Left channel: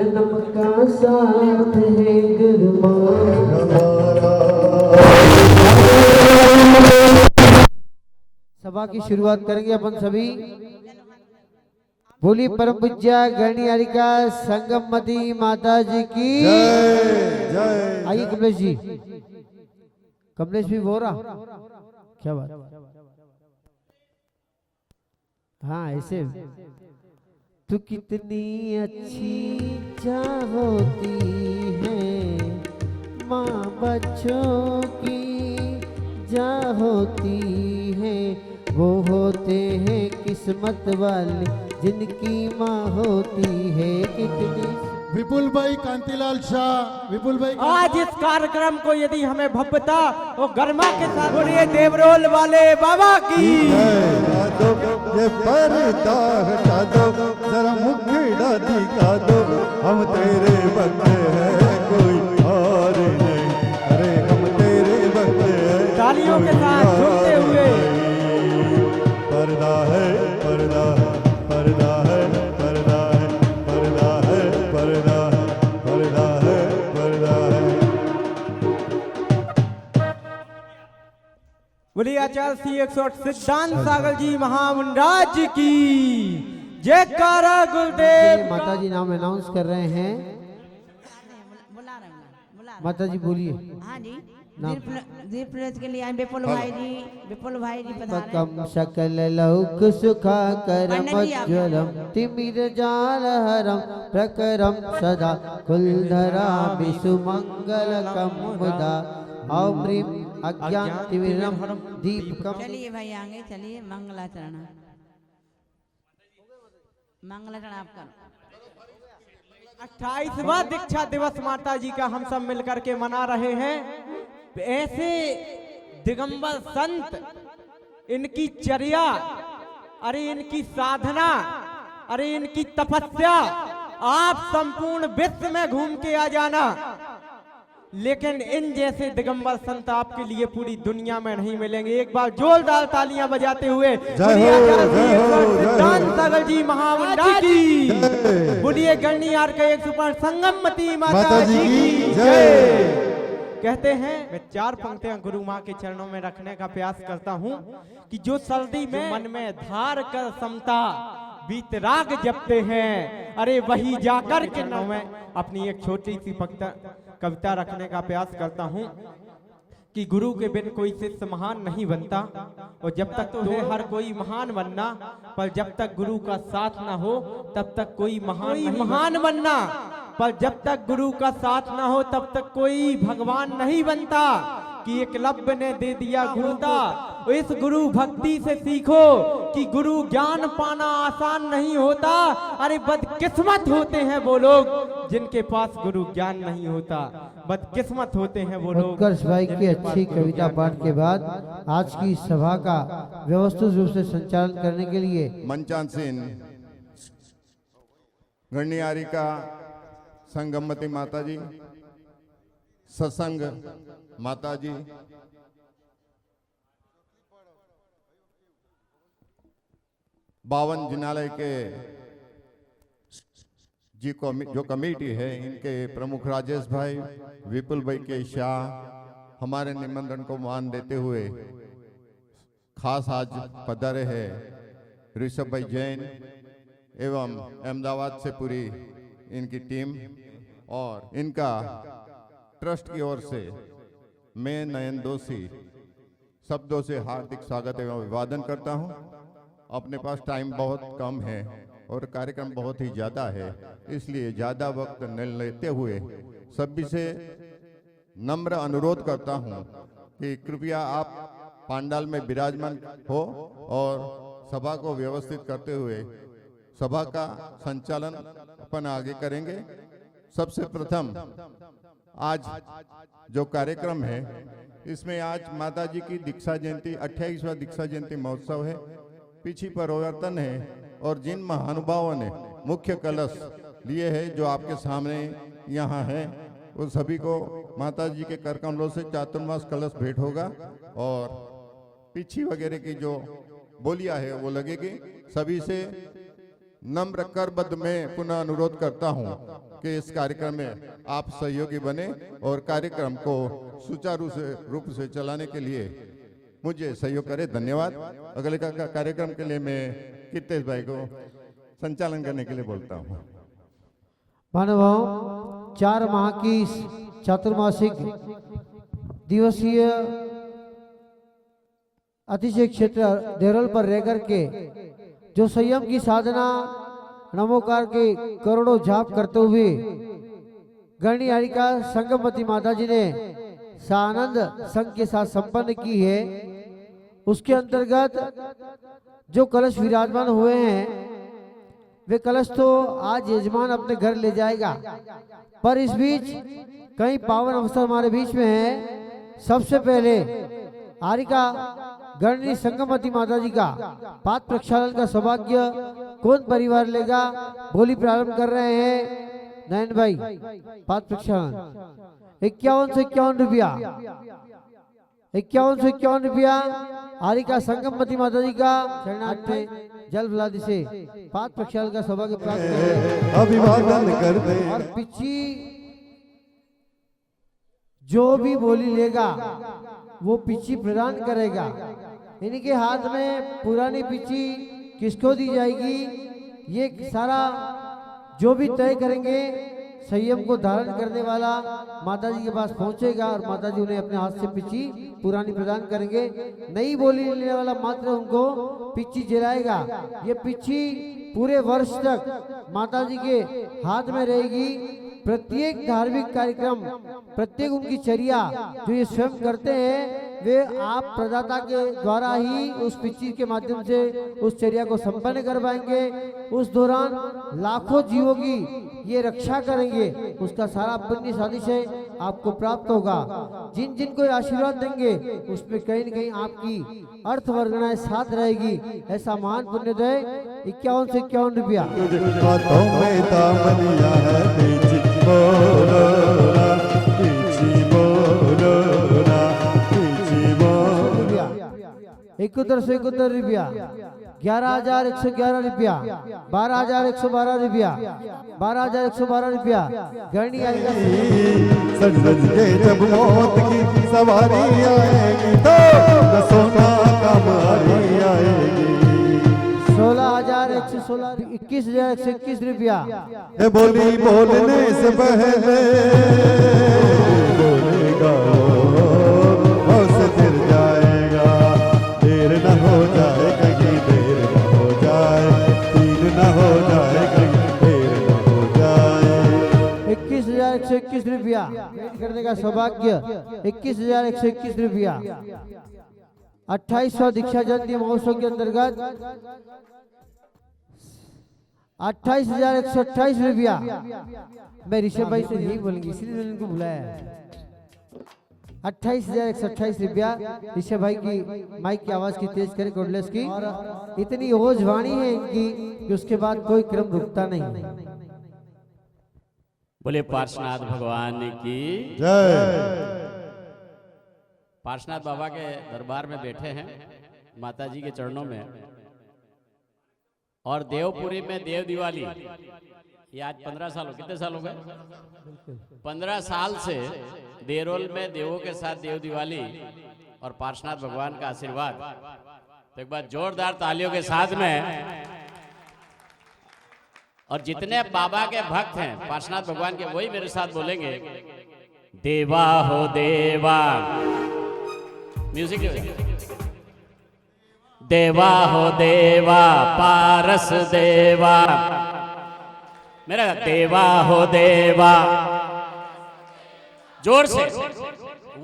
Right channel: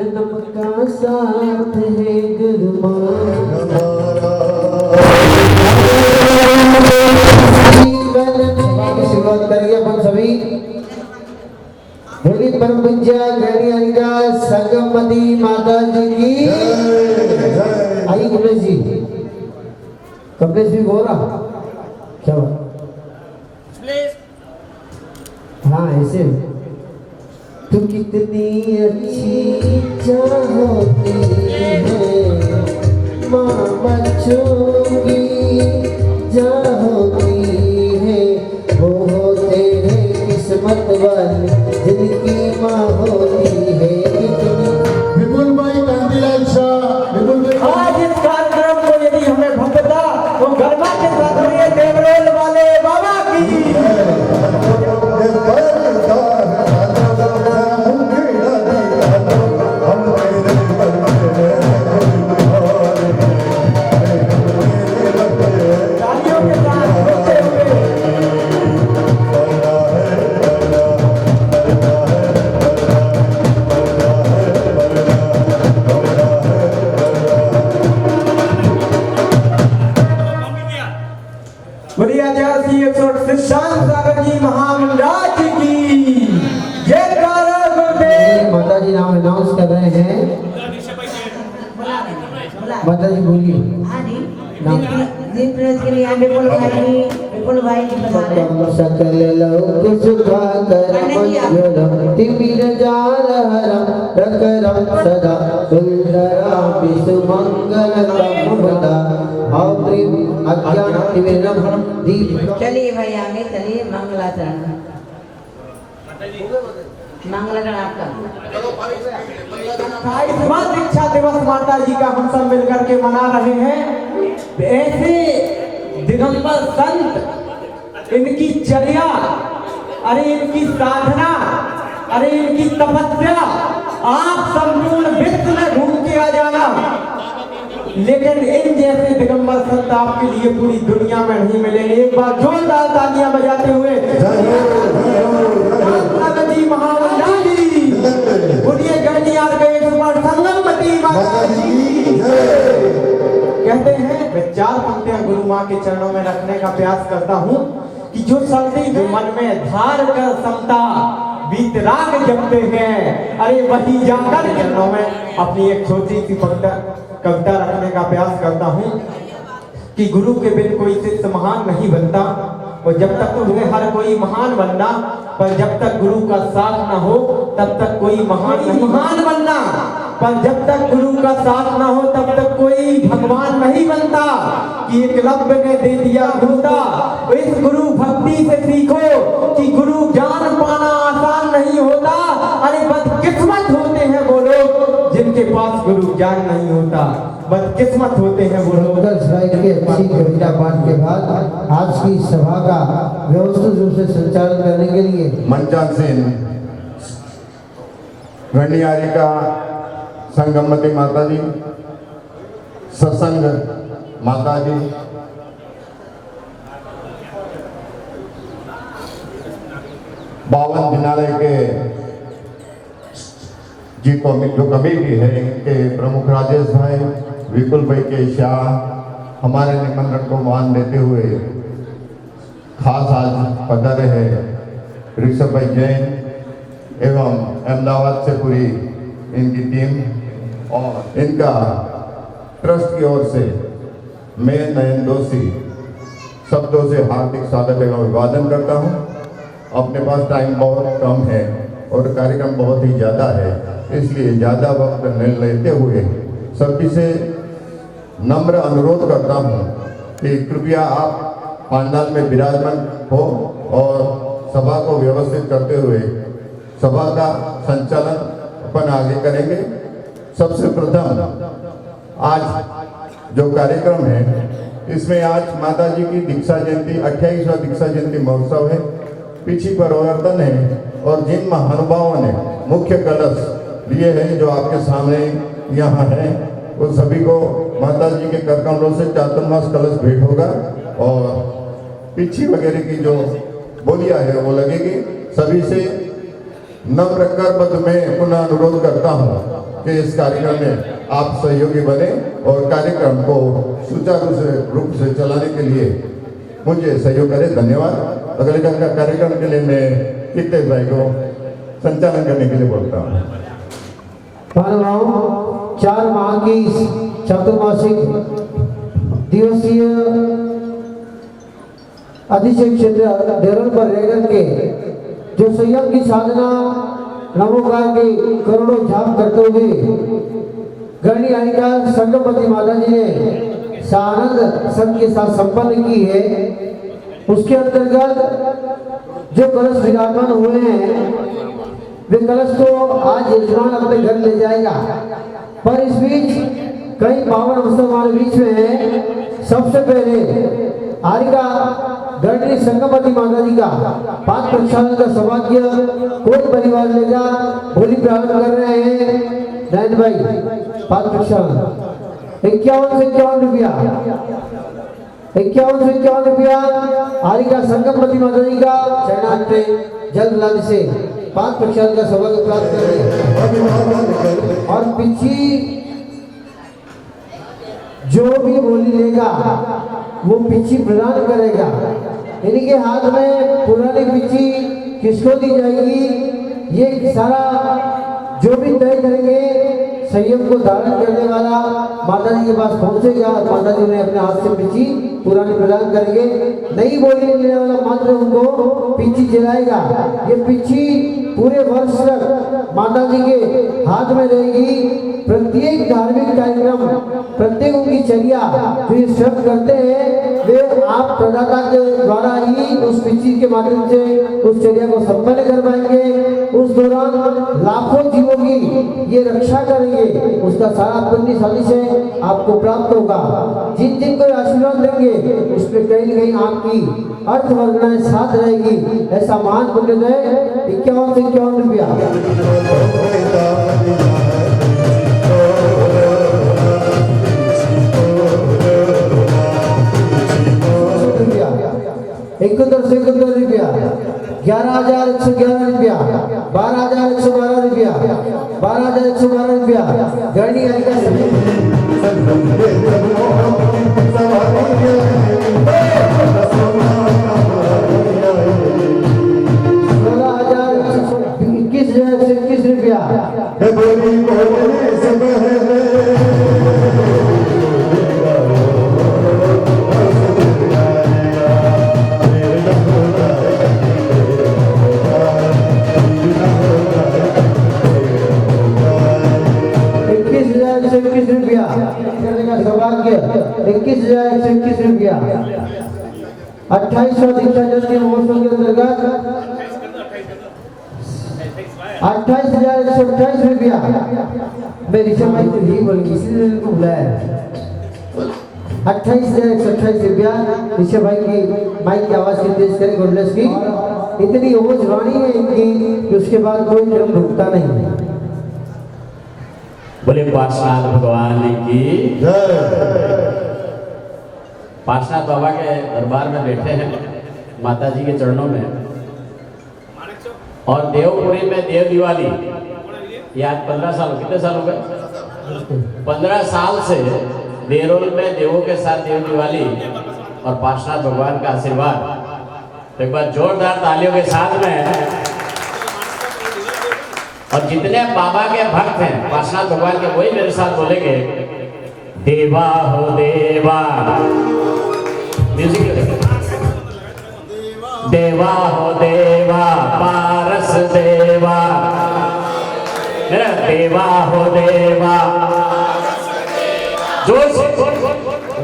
जन्म का साथ है शुरुआत करिए अपन सभी। बोली परम पूज्य गणिका संगमती माता जी की। आई कमलेश जी, कमलेश जी बोला क्या? हाँ ऐसे। तू कितनी अच्छी चाहती है माँ बच्चों की चाहती है, वो होते हैं किस्मत वाले जिनकी माँ होती है। कितनी विपुल भाई कांतिलाल शाह, विपुल भाई आज इस कार्यक्रम को यदि हमें भव्यता तो गरबा के साथ बढ़िए देवरोल वाले बाबा की। तालियों के साथ झूमते हुए बढ़िया जगह सी 168 सागर जी महामंडल की ये कारक माता जी नाम अनाउंस कर रहे हैं। माता जी बोलिए। सकल लौक सुखाकरम तिमिर जाल हरम रकरम सदा सुंदरा विसुमंगलकम वदा अप्रेम अज्ञान तिमिरम दीप। चलिए भाई आगे चलिए। मंगलाचरण मंगलाचरण आपका 28वां दीक्षा दिवस माता जी का हम सब मिलकर के मना रहे हैं। ऐसे दिगंबर संत, इनकी चर्या, अरे इनकी साधना, अरे इनकी तपस्या आप संपूर्ण विश्व में घूम के आ जाना, लेकिन इन जैसे दिगंबर संत आपके लिए पूरी दुनिया में नहीं मिले। एक बार जोरदार तालियां बजाते हुए जी महामंडली उन्हीं गणनी आ गए संगमती माता जी। कहते हैं मैं 4 पंक्तियां गुरु माँ के चरणों में रखने का प्रयास करता हूँ कि जो शब्द जो मन में धार कर समता वीतराग जपते हैं, अरे वही जाकर चरणों में अपनी एक छोटी सी कविता रखने का प्रयास करता हूँ कि गुरु के बिन कोई शिष्य महान नहीं बनता। और जब तक तो है हर कोई महान बनना, पर जब तक गुरु का साथ ना हो तब तक कोई महान बनना। पर जब तक गुरु का साथ ना हो तब तक कोई भगवान नहीं बनता। कि एक रब ने दे दिया होता, इस गुरु भक्ति से सीखो कि गुरु ज्ञान पाना आसान नहीं होता। अरे बदकिस्मत होते हैं वो लोग जिनके पास गुरु ज्ञान नहीं होता, बदकिस्मत होते हैं वो लोग। अच्छी कविता पाठ के बाद आज की सभा का व्यवस्थित रूप से संचालन करने के लिए मंचासीन गणियारी का संगमती माता जी, सत्संग माता जी, बावन विद्यालय के जी को जो कवि भी है, इनके प्रमुख राजेश भाई, विपुल भाई के शाह हमारे निमंत्रण को मान देते हुए खास आज पधारे हैं ऋषभ भाई जैन एवं अहमदाबाद से पूरी इनकी टीम और इनका ट्रस्ट की ओर से मैं नयन दोषी शब्दों से हार्दिक स्वागत एवं अभिवादन करता हूं। अपने पास टाइम बहुत कम है और कार्यक्रम बहुत ही ज़्यादा है, इसलिए ज़्यादा वक्त नहीं लेते हुए सभी से नम्र अनुरोध करता हूं कि कृपया आप पंडाल में विराजमान हो और सभा को व्यवस्थित करते हुए सभा का संचालन अपन आगे करेंगे। सबसे प्रथम आज जो कार्यक्रम है इसमें आज माता जी की दीक्षा जयंती 28वां दीक्षा जयंती महोत्सव है, पीछे परिवर्तन है और जिन महानुभावों ने मुख्य कलश लिए हैं जो आपके सामने यहाँ है वो सभी को माता जी के कर कमलों से चातुर्मास कलश भेंट होगा और पीछे वगैरह की जो बोलियां है वो लगेगी। सभी से नम्र कर पद में पुनः अनुरोध करता हूँ कि इस कार्यक्रम में आप सहयोगी बने और कार्यक्रम को सुचारू रूप से चलाने के लिए मुझे सहयोग करें। धन्यवाद। अगले कार्यक्रम के लिए मैं कितने भाई को संचालन करने के लिए बोलता हूँ। मानवाओं 4 माह की चतुर्मासिक दिवसीय अधिशेष क्षेत्र देवल पर रहकर के जो संयम की साधना नमोकार की करोड़ों जाप करते हुए गणी आयिका संगमवती माता जी ने सानंद संघ के साथ संपन्न की है, उसके अंतर्गत जो कलश विराजमान हुए हैं वे कलश तो आज यजमान अपने घर ले जाएगा, पर इस बीच कई पावन अवसर हमारे बीच में है। सबसे पहले आयिका गणनी संगमवती माता जी का 5 प्रक्षालन का सौभाग्य कोई परिवार लेगा। होली प्रारंभ कर रहे हैं नयन भाई। 5 प्रक्षालन 51 से 51 रुपया, 51 से 51 रुपया आयिका संगमवती माता जी का शरणार्थे जल लाने से 5 प्रक्षालन का सौभाग्य प्राप्त करें। और पिछी जो भी होली लेगा वो पिछी प्रदान करेगा, यानी कि हाथ में पुरानी पिछी किसको दी जाएगी, ये सारा जो भी तय करेंगे संयम को धारण करने वाला माता जी के पास पहुंचेगा। माता जी ने अपने हाथ से पिछी पुरानी प्रदान करेंगे। नई बोली लेने वाला मात्र उनको पिछी जलाएगा। ये पिछी पूरे वर्ष तक माता जी के हाथ में रहेगी। प्रत्येक धार्मिक कार्यक्रम, प्रत्येक उनकी चर्या जो ये सब करते हैं वे आप प्रदाता के द्वारा ही उस पिछी के माध्यम से उस चर्या को संपन्न कर पाएंगे। उस दौरान लाखों जीवों की ये रक्षा करेंगे, उसका सारा पुण्य साथी से आपको प्राप्त होगा। जिन जिन को आशीर्वाद देंगे उसमें कहीं न कहीं आपकी अर्थवर्धनाएं साथ रहेगी। ऐसा मान पुण्य है। 51 से 51 रुपया। इकहत्तर से 71 रुपया, 11,111 रुपया, 12,112 रुपया, 12,112 रुपया। गणी आयिका 16,121 रुपया। सौभाग्य 21,121 रुपया। 28वां दीक्षा जल के महोत्सव के अंतर्गत 28,128 रुपया। मैं ऋषभ भाई से नहीं बोलूंगी, इसलिए इनको बुलाया। 28,128 रुपया ऋषभ भाई की माइक की आवाज की तेज करें गुरदास की। इतनी ओज वाणी है इनकी कि उसके बाद कोई क्रम रुकता नहीं। बोले पार्श्वनाथ भगवान की जय। पार्श्वनाथ बाबा के दरबार में बैठे हैं माता जी के चरणों में। और देवपुरी में देव दिवाली ये आज 15 साल, कितने साल हो गए? 15 साल से देरोल में देवों के साथ देव दिवाली और पार्श्वनाथ भगवान का आशीर्वाद। तो एक बार जोरदार तालियों के साथ में। और जितने बाबा के भक्त हैं पार्श्वनाथ भगवान के, वही मेरे साथ बोलेंगे देवा हो देवा। म्यूजिक। देवा हो देवा पारस देवा, देवा हो देवा। जोर से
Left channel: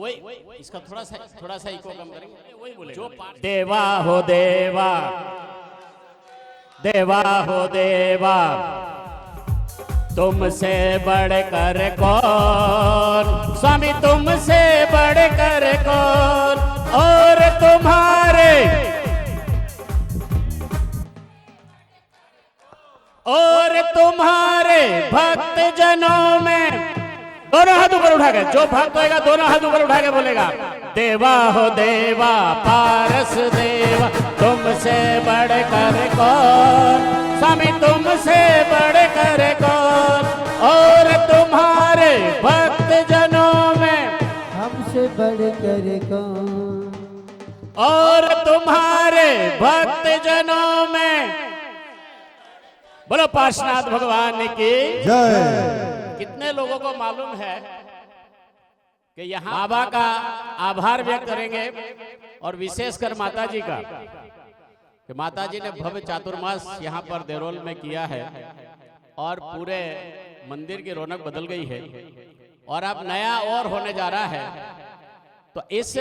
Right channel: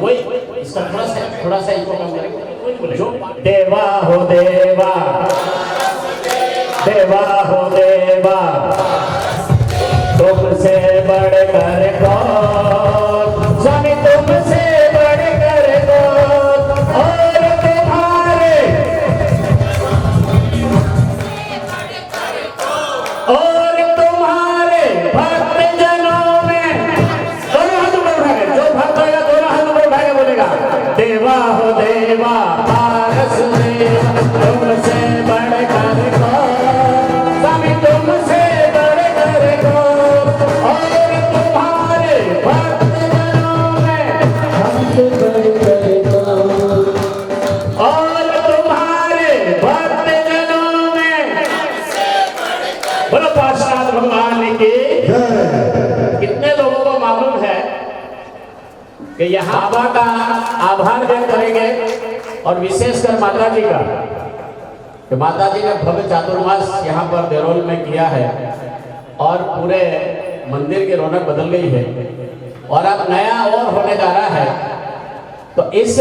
वही इसका थोड़ा सा इसको कम करेंगे। देवा हो देवा, देवा हो देवा, तुमसे बढ़कर कौन, स्वामी तुमसे बढ़कर कौन, और तुम्हारे भक्त जनों में। दोनों हाथ ऊपर उठाएगा, जो भक्त होगा दोनों हाथ ऊपर उठाएगा बोलेगा देवा हो देवा पारस देवा, तुमसे बढ़कर कौन, और विशेषकर माता जी का, कि माता जी ने भव्य चातुर्मास यहाँ पर देरोल में किया है और पूरे मंदिर की रौनक बदल गई है और अब नया और होने जा रहा है। तो इस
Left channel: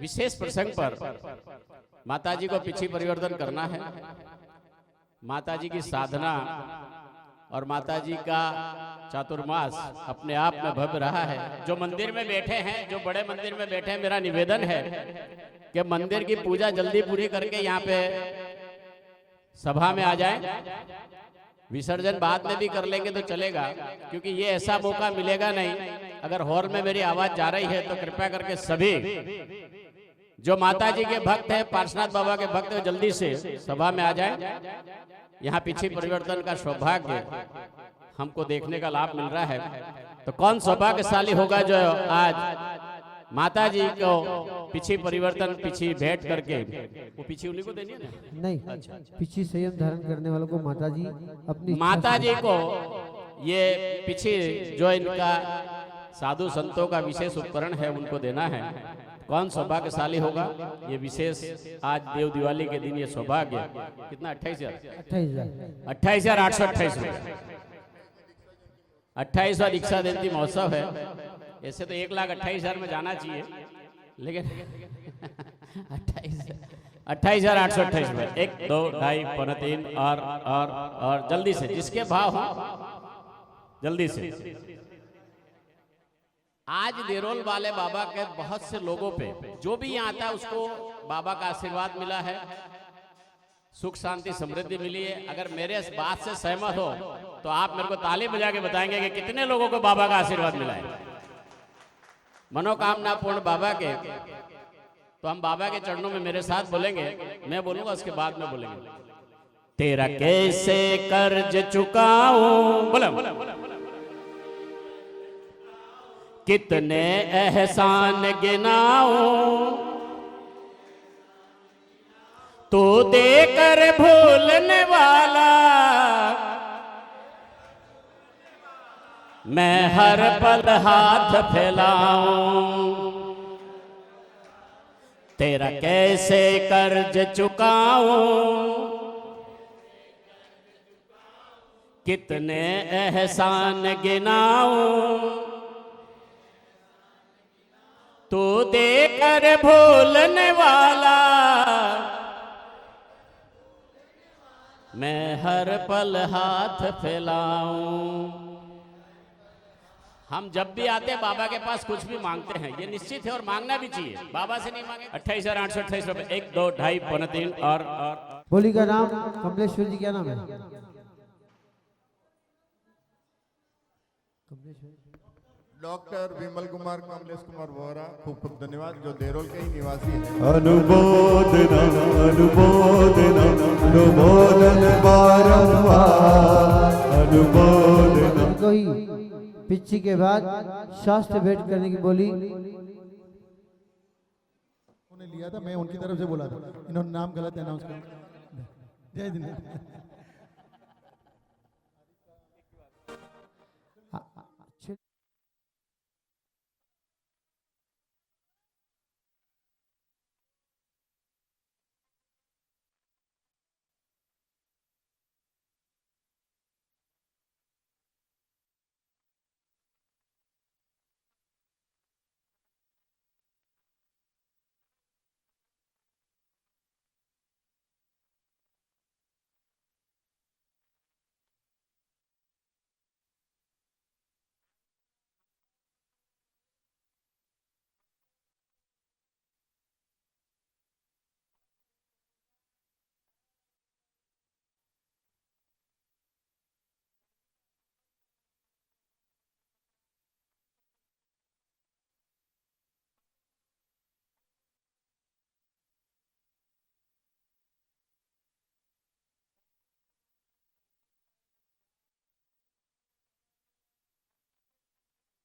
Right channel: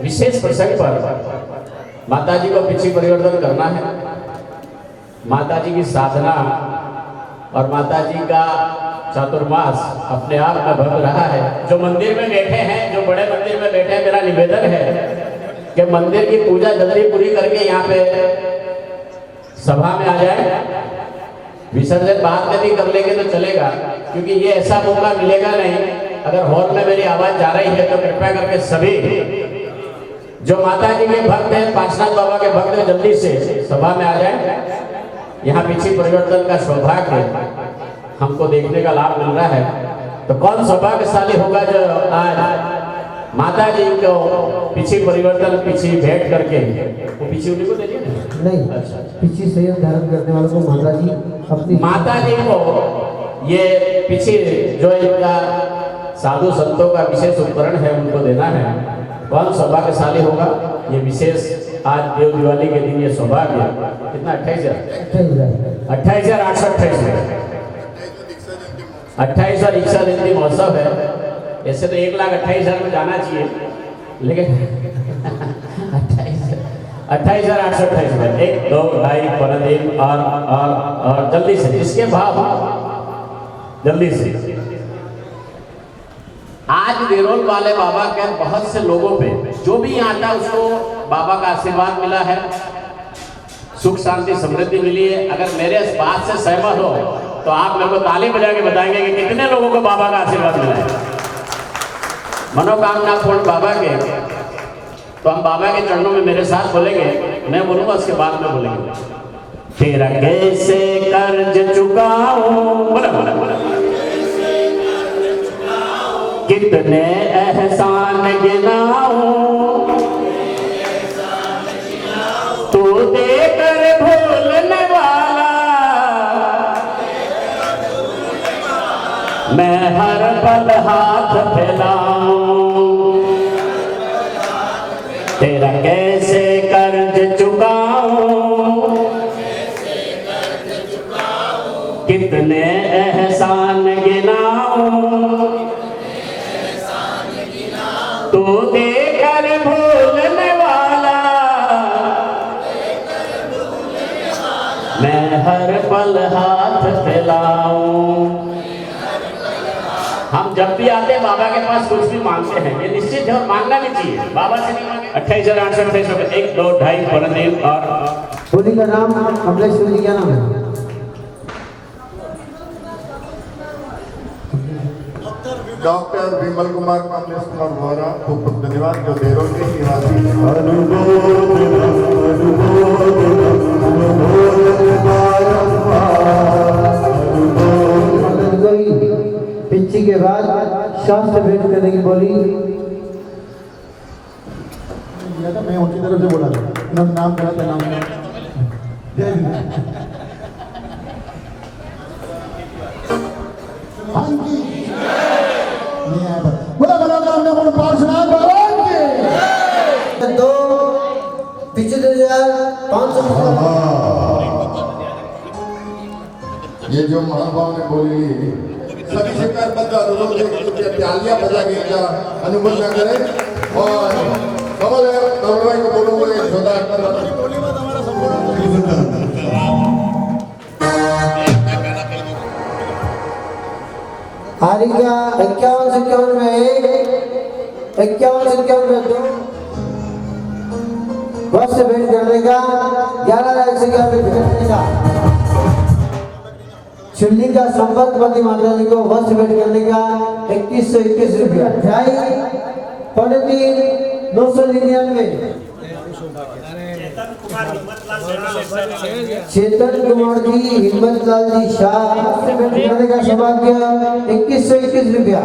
विशेष प्रसंग पर माता जी को पीछे परिवर्तन करना है। माता जी की साधना और माता जी का चातुर्मास अपने आप में भव्य रहा है। जो मंदिर में बैठे हैं, जो बड़े मंदिर में बैठे हैं, मेरा निवेदन है कि मंदिर की पूजा जल्दी पूरी करके यहाँ पे सभा में आ जाए। विसर्जन बाद में भी कर लेंगे तो चलेगा, क्योंकि ये ऐसा मौका मिलेगा नहीं। अगर हॉल में मेरी आवाज जा रही है तो कृपया करके सभी जो माता जी के भक्त हैं, पार्षद बाबा के भक्त हैं, जल्दी से सभा में आ जाए। यहाँ पीछे परिवर्तन का सौभाग्य हमको देखने का लाभ मिल रहा है। तो कौन सौभाग्यशाली होगा जो आज माता जी को पीछे परिवर्तन पीछे भेंट करके, वो पीछे उन्हीं को दे दिया नहीं, अच्छा। पीछे से धारण करने वालों को माता जी अपनी माता जी को ये पीछे जो इनका साधु संतों का विशेष उपकरण है उनको देना है। कौन सौभाग्यशाली होगा? ये विशेष आज देव दिवाली के दिन ये सौभाग्य कितना 28,828 और इच्छा जयंती महोत्सव है। ऐसे तो 1,28,000 में जाना चाहिए, लेकिन 28,828 में 1 2 ढाई पर और जल्दी से इसके भाव जल्दी से। आज देरोल वाले बाबा के बहुत से लोगों पे जो भी यहाँ आता है उसको बाबा का आशीर्वाद मिला है, सुख शांति समृद्धि मिली है। अगर मेरे इस बात से सहमत हो तो आप मेरे को ताली बजा के बताएंगे कि कितने लोगों को बाबा का आशीर्वाद मिला है, मनोकामना पूर्ण बाबा के। तो हम बाबा के चरणों में मेरे साथ बोलेंगे, मैं बोलूंगा उसके बाद में बोलेंगे। तेरा कैसे कर्ज चुकाऊं, बोला बोला बोला, कितने एहसान गिनाऊं, तू देकर भूलने वाला, मैं हर पल हाथ फैलाऊं। तेरा कैसे कर्ज चुकाऊं, कितने एहसान गिनाऊं, तू देकर भूलने वाला, मैं हर पल हाथ फैलाऊं। हम जब भी आते हैं बाबा के पास कुछ भी मांगते हैं, ये निश्चित है और मांगना भी चाहिए। बाबा से नहीं मांगे 28,828 रुपए 1 2 ढाई पर और बोली का नाम कमलेश्वर जी, क्या नाम है? डॉक्टर विमल कुमार कमलेश कुमार वोरा, खूब खूब धन्यवाद जो देरोल के निवासी हैं। पिछी के बाद शास्त्र भेंट करने की बोली। मैं उनकी तरफ से बोला था, उन्होंने नाम कहा था, नाम जय हाँ जी, बोला बोला हमने बोला पार्षद भगवान के दो पीछे 2,500। ये जो महानुभाव ने बोली सभी से करबद्ध अनुरोध है कि प्यालियां बजा के इनका अनुमोदन करें और कमल भाई को बोलूंगा एक जोरदार हारिका 51 में 51 में 2 बस से भेंट करने का 11,000 भेंट करने का। चुल्ली का संपर्क पति माता जी को वस्त्र भेंट करने का 2121 रुपया। ढाई पौने 999। चेतन कुमार जी, हिम्मत लाल जी शाह, वस्त्र भेंट करने का सौभाग्य 2121 रुपया।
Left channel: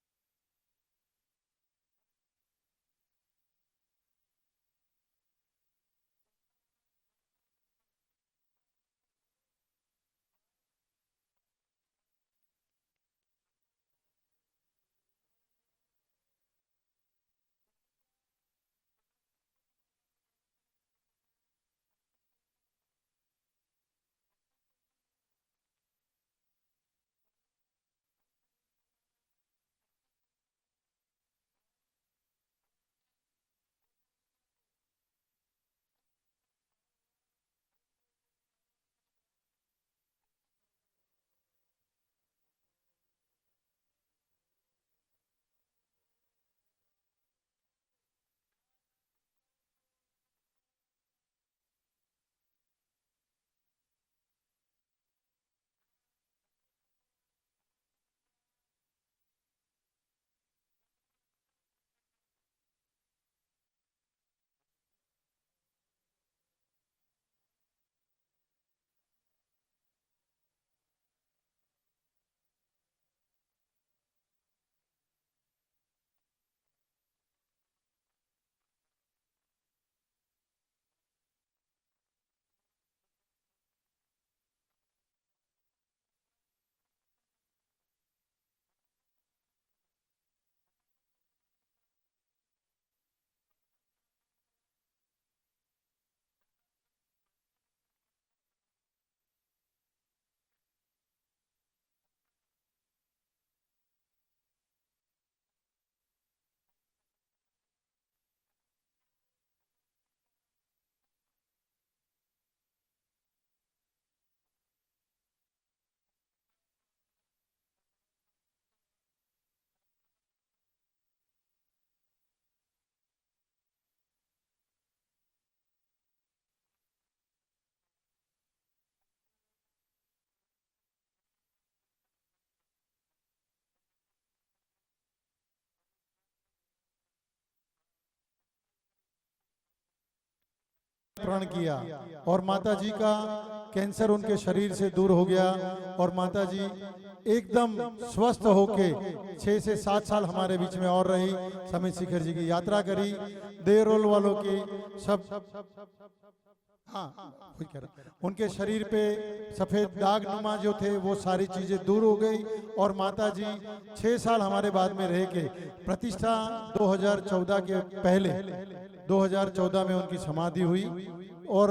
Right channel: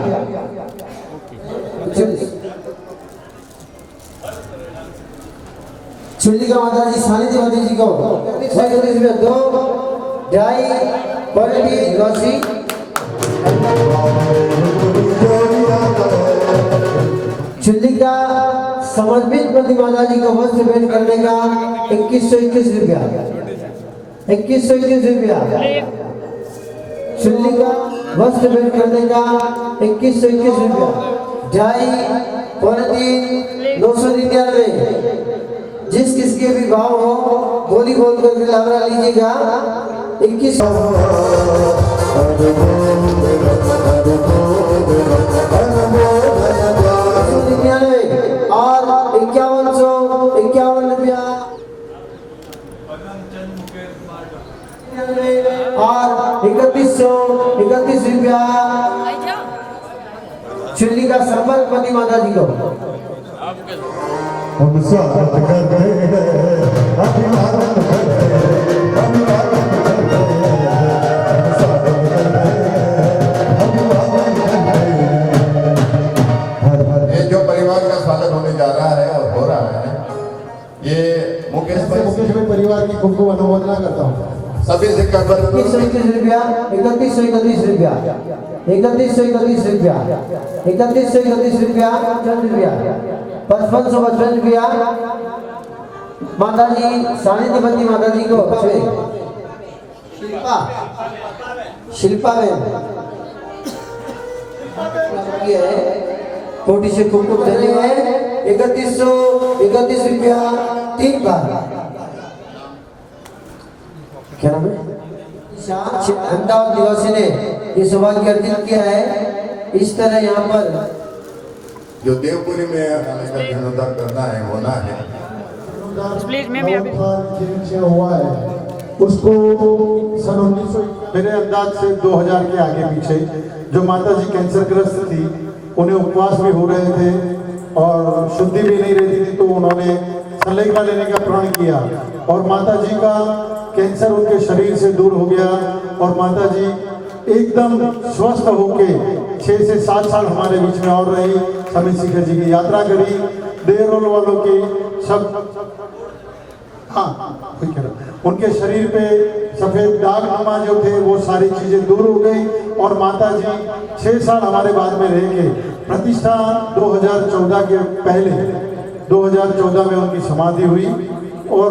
चुल्ली का माता जी सानिध्य माता जी को 21 रुपया। 2 ढाई पौने 80। चुल्ली का समर्पित प्रति माता जी का वस्त्र भेंट करने का 2121 रुपया, 2121 रुपया। चुल्ली का वस्त्र भेंट करने का 2121 रुपया। ढाई, पौने तीन, 999। जिस किसके भी भाव हो बोली बोल कर लावरा लीजिएगा। 21 और 5151 रुपया और 3131 रुपया। चुल्ली का संपर्क पति माता जी को। हम स्वागत करते हैं, अभिवादन करते हैं, अभिवादन करते हैं, स्वागत करते हैं, अभिवादन करते हैं। हर हर ये जो परिवार का स्वागत होने जा रहा है और हो रहा है, ये मुकेश भाई परिवार की खूब खूब अनुमोदना करता हूँ। सभी से 2121 रुपया, 3131 रुपया, 3131 रुपया, 3131 रुपया, 5555 रुपया। माता जी सानिध्य बंदी माता जी को शिल्पा शिल्पा में कोटि से कुमकुम चले हैं। 3131 रुपया 3 बार। क्या नाम है? अहमदाबाद निवासी ने ये सौभाग्य अर्जित किया है। इस तरह यहाँ पर जो देवपुरी में आने का जीर्णोद्धार करना है, होना है, प्लीज मैं भी अभी हुआ है उसको सन 1900 मेरे अंदाज से 2000 के आगे पीछे जो माता जी कैंसर ग्रस्त थी, उन्हें उपवास भी हो रहे थे और शुद्धि भी नहीं रहती थी, तो उन्होंने सलेखा लेने का प्रण किया और माता जी का कैंसर उनके शरीर से दूर हो गया और माता जी एकदम स्वस्थ होके 6 से 7 साल हमारे बीच में और रही। स्वामी शिखर जी की यात्रा करी, देरोल वालों की सब, हाँ उनके शरीर पे सफेद दाग जो थे वो सारी चीजें दूर हो गई और माता जी 6 साल हमारे बाद में रह के प्रतिष्ठा 2014 के पहले 2014 में उनकी समाधि हुई और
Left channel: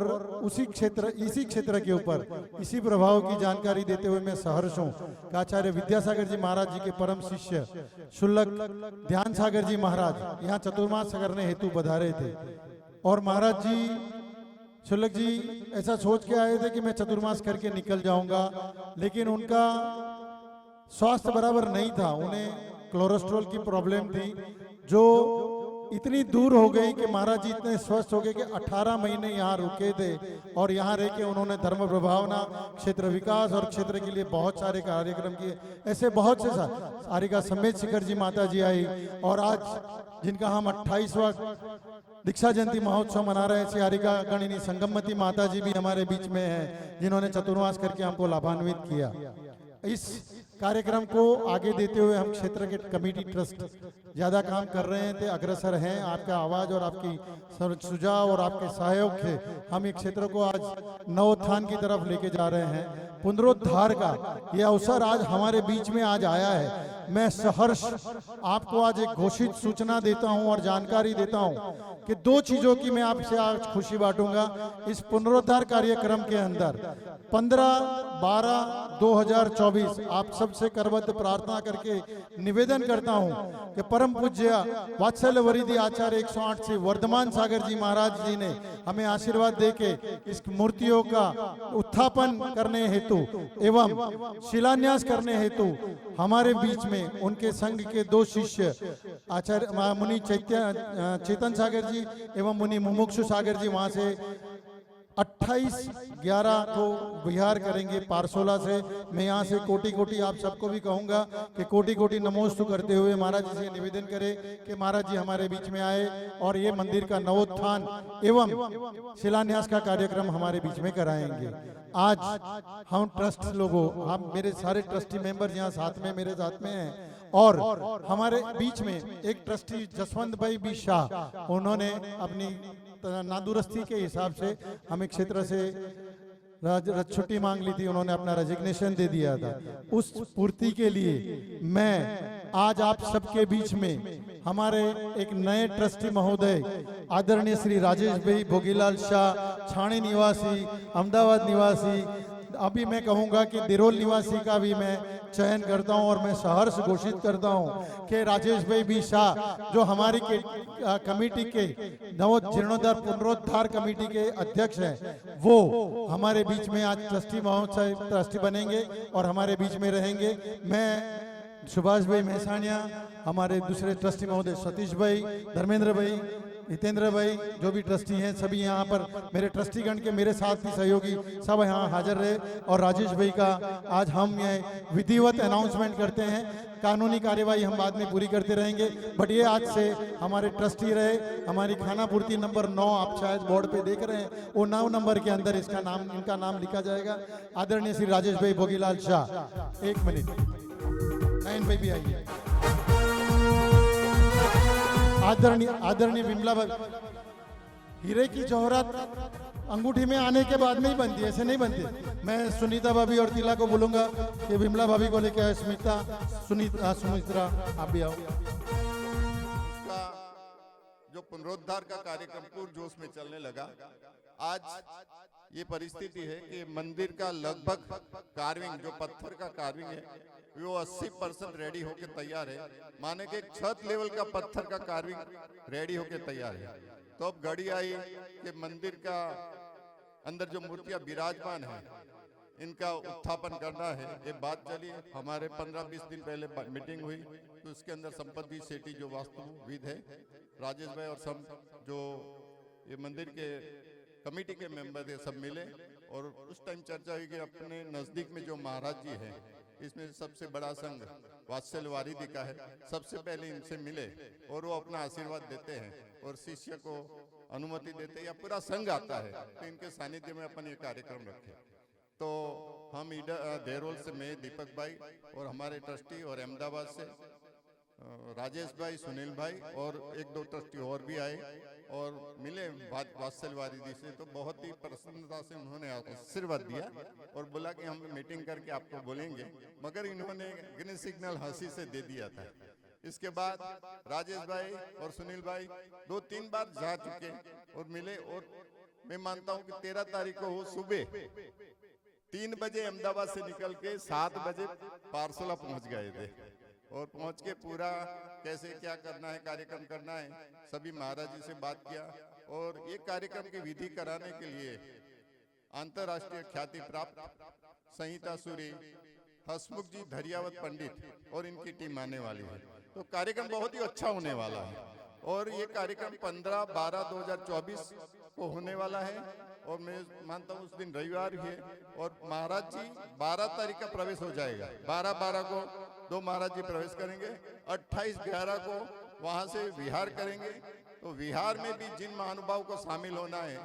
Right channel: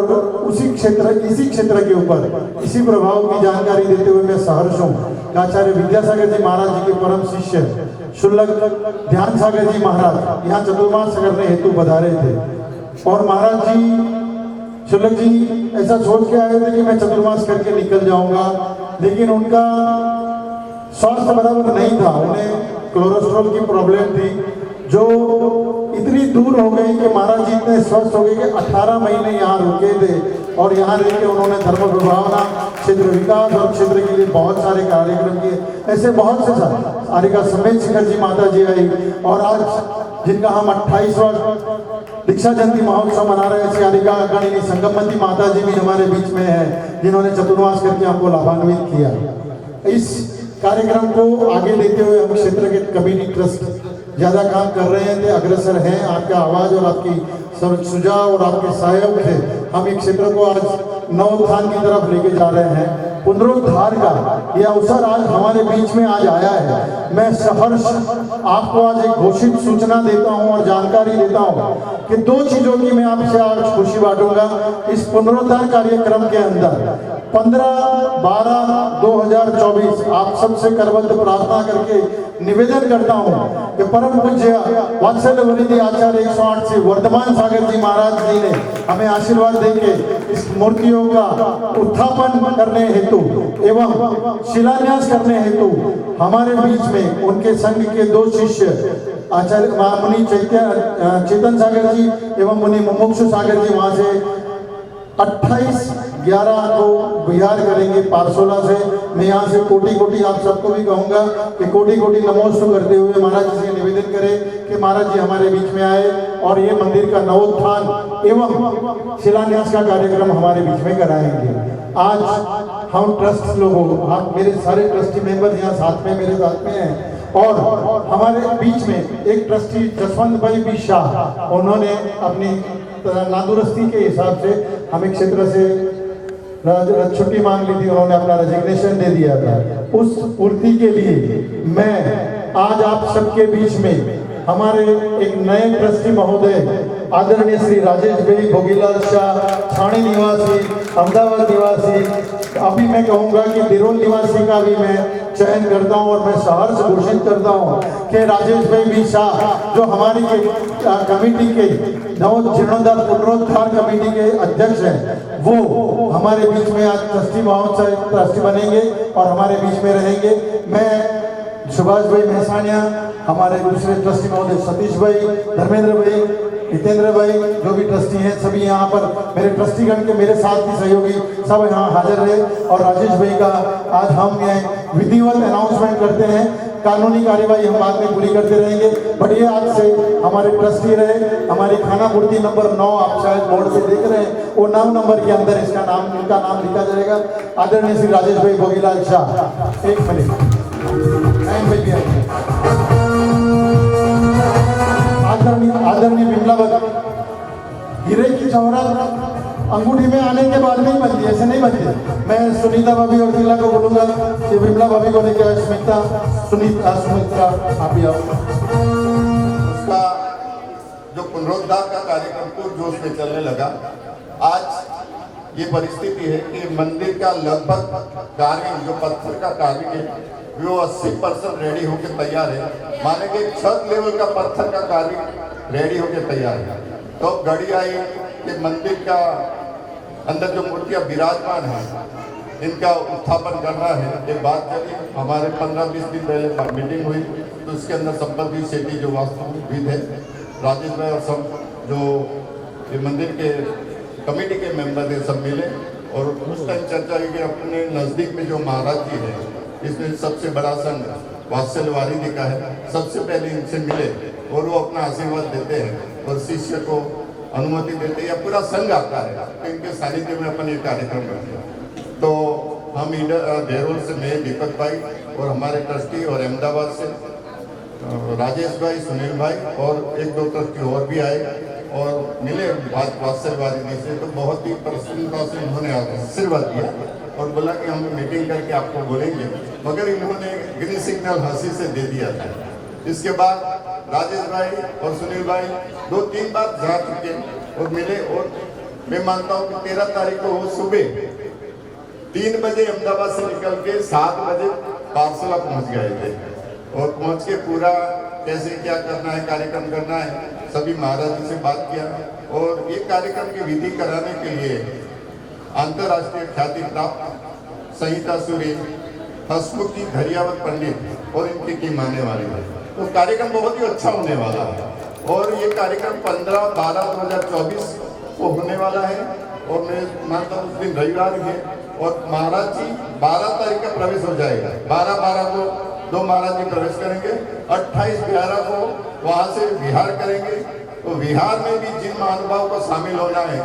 इसी क्षेत्र के ऊपर इसी प्रभाव की जानकारी देते हुए मैं सहर्ष हूँ। आचार्य विद्यासागर जी महाराज जी के परम शिष्य शुल्लक ध्यान सागर जी महाराज यहाँ चतुर्मास करने हेतु पधारे थे और महाराज जी शुल्लक जी ऐसा सोच के आए थे कि मैं चतुर्मास करके निकल जाऊंगा, लेकिन उनका स्वास्थ्य बराबर नहीं था, उन्हें कोलेस्ट्रॉल की प्रॉब्लम थी जो इतनी दूर हो गई कि महाराज जी इतने स्वस्थ हो गए कि 18 महीने यहाँ रुके थे और यहाँ रह के उन्होंने धर्म प्रभावना, क्षेत्र विकास और क्षेत्र के लिए बहुत सारे कार्यक्रम किए। ऐसे बहुत से सारिका समेत शिखर जी माता जी आई और आज जिनका हम 28वां दीक्षा जयंती महोत्सव मना रहे हैं, सियारिका गणिनी संगमवती माता जी भी हमारे बीच में है जिन्होंने चतुर्मास करके हमको लाभान्वित किया। इस कार्यक्रम को आगे लेते हुए हम क्षेत्र के कम्युनिटी ट्रस्ट ज्यादा काम कर रहे थे, अग्रसर हैं। आपका आवाज और आपकी सुझाव और आपके सहयोग से हम एक क्षेत्र को आज नवोत्थान की तरफ लेके जा रहे हैं। पुनरुद्धार का यह अवसर आज हमारे बीच में आज आया है। मैं सहर्ष आपको आज एक घोषित सूचना देता हूं और जानकारी देता हूं कि 2 चीजों की मैं आपसे आज खुशी बांटूंगा। इस पुनरुद्धार कार्यक्रम के अंदर 15/12/2024 आप सबसे करबद्ध प्रार्थना करके निवेदन करता हूं कि परम पूज्य वात्सल्य वरिष्ठ आचार्य 108 से वर्धमान सागर जी महाराज जी ने हमें आशीर्वाद देके इस मूर्तियों का उत्थापन करने हेतु एवं शिलान्यास करने हेतु हमारे बीच में उनके संघ के 2 शिष्य आचार्य मुनि चेतन सागर जी एवं मुनि मुमुक्षु सागर जी वहां से 28/11 को बिहार करेंगे पारसोला से। मैं यहाँ से कोटि कोटि आप सबको भी कहूँगा कि कोटि कोटि नमोस्तु करते हुए महाराज जी से निवेदन करें कि महाराज जी हमारे बीच में आए और ये मंदिर का नवोत्थान एवं शिलान्यास का कार्यक्रम हमारे बीच में कराएंगे। आज हम ट्रस्ट लोगों, आप मेरे सारे ट्रस्टी मेंबर यहाँ साथ में मेरे साथ में हैं और हमारे बीच में एक ट्रस्टी जसवंत भाई बी शाह, उन्होंने अपनी नादुरुस्ती के हिसाब से हमें क्षेत्र से छुट्टी मांग ली थी, उन्होंने अपना रेजिग्नेशन दे दिया था। उस पूर्ति के लिए मैं आज आप सबके बीच में हमारे एक नए ट्रस्टी महोदय आदरणीय श्री राजेश भाई भोगीलाल शाह, ठाणे निवासी, अहमदाबाद निवासी, अभी मैं कहूँगा कि दिरोल निवासी का भी मैं चयन करता हूँ और मैं सहर्ष घोषित करता हूँ कि राजेश भाई भी शाह जो हमारी कमेटी के नवजीर्णोद्धार पुनरुद्धार कमेटी के अध्यक्ष हैं, वो हमारे बीच में आज ट्रस्टी महोत्सव ट्रस्टी बनेंगे और हमारे बीच में रहेंगे। मैं सुभाष भाई मेहसानिया, हमारे दूसरे ट्रस्टी महोदय सतीश भाई, धर्मेंद्र भाई, हितेंद्र भाई जो भी ट्रस्टी हैं, सभी यहाँ पर मेरे ट्रस्टीगण के मेरे साथ की सहयोगी सब यहाँ हाजिर रहे और राजेश भाई का आज हम यहाँ विधिवत अनाउंसमेंट करते हैं। कानूनी कार्यवाही हम बाद में पूरी करते रहेंगे, बट ये आज से हमारे ट्रस्टी रहे। हमारी खानापूर्ति नंबर 9 आप शायद बोर्ड पे देख रहे हैं, वो 9 नंबर के अंदर इनका नाम लिखा जाएगा। आदरणीय श्री राजेश भाई भोगीलाल शाह, 1 मिनट। आदरणीय विमला भाभी, हीरे की शोहरत अंगूठी में आने के बाद नहीं बनती, ऐसे नहीं बनती। मैं सुनीता भाभी और दिला को बोलूंगा कि विमला भाभी को लेकर सुमित्रा आप भी आओ। उसका जो पुनरुद्धार का कार्यक्रम पूर्वजोश में चलने लगा, आज ये परिस्थिति है कि मंदिर का लगभग कार्य जो पत्थर का कार्य है वो 80% रेडी होकर तैयार है। माने कि छत लेवल का पत्थर का कार्य रेडी होकर तैयार है। तो घड़ी आई कि मंदिर का अंदर जो मूर्तियां विराजमान है इनका उत्थापन करना है। ये बात करी, हमारे 15-20 दिन पहले मीटिंग हुई, तो इसके अंदर संपत्ति सेठी जो वास्तुविद है राजेश भाई और सब जो ये मंदिर के कमेटी के मेंबर थे सब मिले और उस टाइम चर्चा हुई कि अपने नज़दीक में जो महाराज जी है, इसमें सबसे बड़ा संघ वात्सल्य वारिधि का है, सबसे पहले इनसे मिले और वो अपना आशीर्वाद देते हैं और शिष्य को अनुमति देते हैं या पूरा संघ आता है तो इनके सानिध्य में अपन ये कार्यक्रम करते हैं। तो हम देहरोल से मैं दीपक भाई और हमारे ट्रस्टी और अहमदाबाद से राजेश भाई, सुनील भाई और 1-2 ट्रस्टी और भी आए और मिले वात्सल्य वारिधि से। तो बहुत ही प्रसन्नता से उन्होंने आशीर्वाद दिया और बोला कि हम मीटिंग करके आपको बोलेंगे, मगर इन्होंने ग्रीन सिग्नल हंसी से दे दिया था। इसके बाद राजेश भाई और सुनील भाई 2-3 बार जा चुके और मिले और मैं मानता हूँ कि 13 तारीख को वो सुबह 3 बजे अहमदाबाद से निकल के 7 बजे पारसला पहुँच गए थे और पहुँच के पूरा कैसे क्या करना है, कार्यक्रम करना है, सभी महाराज जी से बात किया और ये कार्यक्रम की विधि कराने के लिए अंतर्राष्ट्रीय ख्याति प्राप्त संहिता सूरी, हसमुखी धैर्यावत पंडित और इनकी टीम आने वाली है। तो कार्यक्रम बहुत ही अच्छा होने वाला है और ये कार्यक्रम 15/12/2024 को होने वाला है और मैं मानता हूँ उस दिन रविवार है और महाराज जी 12 तारीख का प्रवेश हो जाएगा। 12/12 को 2 महाराज जी प्रवेश करेंगे, 28/11 को वहाँ से विहार करेंगे। तो विहार में भी जिन महानुभाव को शामिल होना है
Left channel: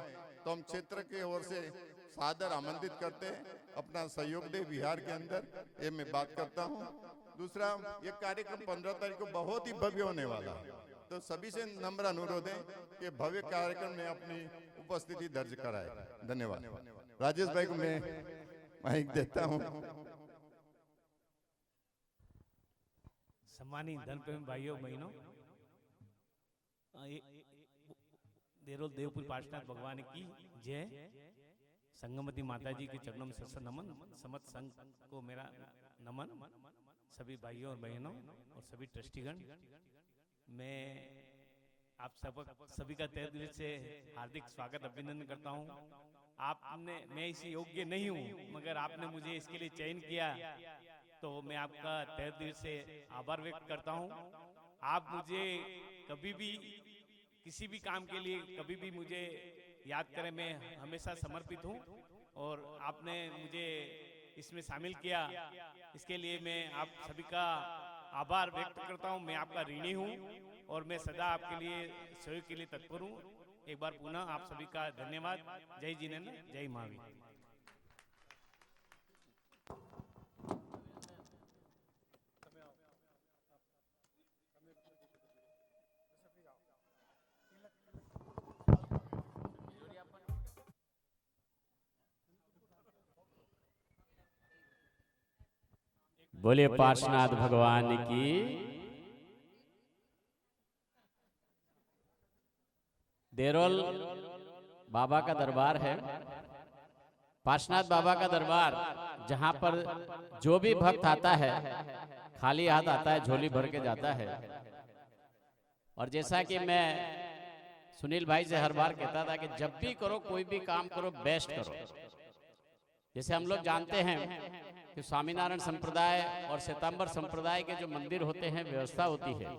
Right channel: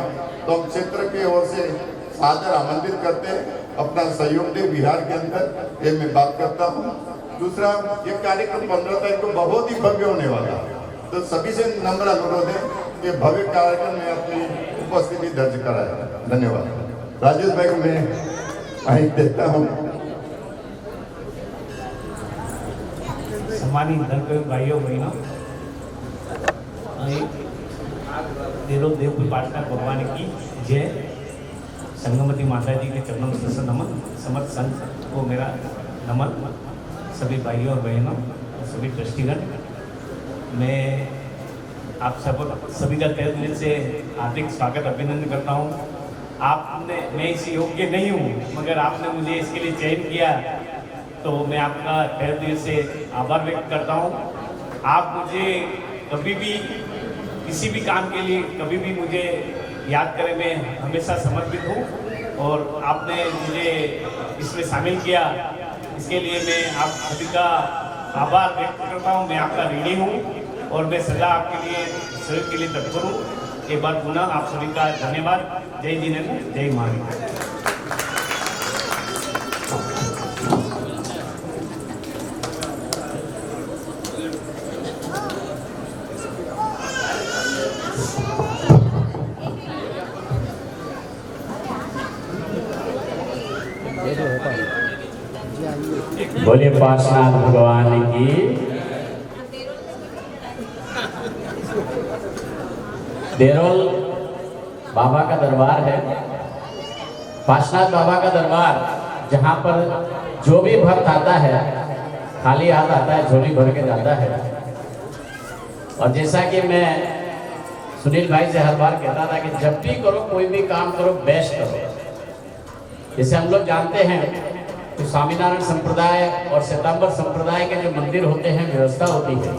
तो हम क्षेत्र की ओर से सादर आमंत्रित करते हैं, अपना सहयोग दे विहार के अंदर, ये मैं बात करता हूँ। दूसरा, ये कार्यक्रम 15 तारीख को बहुत ही भव्य होने वाला है, तो सभी से नम्र अनुरोध है कि भव्य कार्यक्रम में अपनी उपस्थिति दर्ज कराए। धन्यवाद। राजेश भाई को मैं माइक देता हूँ। सम्मानित धर्मप्रेमी भाइयों बहनों, देरोल देवपुर पाटकर भगवान की जय। संगमती माता जी के चरणों में सर नमन। समर्थ संघ को मेरा नमन। सभी भाइयों और बहनों और सभी ट्रस्टीगण, मैं आप सभी का तहे दिल से हार्दिक स्वागत अभिनंदन करता हूँ। आपने, मैं इस योग्य नहीं हूँ मगर आपने मुझे इसके लिए चयन किया, तो मैं आपका तहे दिल से आभार व्यक्त करता हूँ। आप मुझे कभी भी किसी भी काम के लिए कभी भी मुझे याद करें, मैं हमेशा समर्पित हूँ और आपने मुझे इसमें शामिल किया, इसके लिए मैं आप सभी का आभार व्यक्त करता हूँ। मैं आपका ऋणी हूँ और मैं सदा आपके लिए सहयोग के लिए तत्पर हूँ। एक बार पुनः आप सभी का धन्यवाद। जय जिनेन्द्र, जय महावीर। बोलिए पार्श्वनाथ भगवान की। देरोल बाबा का दरबार है, पार्श्वनाथ बाबा का दरबार, जहाँ पर जो भी भक्त आता है खाली हाथ आता है, झोली भर के जाता है। और जैसा कि मैं सुनील भाई से हर बार कहता था कि जब भी करो कोई भी काम करो बेस्ट करो। जैसे हम लोग जानते हैं कि स्वामीनारायण संप्रदाय और श्वेतांबर संप्रदाय के जो मंदिर होते हैं व्यवस्था होती है,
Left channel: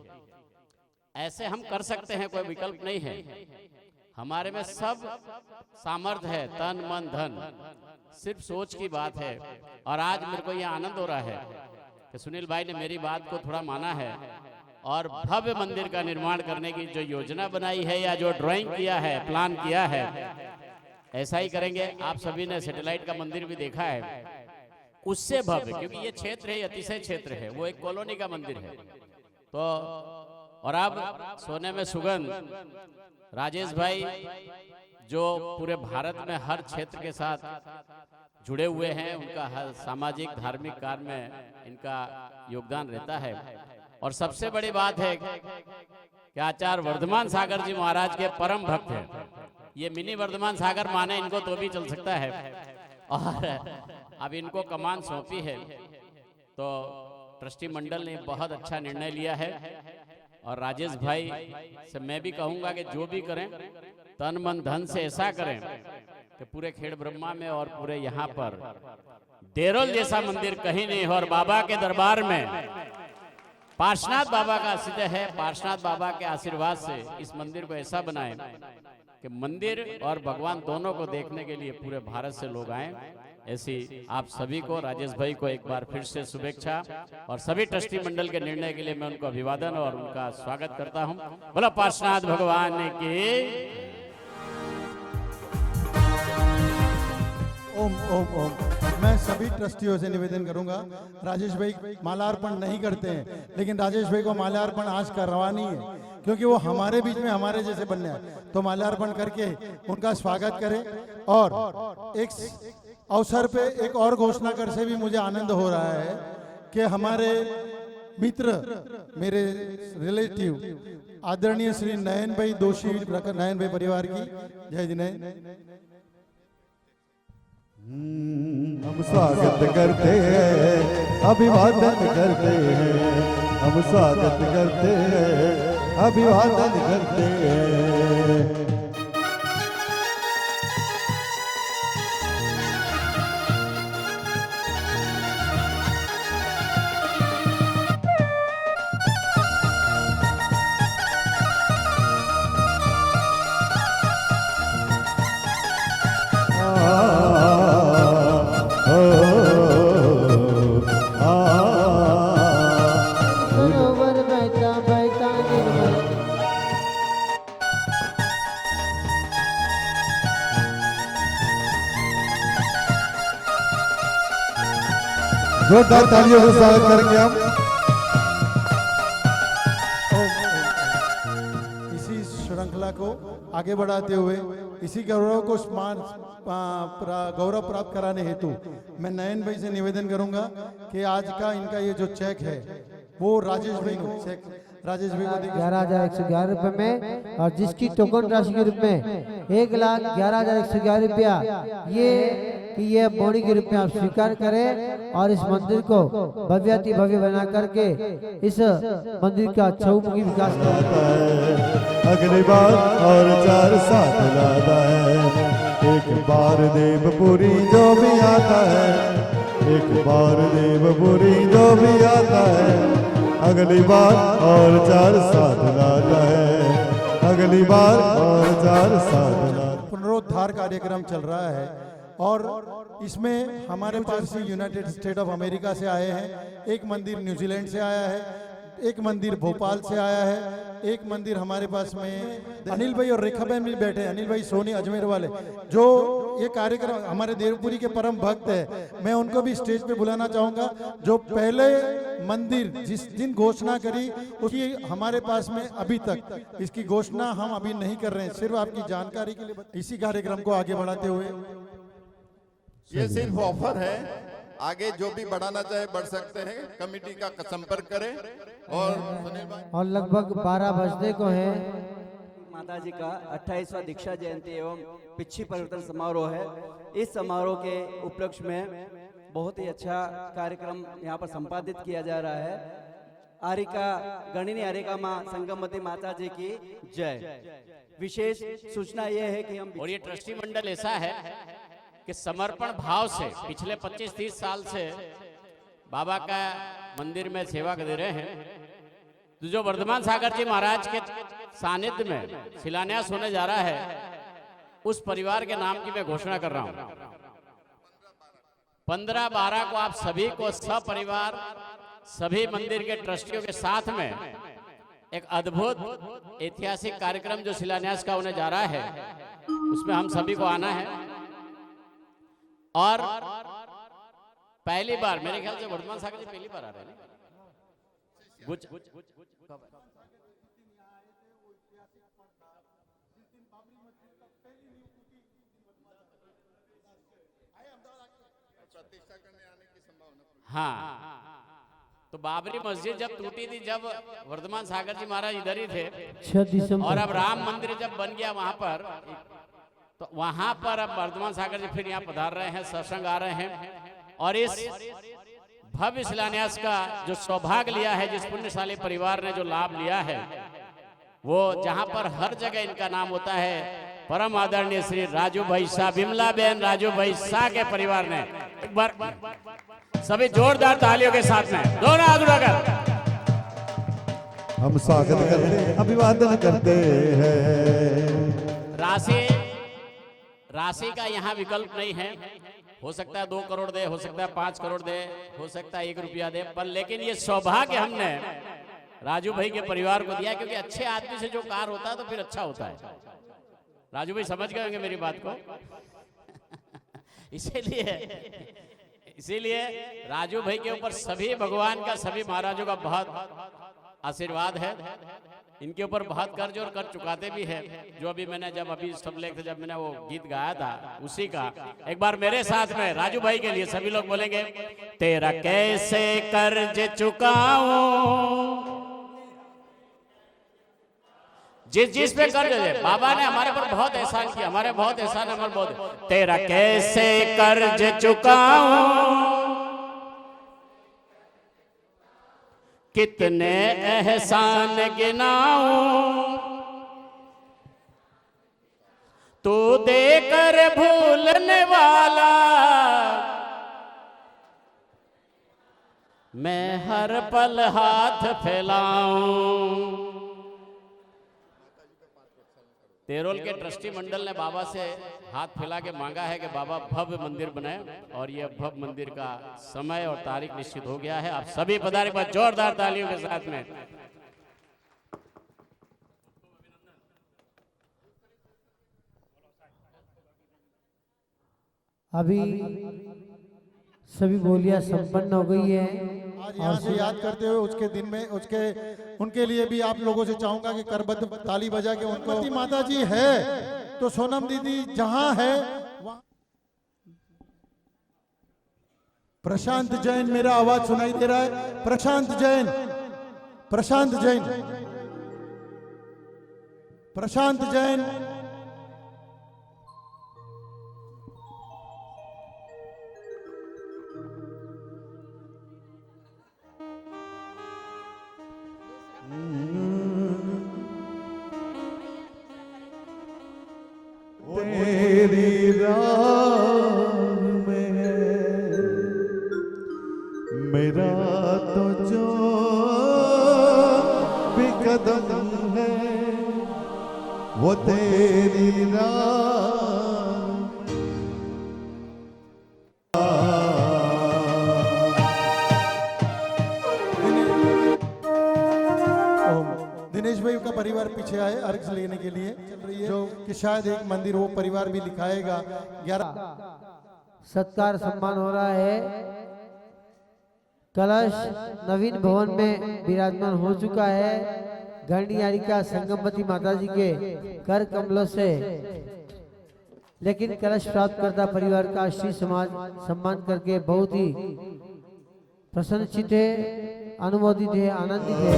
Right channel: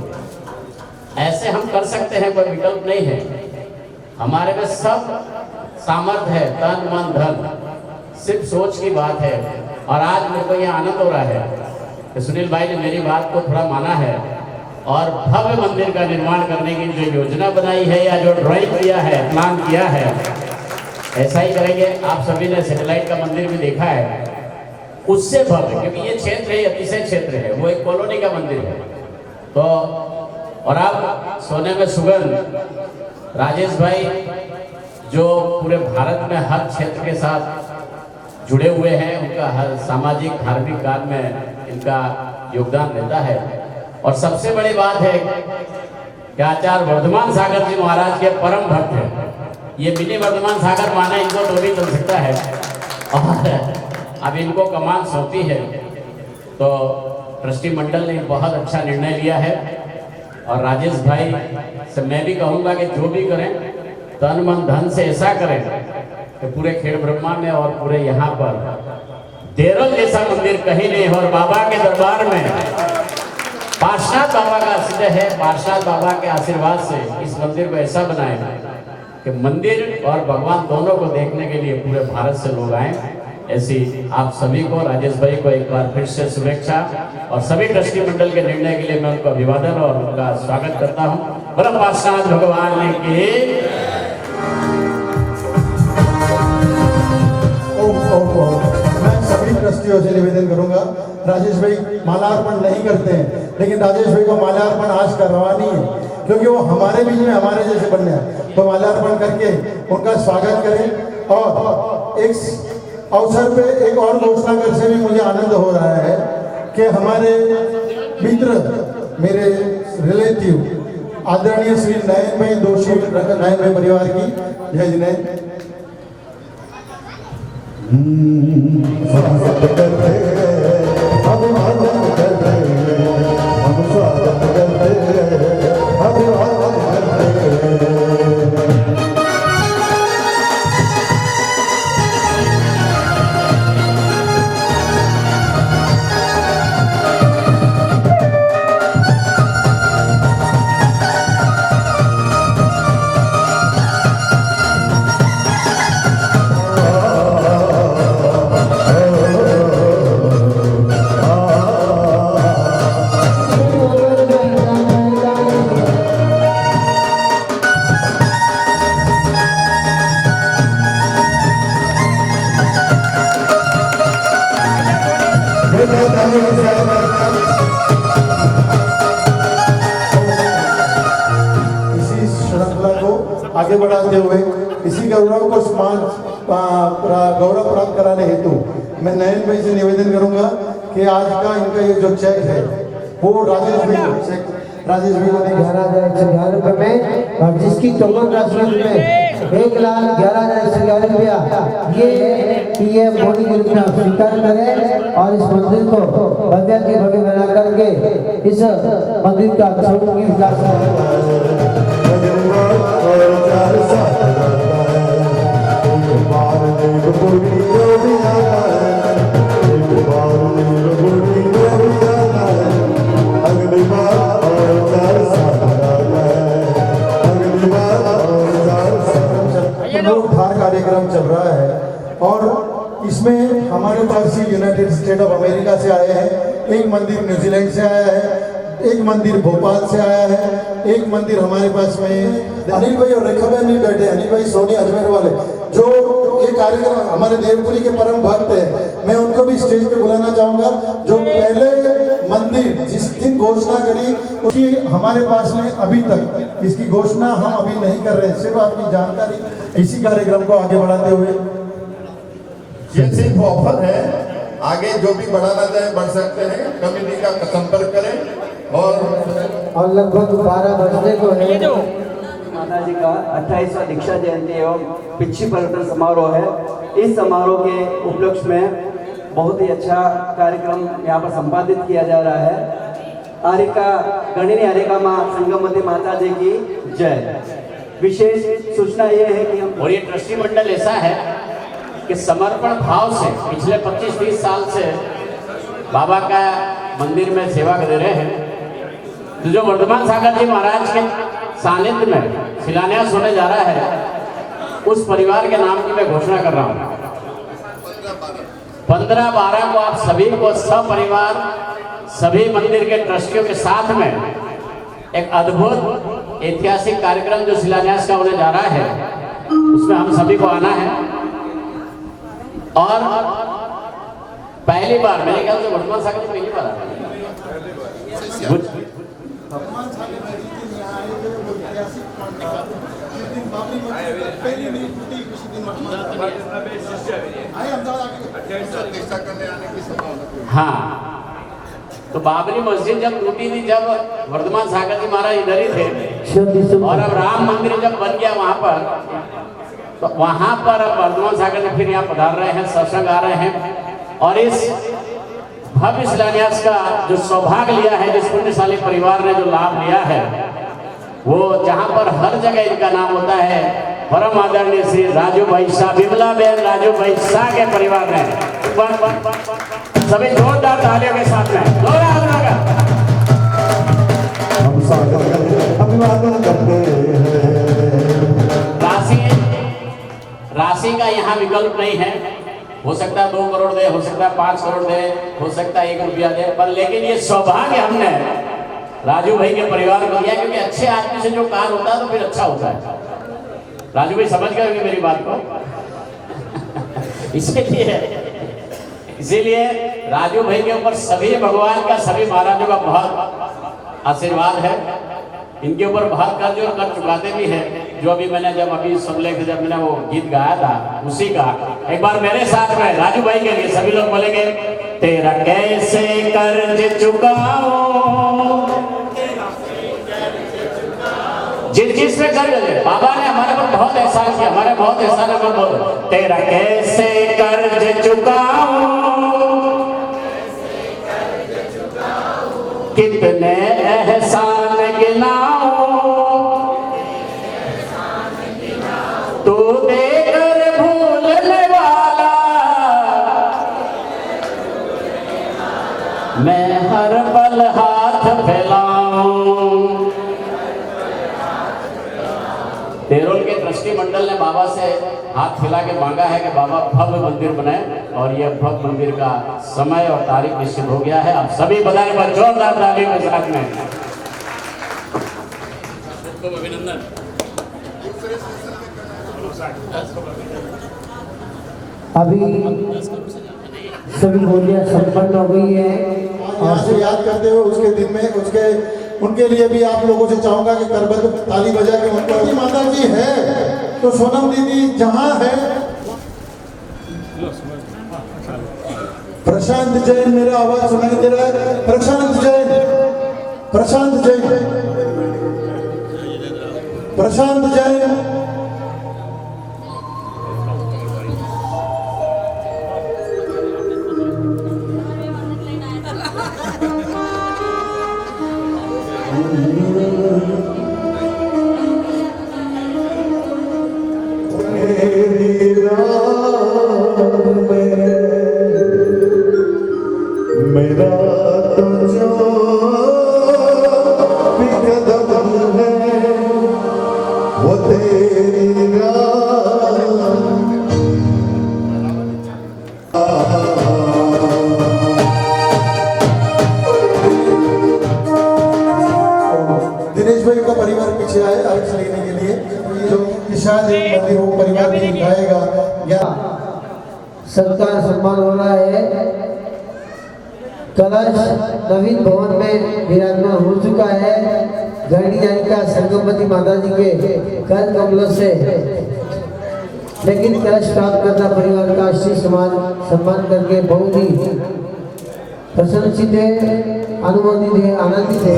ऐसे हम कर सकते हैं, कोई विकल्प नहीं है। हमारे में सब सामर्थ्य है, तन मन धन, सिर्फ सोच की बात है। और आज मेरे को यह आनंद हो रहा है कि सुनील भाई ने मेरी बात को थोड़ा माना है और भव्य मंदिर का निर्माण करने की जो योजना बनाई है या जो ड्राइंग किया है, प्लान किया है, ऐसा ही करेंगे। आप सभी ने सैटेलाइट का मंदिर भी देखा है, उससे भव्य, क्योंकि ये क्षेत्र है, अतिशय क्षेत्र है, वो एक कॉलोनी का मंदिर है। तो और आप सोने में सुगंध राजेश भाई जो पूरे भारत में हर क्षेत्र के साथ जुड़े हुए हैं, उनका हर सामाजिक धार्मिक कार्य में इनका योगदान रहता है। और सबसे बड़ी बात है कि आचार्य वर्धमान सागर जी महाराज के परम भक्त हैं। ये मिनी वर्धमान सागर माना इनको तो भी चल सकता है। और अब इनको कमान सौंपी है, तो ट्रस्टी मंडल ने बहुत अच्छा निर्णय लिया है। और राजेश भाई से मैं भी कहूँगा कि जो भी करें तन मन धन से ऐसा करें कि पूरे खेड़ ब्रह्मा में और पूरे यहाँ पर देरोल जैसा मंदिर कहीं नहीं हो। और बाबा के दरबार में पार्श्वनाथ बाबा का आश्रय है, पार्श्वनाथ बाबा के आशीर्वाद से इस मंदिर को ऐसा बनाए कि मंदिर और भगवान दोनों को देखने के लिए पूरे भारत से लोग आए। ऐसी आप सभी को, राजेश भाई को एक बार फिर से शुभेच्छा और सभी ट्रस्टी मंडल के निर्णय के लिए मैं उनको अभिवादन और उनका स्वागत करता हूँ। बोलो पार्श्वनाथ भगवान की। मैं सभी ट्रस्टियों से निवेदन करूंगा, राजेश भाई माल्यार्पण नहीं करते हैं, लेकिन राजेश भाई को माल्यार्पण आज करवानी है, क्योंकि वो हमारे बीच में हमारे जैसे बन गए। तो माल्यार्पण करके उनका स्वागत करें। और एक अवसर पे एक और घोषणा कर से भी मुझे आनंद हो रहा है कि हमारे मित्र, मेरे रिलेटिव आदरणीय श्री नयन भाई दोषी, नयन भाई परिवार की जय जिनेन्द्र स्वागत करते हैं, अभिवादन करते हैं, हम स्वागत करते हैं, अभिवादन करते हैं। इसी श्रृंखला को आगे बढ़ाते हुए इसी गौरव को गौरव प्राप्त कराने हेतु मैं नयन भाई से निवेदन करूंगा कि आज का इनका ये जो चेक है वो राजेश भाई को देंगे। 11,111 रुपए में, और जिसकी टोकन का शुल्क में 1,11,111 रुपया ये पीएम मोदी की रुपया स्वीकार करें और इस मंदिर को भव्य के भव्य बना करके इस मंदिर का चौमुखी विकास पूरी जो भी आता है, एक बार पूरी जो भी आता है, अगली बार और 4 साल आता है, अगली बार और 4 साल। उद्धार कार्यक्रम चल रहा है और इसमें हमारे पास यूनाइटेड स्टेट ऑफ अमेरिका से आए हैं, एक मंदिर न्यूजीलैंड से आया है, एक मंदिर भोपाल से आया है, एक मंदिर हमारे पास में अनिल भाई और रेखा भाई भी बैठे, अनिल भाई सोनी अजमेर वाले, जो ये कार्यक्रम हमारे देवपुरी के परम भक्त है। मैं उनको भी स्टेज पे बुलाना चाहूंगा, जो पहले मंदिर जिस दिन घोषणा करी उसकी हमारे पास में अभी तक इसकी घोषणा हम अभी नहीं कर रहे हैं, सिर्फ आपकी जानकारी इसी कार्यक्रम को आगे बढ़ाते हुए। ये सिर्फ ऑफर है, आगे जो भी बढ़ाना चाहे बढ़ सकते हैं, कमेटी का संपर्क करें। और लगभग 12 बजने को है। माता जी का 28वां दीक्षा जयंती एवं पिछी पर्यटन समारोह है। इस समारोह के उपलक्ष्य में बहुत ही अच्छा कार्यक्रम यहाँ पर संपादित किया जा रहा है। आरिका गणिनी आरिका माँ संगमती माता जी की जय। विशेष सूचना यह है कि हम और ये ट्रस्टी मंडल ऐसा है कि समर्पण भाव से पिछले 25-30 साल से बाबा का मंदिर में सेवा कर रहे हैं। तो जो वर्धमान सागर जी महाराज के सानिध्य में शिलान्यास होने जा रहा है, उस परिवार के नाम की मैं घोषणा कर रहा हूँ। 15-12 को आप सभी को सपरिवार सभी मंदिर के ट्रस्टियों के साथ में एक अद्भुत ऐतिहासिक कार्यक्रम जो शिलान्यास का होने जा रहा है, उसमें हम सभी को आना है। और पहली बार मेरे ख्याल से वर्धमान सागर में पहली बार हाँ, तो बाबरी मस्जिद जब टूटी थी, जब वर्धमान सागर जी महाराज इधर ही थे, और अब राम मंदिर जब बन गया वहां पर, तो वहां पर अब वर्धमान सागर जी फिर यहाँ पधार रहे हैं, सत्संग आ रहे हैं। और इस भव्य शिलान्यास का जो सौभाग्य लिया है, जिस पुण्यशाली परिवार ने जो लाभ लिया है, वो जहां पर हर जगह इनका नाम होता है, परम आदरणीय श्री राजू भाई शाह, विमला बहन राजू भाई शाह के परिवार ने सभी जोरदार तालियों के साथ में हम स्वागत करते हैं, अभिवादन करते हैं। राशि का यहाँ विकल्प नहीं है। हो सकता है 2 करोड़ दे, हो सकता है 5 करोड़ दे, हो सकता है 1 रुपया दे, पर लेकिन ये सौभाग्य हमने राजू भाई के परिवार को दिया, क्योंकि अच्छे आदमी से जो कार्य होता है तो फिर अच्छा होता है। राजू भाई समझ गए मेरी बात को। इसीलिए राजू भाई के ऊपर सभी भगवान का, सभी महाराजों का बहुत आशीर्वाद है। इनके ऊपर बहुत कर्ज और कर चुकाते भी है। जो अभी मैंने अभी सुन ले, जब मैंने वो गीत गाया था, उसी का एक बार मेरे साथ में राजू भाई के लिए सभी लोग बोलेंगे, तेरा कैसे कर्ज चुकाऊं, जिस पे कर्ज है। बाबा ने हमारे पर बहुत एहसान किया, हमारे बहुत एहसान है। बोलो, तेरा कैसे कर्ज चुकाऊं, कितने एहसान गिनाऊं, तू देकर भूलने वाला, मैं हर पल हाथ फैलाऊं। देरोल के ट्रस्टी मंडल ने बाबा से हाथ फैला के मांगा है कि बाबा भव्य मंदिर बनाए, और यह भव्य मंदिर का समय और तारीख निश्चित हो गया है। आप सभी बधाई में जोरदार तालियों के साथ में अभिनंदन। अभी सभी होलियां संपन्न हो गई है। यहाँ से याद करते हुए उसके दिन में उनके लिए भी आप लोगों से चाहूंगा कि करबद्ध ताली बजा के उनको, माता जी है तो सोनम दीदी जहाँ है, प्रशांत जैन, मेरा आवाज सुनाई दे रहा है? प्रशांत जैन, प्रशांत जैन, प्रशांत जैन। मेरा तो जो भी कदम है वो तेरी दिनेश भाई का परिवार पीछे आए आरक्षण लेने के लिए, जो शायद मंदिर वो परिवार भी दिखाएगा। या सत्कार सम्मान हो रहा है। कलश नवीन भवन में विराजमान हो चुका है। गणिनी आरिका संगमती माता जी के कर कमलों से, लेकिन कलश प्राप्त करना परिवार का श्री सम्मान करके बहुत ही प्रसन्नचित है, अनुमोदित है, आनंदित है।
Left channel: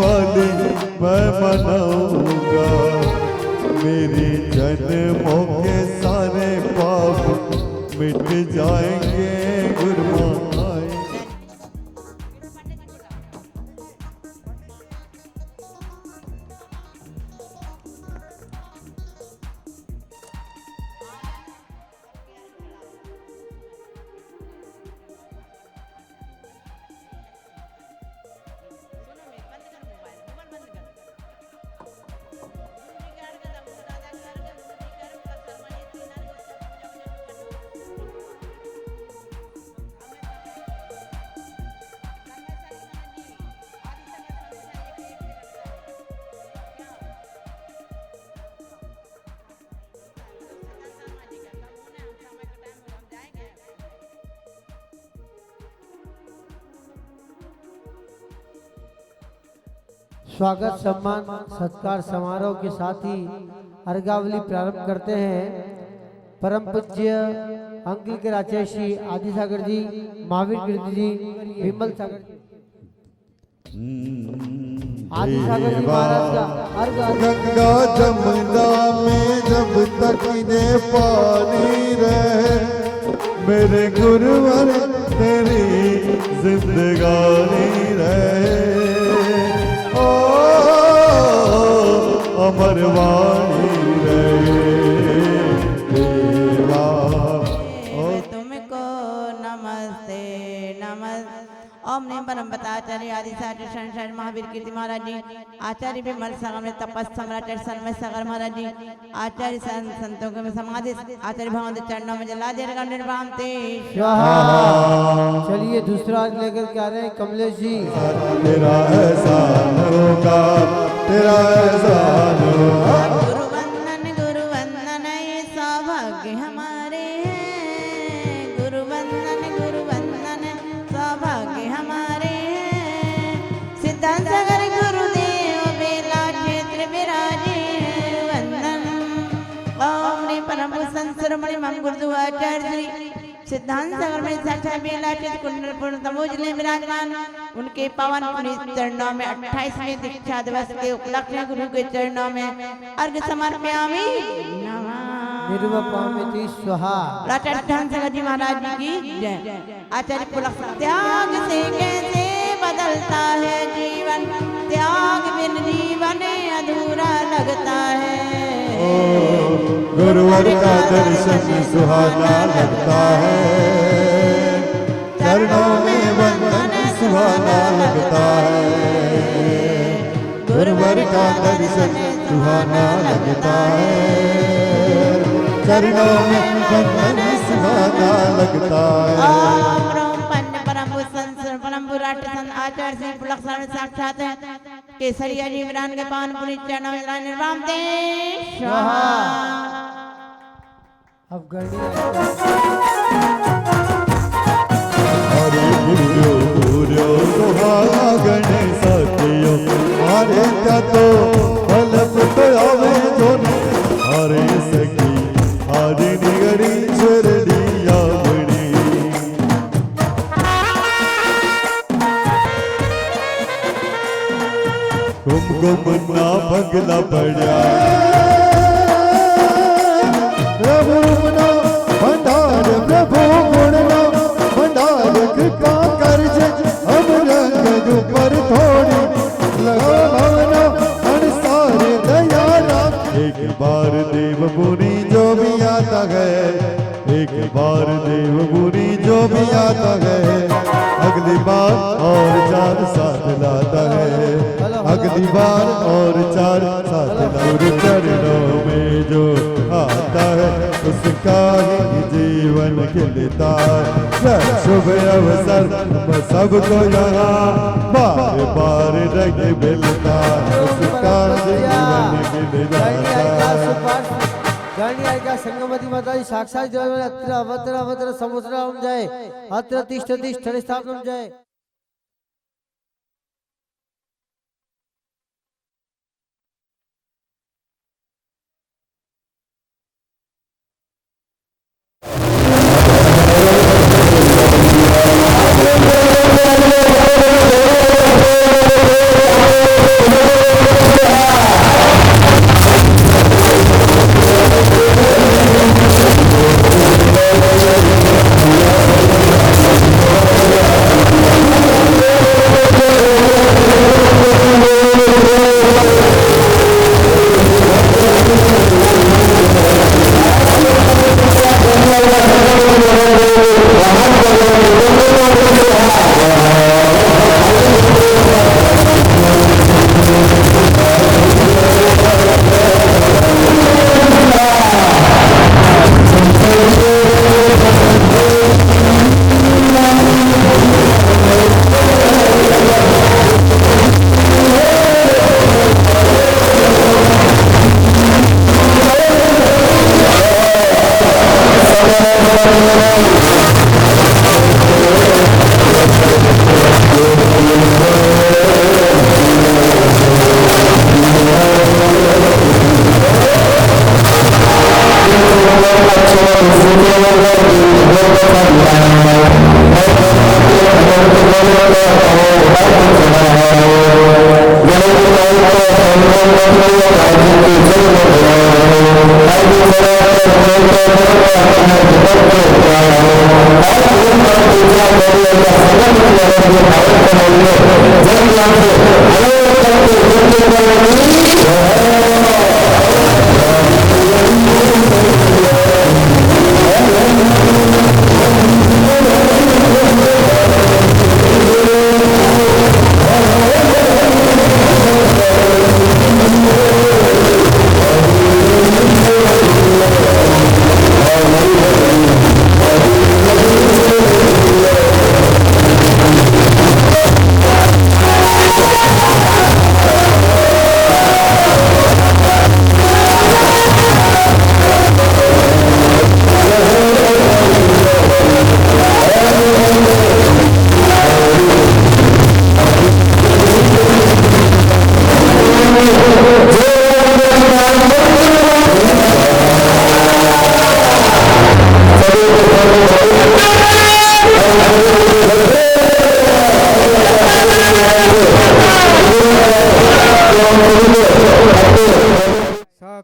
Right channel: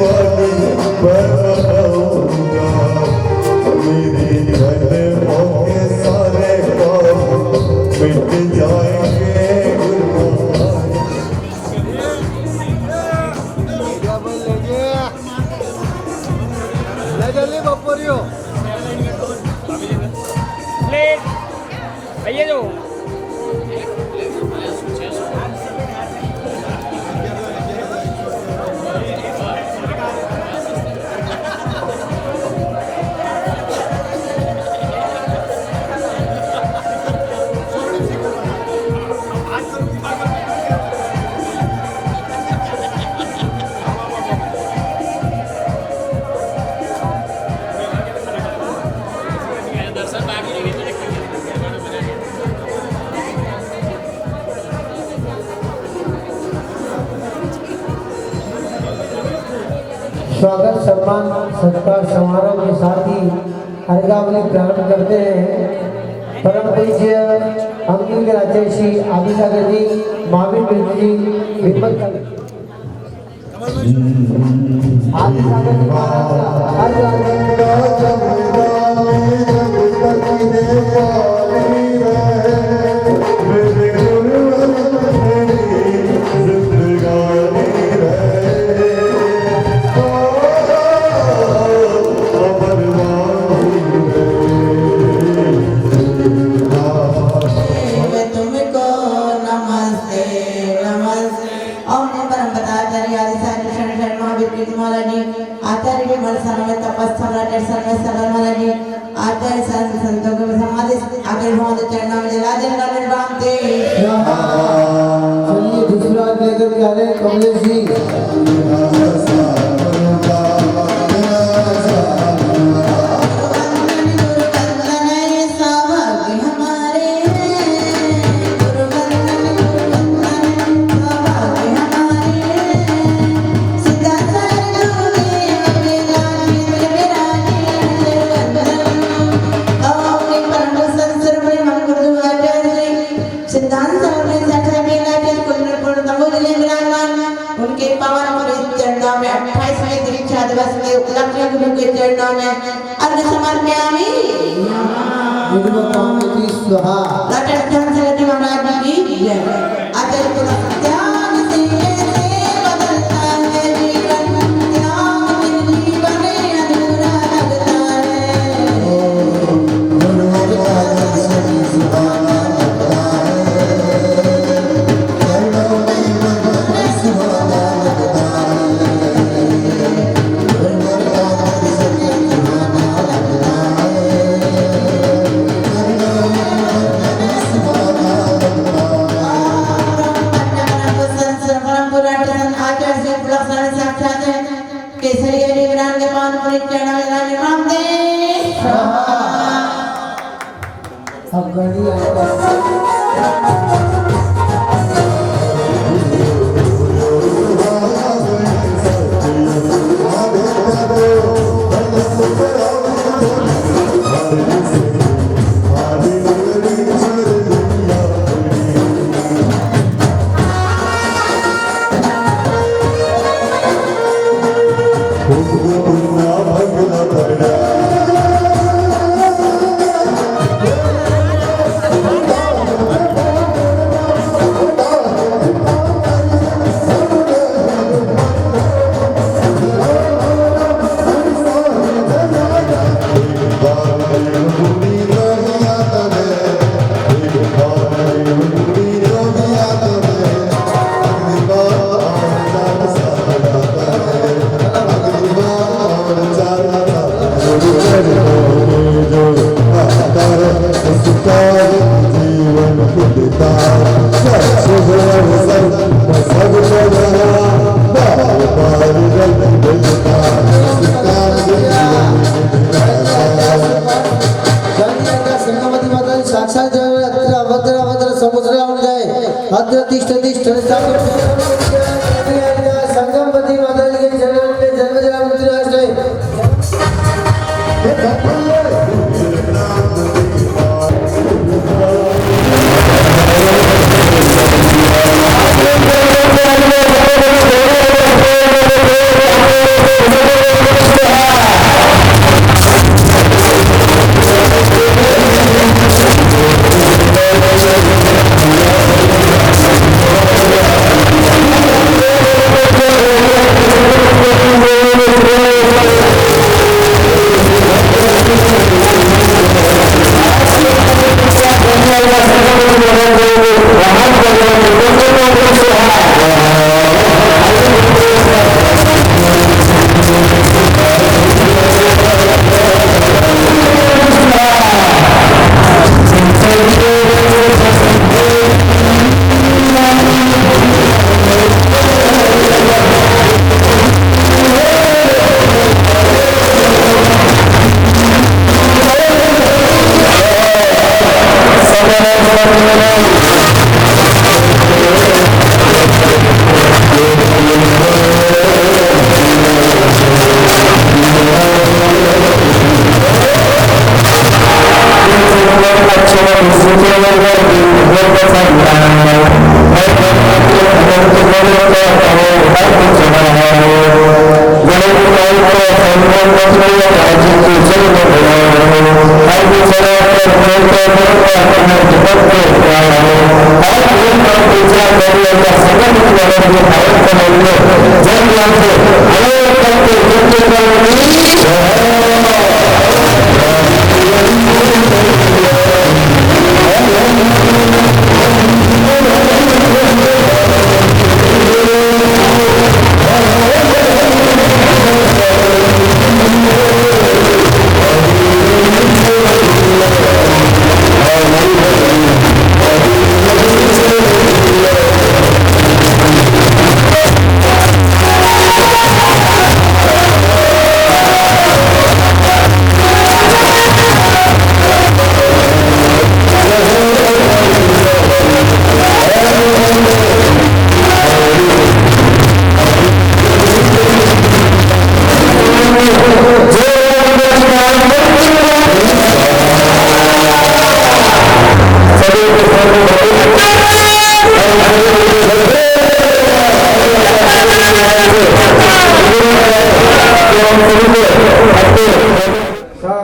दिवाली मैं मनाऊंगा, मेरी जन्मों के सारे पाप मिट जाएंगे गुरबानी। प्लेट भैया जो स्वागत सम्मान सत्कार समारोह के साथ ही अर्घावली प्रारंभ करते हैं। परम पूज्य अंगिल राजर्षि आदिसागर जी, महावीर मित्र जी, हिम्मत आदिसागर जी महाराज का हर मेरे गुरुवर तेरी जिंदगानी रहे, अमर वाणी रहे। तुमको नमस्ते नमस्ते। ओम परम पदाचार्य आदिसागर शरण महावीर कीर्ति महाराज जी, आचार्य विमल समय तपस्या समय सगर महाराज जी, आचार्य संतों को समाधि आचार्य भगवान चरणों में जला देने वाले राम ते। चलिए दूसरा लेकर के आ रहे हैं कमलेश जी। मेरा एहसान होगा, मेरा एहसान होगा। उनके पावन पवित्र चरणों में 28वें दीक्षा दिवस में उपलक्ष्य गुरु के चरणों में अर्घ समर्पयामि। निर्मकामिनी स्वाहा। राजस्थान सरस्वती महाराज जी की जय। आचार्य पुरः त्याग से कैसे बदलता है जीवन, त्याग बिन जीवन अधूरा लगता है। गुरुवर का दर्शन सुहाना लगता है, चरणों में मन सुहाना लगता है। गुरुवर का दर्शन सुहाना लगता है, चरणों में मन सुहाना लगता है। अब गणित संगमती माता साक्षात समुद्र संगमती माता जी के चरण में जन्म जन्म मुक्ति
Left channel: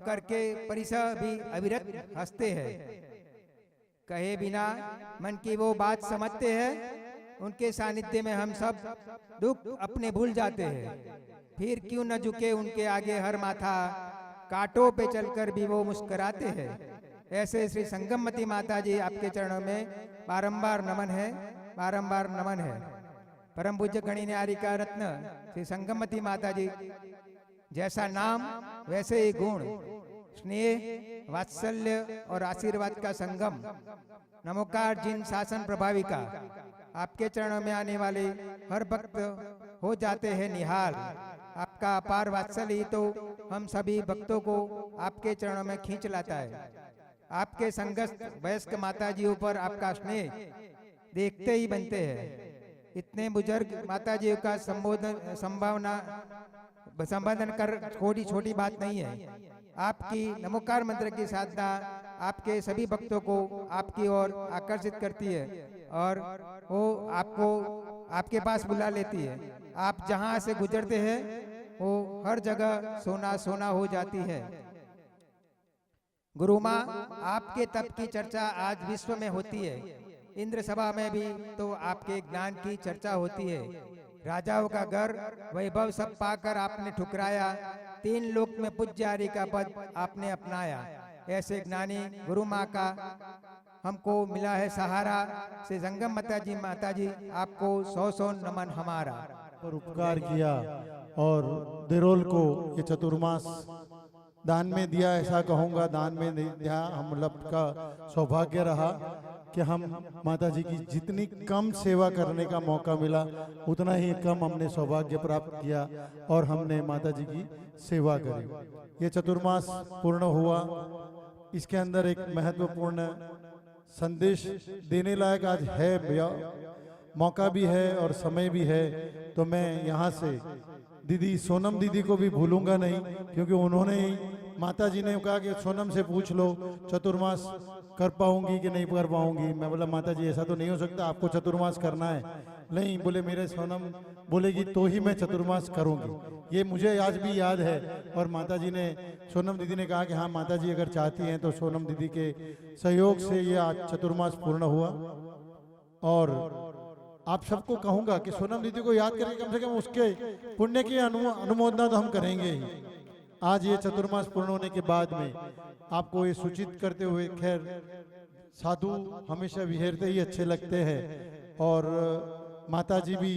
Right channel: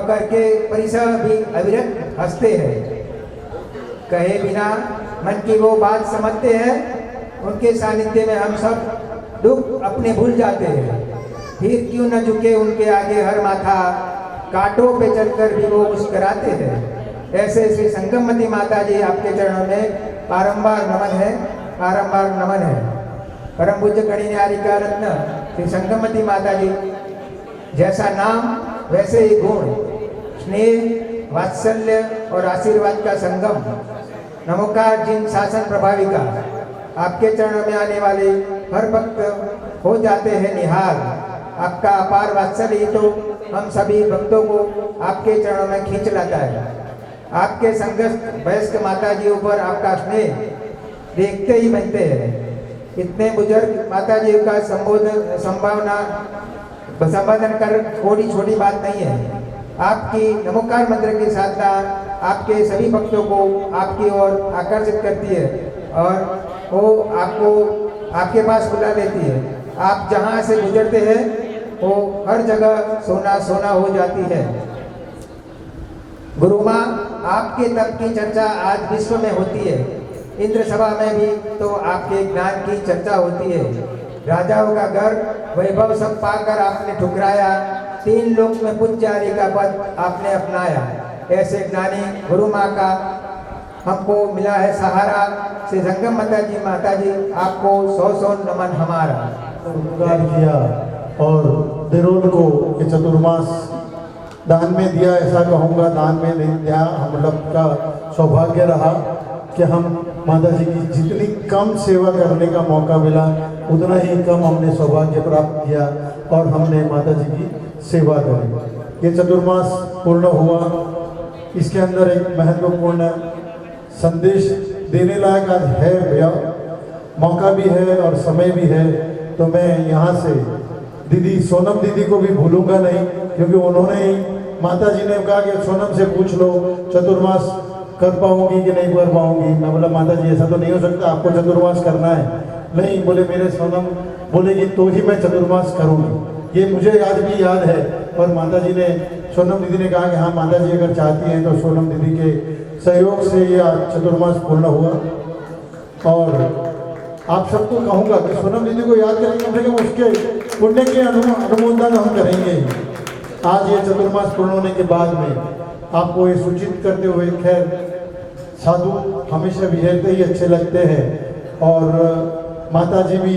करके परिसर भी अविरत हंसते हैं, कहे बिना मन की वो बात समझते हैं। उनके सानिध्य में हम सब दुख अपने भूल जाते हैं। फिर क्यों न झुके उनके आगे हर माथा, कांटों पे चढ़कर भी वो मुस्कुराते हैं। ऐसे श्री संगमती माता जी आपके चरणों में बारंबार नमन है, बारंबार नमन है। परम पूज्य कणिन्यारी का रत्न श्री संगमती माता जी जैसा नाम वैसे ही गुण, स्नेह, वात्सल्य और आशीर्वाद का संगम। नमोकार जिन शासन प्रभाविका आपके चरणों में आने वाले हर भक्त हो जाते हैं निहाल। आपका अपार वात्सल्य ही तो हम सभी भक्तों को आपके चरणों में खींच लाता है। आपके संगत वयस्क माता जी ऊपर आपका स्नेह देखते ही बनते हैं। इतने बुजुर्ग माता जी का संबोधन कर थोड़ी छोटी बात नहीं है। आपकी नमोकार मंत्र की साधना आपके सभी भक्तों को आपकी ओर आकर्षित करती है और वो आपको आपके पास बुला लेती है। आप जहाँ से गुजरते हैं वो हर जगह सोना सोना हो जाती है। गुरु माँ, आपके तप की चर्चा आज विश्व में होती है। इंद्र सभा में भी तो आपके ज्ञान की चर्चा होती है। राजाओं का घर वैभव सब पाकर आपने ठुकराया, 3 लोक में पूज्यारी का पद आपने अपनाया। ऐसे ज्ञानी गुरु माँ का हमको मिला है सहारा। श्री संगम माता जी आपको 100 नमन हमारा। उपकार किया और देरोल को ये चतुर्मास दान में दिया, ऐसा कहूँगा दान में नहीं दिया। हम लोग का सौभाग्य रहा कि हम माता जी की जितनी कम सेवा करने का मौका मिला उतना ही कम हमने सौभाग्य प्राप्त किया और हमने माता जी की सेवा करी। ये चतुर्मास पूर्ण हुआ, इसके अंदर एक महत्वपूर्ण संदेश देने लायक आज है भैया, मौका भी है और समय भी है। तो मैं यहाँ से दीदी सोनम दीदी को भी भूलूंगा नहीं, क्योंकि उन्होंने ही माता जी ने कहा कि सोनम से पूछ लो चतुर्मास कर पाऊंगी कि नहीं कर पाऊंगी। मैं बोला माता जी ऐसा तो नहीं हो सकता, आपको चतुर्मास करना है। नहीं, बोले मेरे सोनम बोलेगी तो ही मैं चतुर्मास करूंगी। ये मुझे आज भी याद है। और माता जी ने, सोनम दीदी ने कहा कि हाँ माता जी अगर चाहती हैं तो सोनम दीदी के सहयोग से ये चतुर्मास पूर्ण हुआ। और आप सबको कहूँगा कि सोनम दीदी को याद करेंगे, कम से कम उसके पुण्य के अनुमोदन हम करेंगे। आज ये चतुर्मास पूर्ण होने के बाद में आपको ये सूचित करते हुए, खैर साधु हमेशा विजयते ही अच्छे लगते हैं और माता जी भी,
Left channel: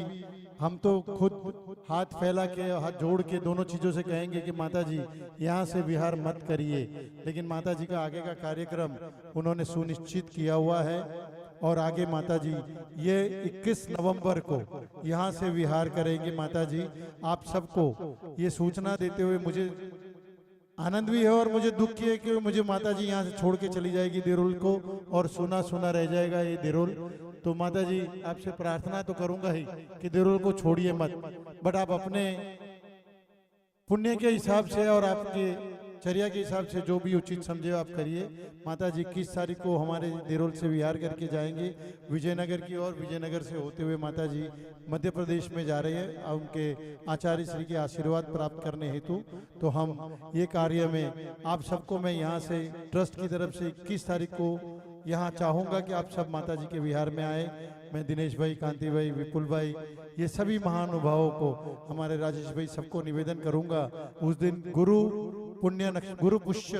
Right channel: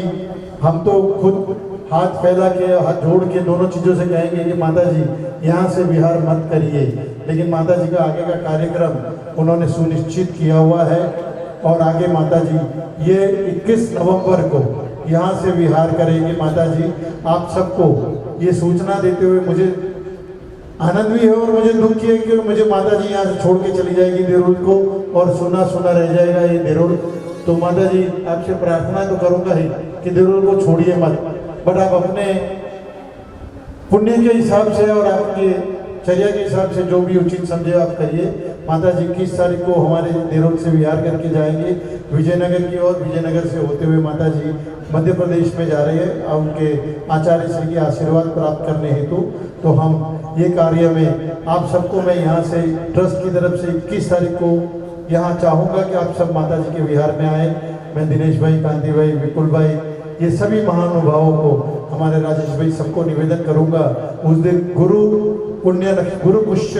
हम तो खुद हाथ फैला के हाथ जोड़ के दोनों चीज़ों से कहेंगे कि माता जी यहाँ से विहार मत करिए, लेकिन माता जी का आगे का कार्यक्रम उन्होंने सुनिश्चित किया हुआ है। और आगे माता जी ये 21 नवंबर को यहाँ से विहार करेंगे। माता जी आप सबको ये सूचना देते हुए मुझे आनंद भी है और मुझे दुख है कि मुझे माता जी यहाँ से छोड़ के चली जाएगी देरोल को, और सुना सुना रह जाएगा ये देरोल। तो माता जी आपसे प्रार्थना तो करूँगा ही कि देरोल को छोड़िए मत, बट आप अपने पुण्य के हिसाब से और आपके चर्या के हिसाब से जो भी उचित समझे आप करिए। माता जी 21 तारीख को हमारे देरोल से विहार करके जाएंगे विजयनगर की ओर। विजयनगर से होते हुए माता जी मध्य प्रदेश में जा रहे हैं उनके आचार्य श्री के आशीर्वाद प्राप्त करने हेतु। तो हम ये कार्य में आप सबको मैं यहाँ से ट्रस्ट की तरफ से 21 तारीख को यहाँ चाहूँगा कि आप सब माता जी के विहार में आए। मैं दिनेश भाई, कांति भाई, विपुल भाई, ये सभी महानुभावों को, हमारे राजेश भाई, सबको निवेदन करूँगा उस दिन गुरु पुष्य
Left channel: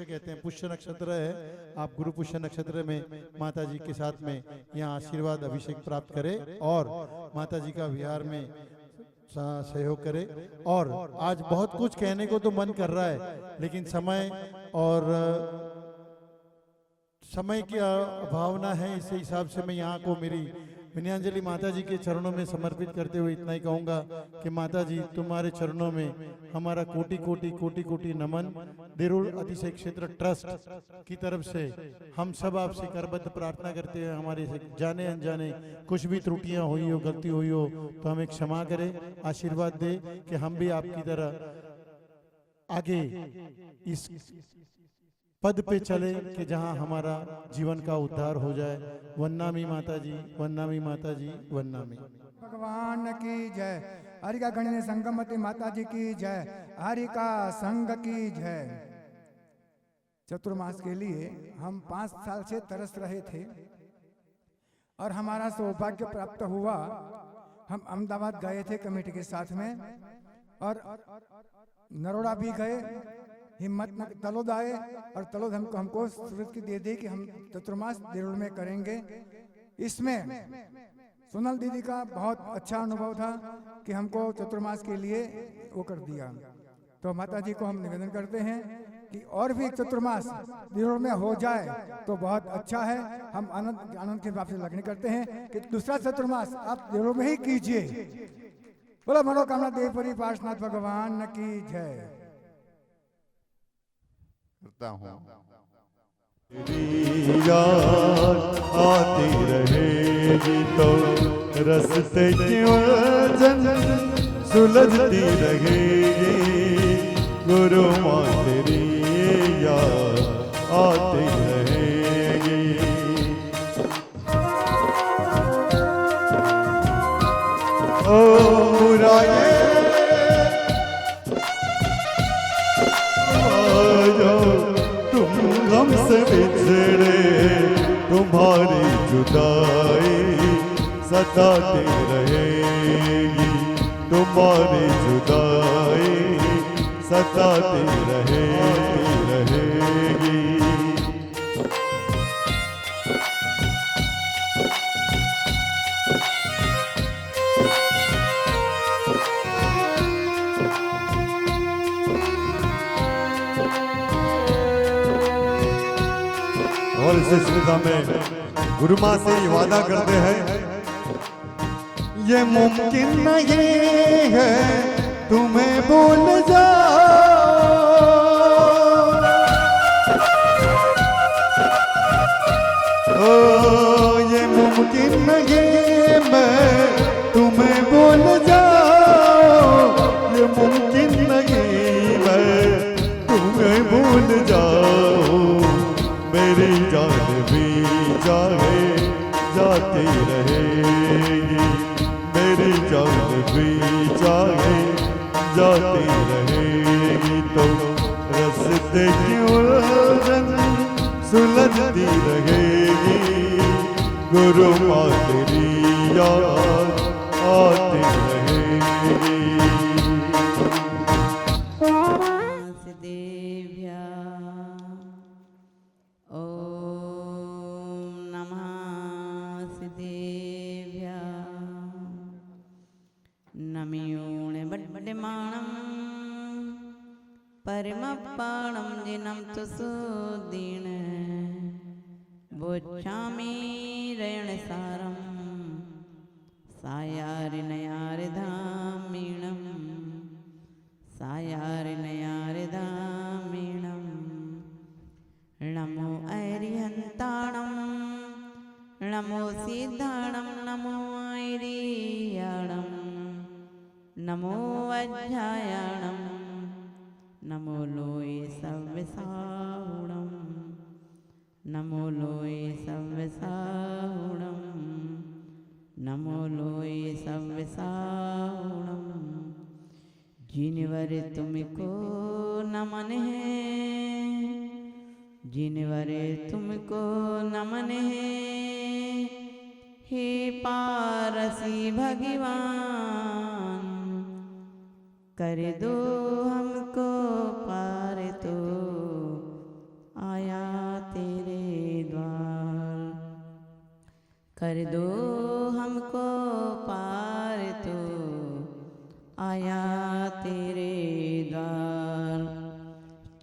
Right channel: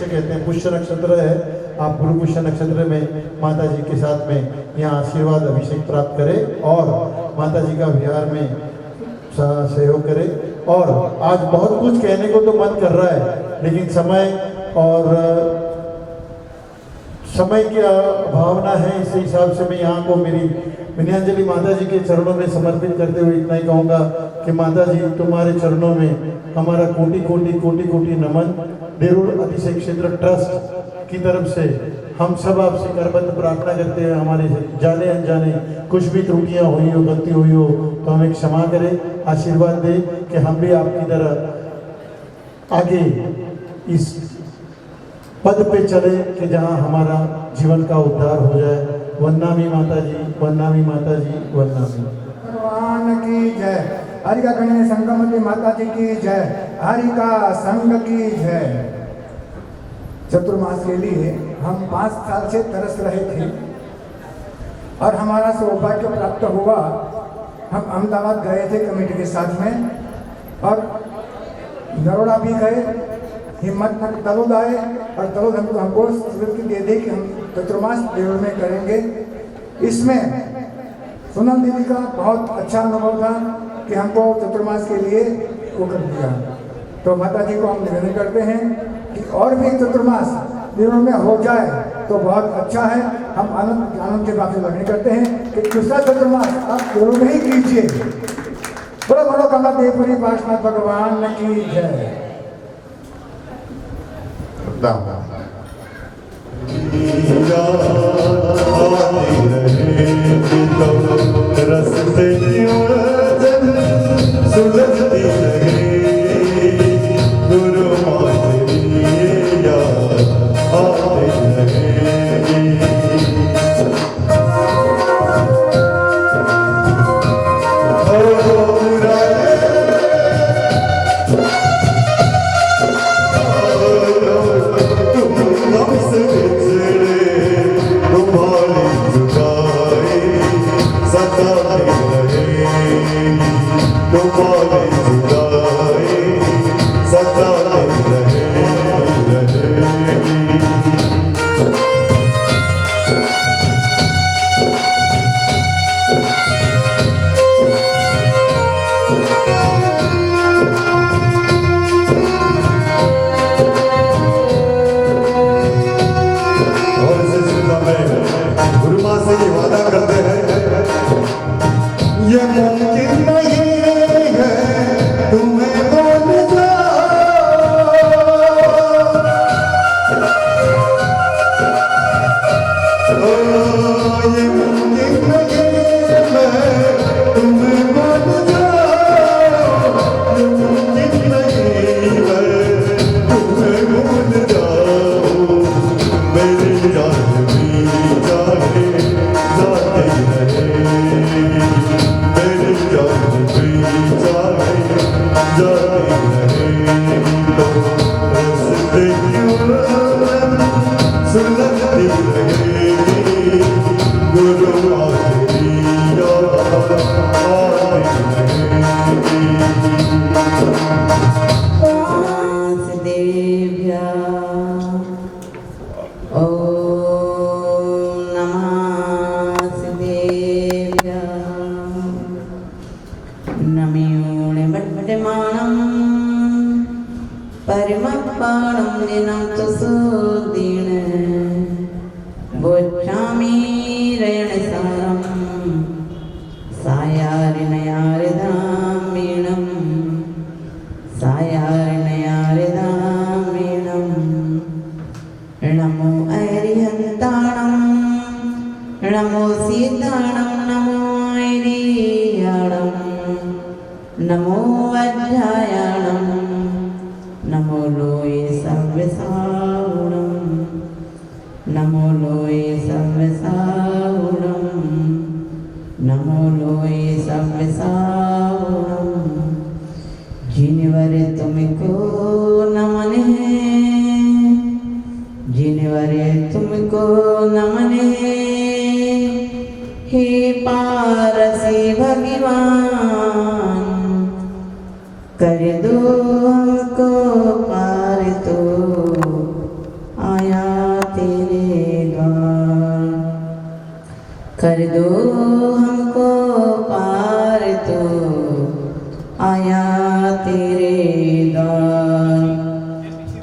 कहते हैं, पुष्य नक्षत्र है, आप गुरु पुष्य नक्षत्र में माता जी के साथ में यहाँ आशीर्वाद अभिषेक प्राप्त करें और माता जी का विहार में सहयोग करें। और आज बहुत कुछ कहने को तो मन कर रहा है, लेकिन समय की भावना है, इस हिसाब से मैं यहाँ को मेरी विनयांजलि माता जी के चरणों में समर्पित करते हुए इतना ही कहूँगा कि माता जी तुम्हारे चरणों में हमारा कोटि कोटि नमन। देरुल अतिशय क्षेत्र ट्रस्ट की तरफ से हम सब आपसे करबद्ध प्रार्थना करते हैं, हमारे जाने अनजाने कुछ भी त्रुटियां हुई हो, गलती हुई हो तो हमें क्षमा करें, आशीर्वाद दे कि हम भी आपकी तरह आगे इस पद पे चले कि जहां हमारा जीवन का उद्धार हो जाए। वंदनामी माता जी, वंदनामी माता जी, वंदनामी। भगवान की जय। हरिका गणेश संगमती माता जी की जय। हरिका संघ की जय। चतुर्मास के लिए हम 5 साल से तरस रहे थे और हमारा सौभाग्य प्राप्त हुआ। हम अहमदाबाद गए थे कमेटी के साथ में और नरोड़ा भी गए, हिम्मत तक तलोद आए और तलोद हमको स्वीकृति दे दी कि हम चतुर्मास देवल में करेंगे। इसमें सोनम दीदी का बहुत अच्छा अनुभव था कि हमको चतुर्मास के लिए वो कर दिया। तो माता जी को हम निवेदन करते हैं कि और भी चतुर्मास दिनों में हो जाए तो बहुत अच्छा है। हम आनंद के बात से लगने करते हैं कि दूसरा चतुर्मास आप जरूर नहीं कीजिए। बड़ो बड़ो कमला देवपुरी पार्षद भगवान की जय। रस्ते सुलझती रहे गुरु से वादा करते हैं ये मुमकिन नहीं है तुम्हें भूल जाओ, ये मुमकिन नहीं मैं तुम्हें भूल जाओ, ये मुमकिन नहीं मैं तुम्हें भूल जाओ, मेरी याद भी जाने जाते रहे, मेरी याद भी जाने जाते रहे, तो रस्ते सुलझती रहेगी, गुरु आखिरी याद आती रहेगी। नमो वज्रायणं नमो लोये सर्वसावधानम्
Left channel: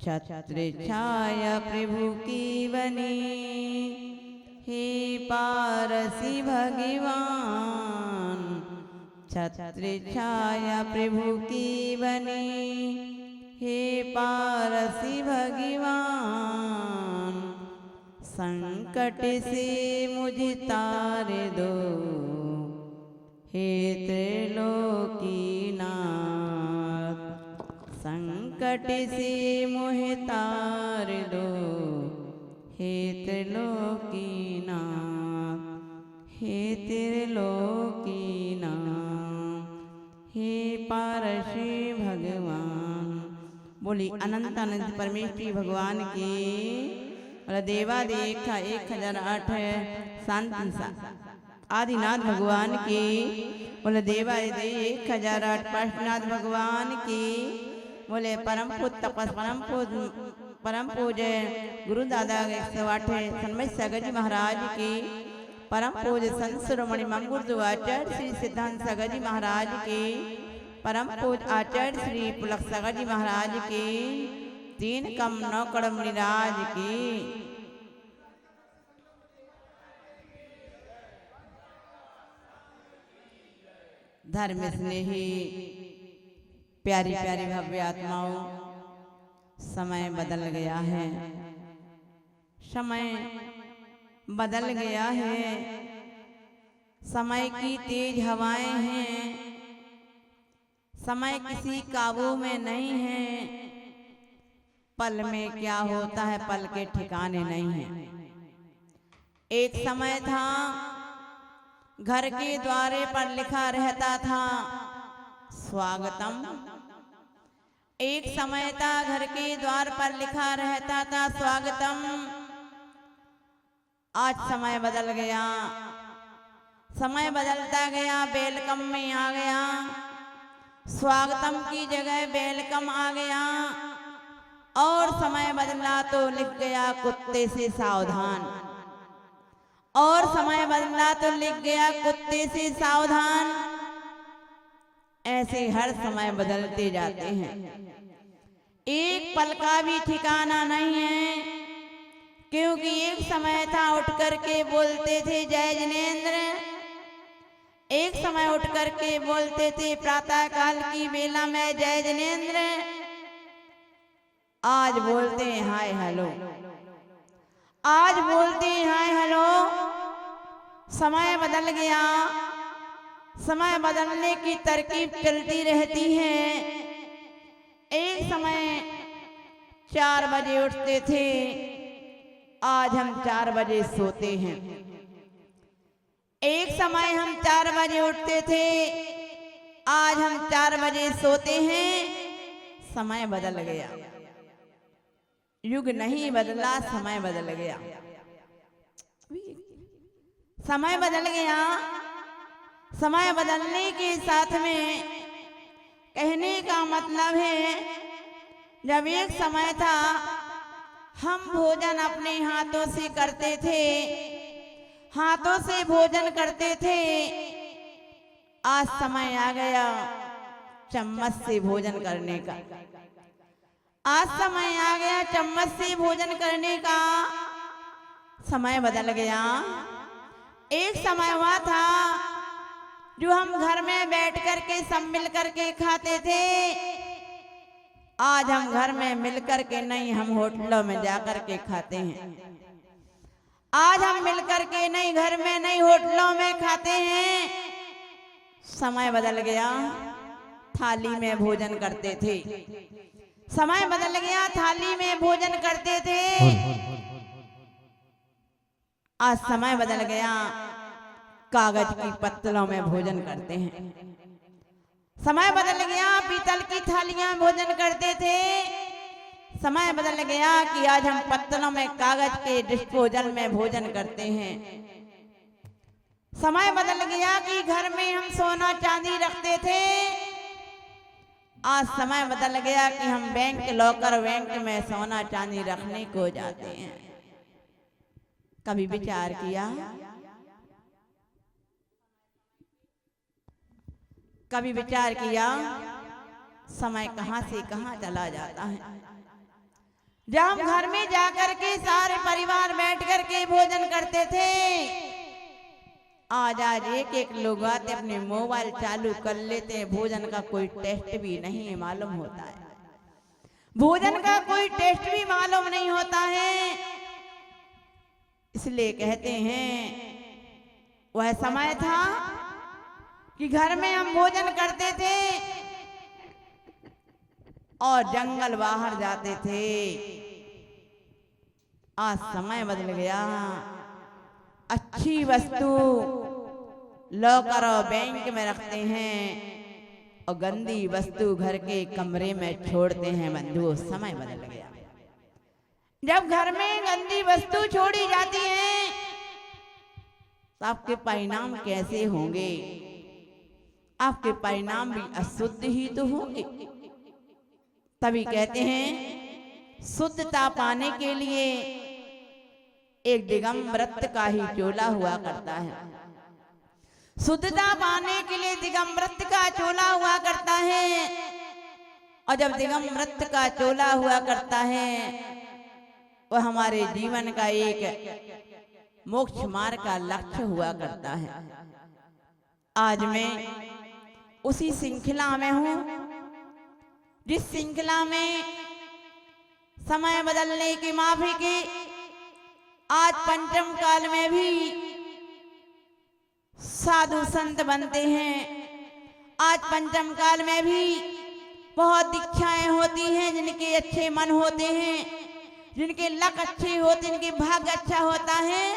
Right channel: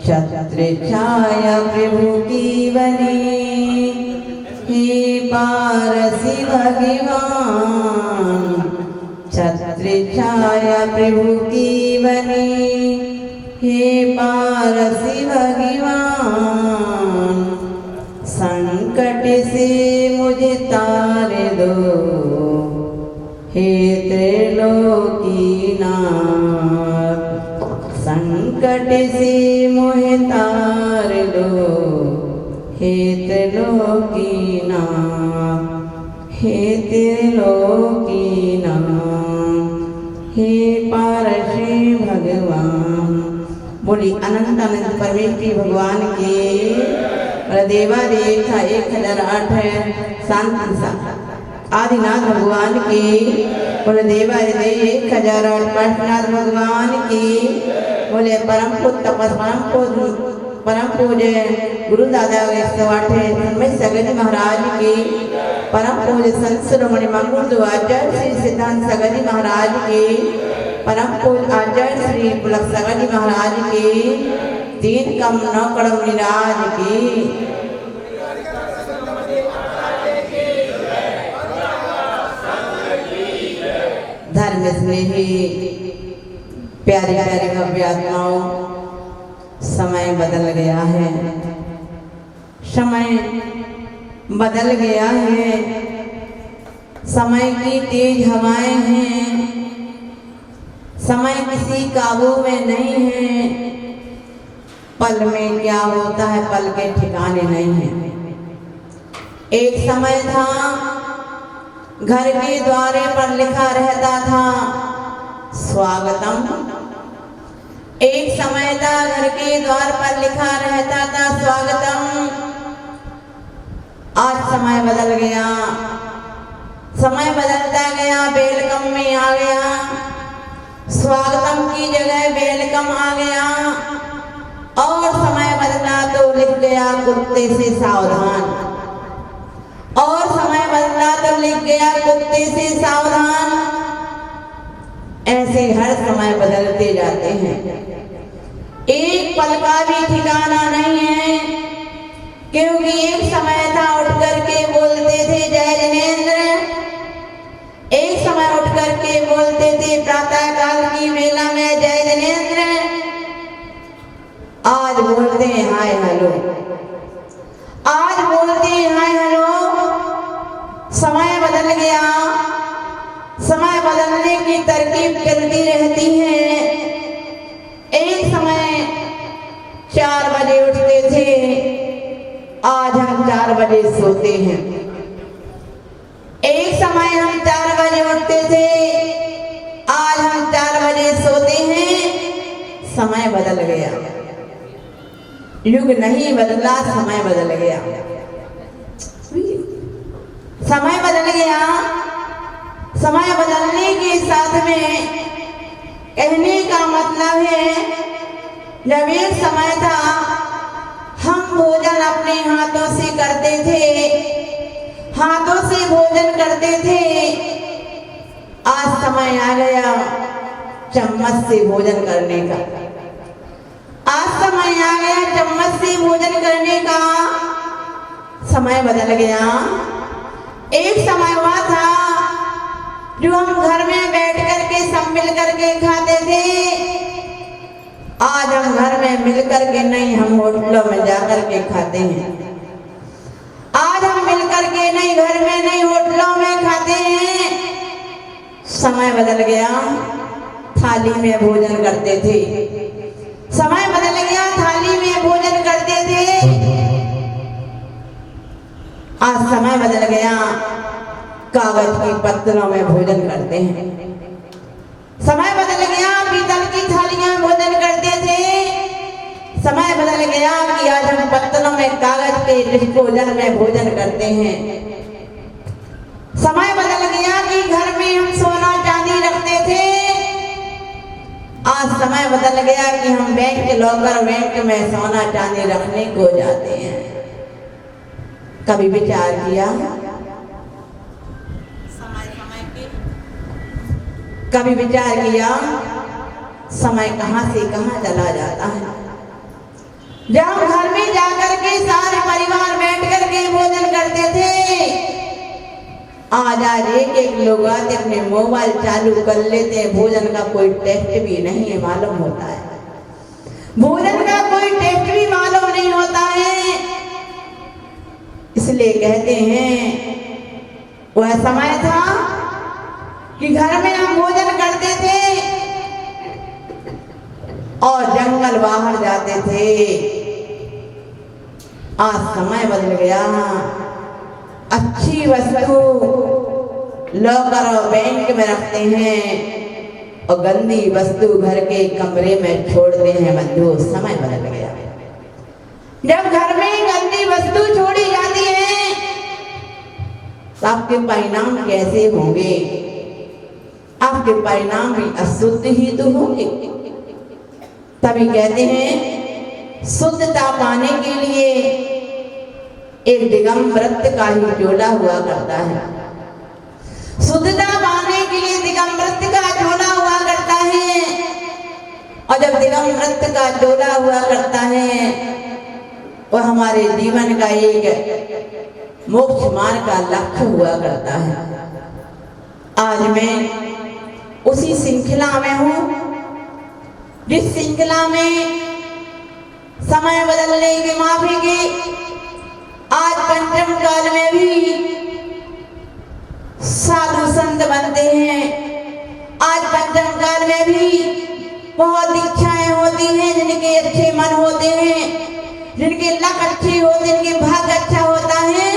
छत्र छाया प्रभु की बनी, हे पारसी भगवान। छत्र छाया प्रभु की बनी, हे पारसी भगवान। संकट से मुझे तार दो, हे त्रिलोकीनाथ। संकट से मुझे तार दो, हे त्रिलोकीनाथ, हे त्रिलोकीनाथ, हे पारसी भगवान। बोली अनंत अनंत परमेश्वरी भगवान की देवादेव था 1008 शांति आदिनाथ भगवान की बोले देवादेव 1008 पार्श्वनाथ भगवान की बोले परम पूज्य गुरु दादा 108 में सगरी महाराज की परम पूज्य संत शिरोमणि मंगल आचार्य श्री सिद्धांत सगरी महाराज की परम पूज्य आचार्य श्री पुलक सगरी महाराज की 3 कम 9 कड़म निराज की धर्म स्नेही प्यारे प्यारे भव्य आत्माओं, समय बदल गया है, समय बदल गया है। समय की तेज हवाएं हैं, समय किसी काबू में नहीं है। पल में क्या होता है पल के ठिकाने नहीं है। एक समय था घर के द्वारे पर लिखा रहता था स्वागतम। एक समय था घर के द्वार पर लिखा रहता था स्वागतम। आज समय बदल गया, समय बदलता गया, वेलकम में आ गया। स्वागतम की जगह वेलकम आ गया। और समय बदला तो लिख गया कुत्ते से सावधान। और समय बदला तो लिख गया कुत्ते से सावधान। ऐसे हर समय बदलते जाते हैं, एक पल का भी ठिकाना नहीं है। क्योंकि एक समय था उठ करके बोलते थे जय जनेंद्र, एक समय उठ करके बोलते थे प्रातः काल की वेला में जय जनेंद्र। आज बोलते हैं हाय हेलो, आज बोलते हैं हाय हेलो। समय बदल गया, समय बदलने की तरकीब चलती रहती है। एक समय 4 बजे उठते थे, आज हम 4 बजे सोते हैं। एक समय हम 4 बजे उठते थे, आज हम 4 बजे सोते हैं। समय बदल गया, युग नहीं बदला, समय बदल गया। समय बदल गया। समय बदलने के साथ में कहने का मतलब है, जब एक समय था हम भोजन अपने हाथों से करते थे, हाथों से भोजन करते थे। आज समय आ गया चम्मच से भोजन करने का। आज समय आ गया चम्मच से भोजन करने का। समय बदल गया। एक समय हुआ था जो हम घर में बैठ करके सब मिल करके खाते थे। आज हम घर में मिल करके नहीं, हम होटलों में जाकर के खाते हैं। आज हम मिल करके नहीं, घर में नहीं, होटलों में खाते हैं। समय बदल गया, थाली में भोजन करते थे। समय बदल गया, थाली में भोजन करते थे। आज समय बदल गया, कागज की पत्तलों में भोजन करते हैं। समय बदल गया, पीतल की थालियां में भोजन करते थे। समय बदल गया कि आज हम पत्तलों में कागज के डिस्पोजल में भोजन करते हैं। समय बदल गया कि घर में हम सोना चांदी रखते थे। आज समय बदल गया कि हम बैंक के लॉकर बैंक में सोना चांदी रखने को जाते हैं। कभी विचार किया? कभी विचार किया समय कहां से कहां चला जाता है? जब घर में जाकर के सारे परिवार बैठ कर के भोजन करते थे, आज एक लोग आते अपने मोबाइल चालू कर लेते हैं, भोजन का कोई टेस्ट भी नहीं है मालूम होता है, भोजन का कोई टेस्ट भी मालूम नहीं होता है। इसलिए कहते हैं वह समय था कि घर में हम भोजन करते थे और जंगल बाहर जाते थे। आज समय बदल गया, अच्छी वस्तु लॉकर और बैंक में रखते हैं और गंदी वस्तु घर के कमरे में छोड़ते हैं। बंधु, समय बदल गया। जब घर में गंदी वस्तु छोड़ी जाती है तो आपके परिणाम कैसे होंगे? आपके परिणाम भी अशुद्ध ही तो होंगे। तभी कहते हैं शुद्धता पाने के लिए एक दिगंबरत्व का ही झोला हुआ करता है। शुद्धता पाने के लिए दिगंबरत्व का झोला हुआ करता है, और जब दिगंबरत्व का झोला हुआ करता है वह हमारे जीवन का एक मोक्ष मार्ग का लक्ष्य हुआ करता है। आज मैं उसी श्रृंखला में हूँ जिस श्रृंखला में समय बदलने की माफी की आज पंचम काल में भी साधु संत बनते हैं। आज पंचम काल में भी बहुत इच्छाएं होती हैं, जिनके अच्छे मन होते हैं, जिनके लक अच्छे होते हैं, जिनके भाग्य अच्छा होता है,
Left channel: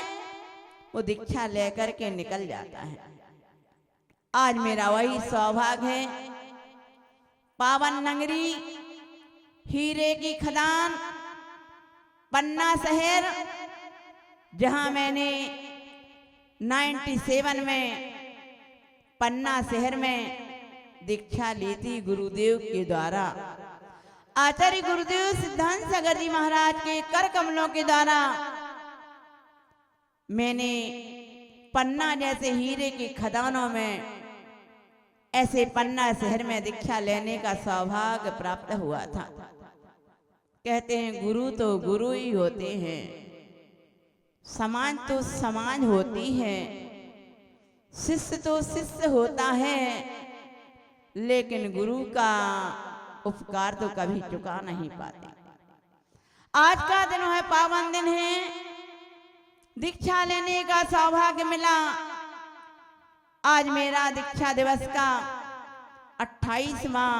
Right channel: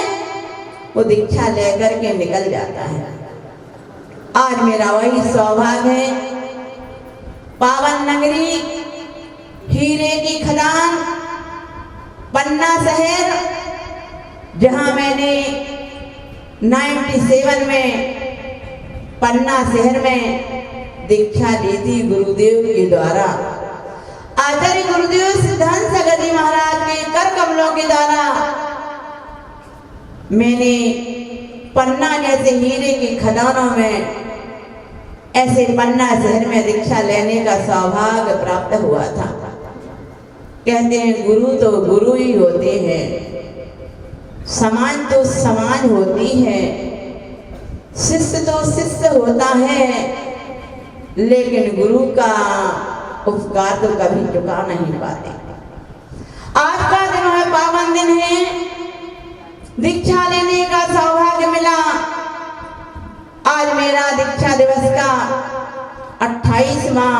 वो दीक्षा लेकर के निकल जाता है। आज मेरा वही सौभाग्य है, पावन नगरी, हीरे की खदान, पन्ना शहर, जहां मैंने 97 में पन्ना शहर में दीक्षा ली थी गुरुदेव के द्वारा। आचार्य गुरुदेव सिद्धांत सगदी महाराज के कर कमलों के द्वारा मैंने पन्ना जैसे हीरे की खदानों में, ऐसे पन्ना शहर में दीक्षा लेने का सौभाग्य प्राप्त हुआ था। कहते हैं गुरु तो गुरु ही होते हैं, समाज तो समाज होती है, शिष्य तो शिष्य होता है, लेकिन गुरु का उपकार तो कभी चुका नहीं पाते। आज का दिन है, पावन दिन है, दीक्षा लेने का सौभाग्य मिला। आज मेरा दीक्षा दिवस का 28वां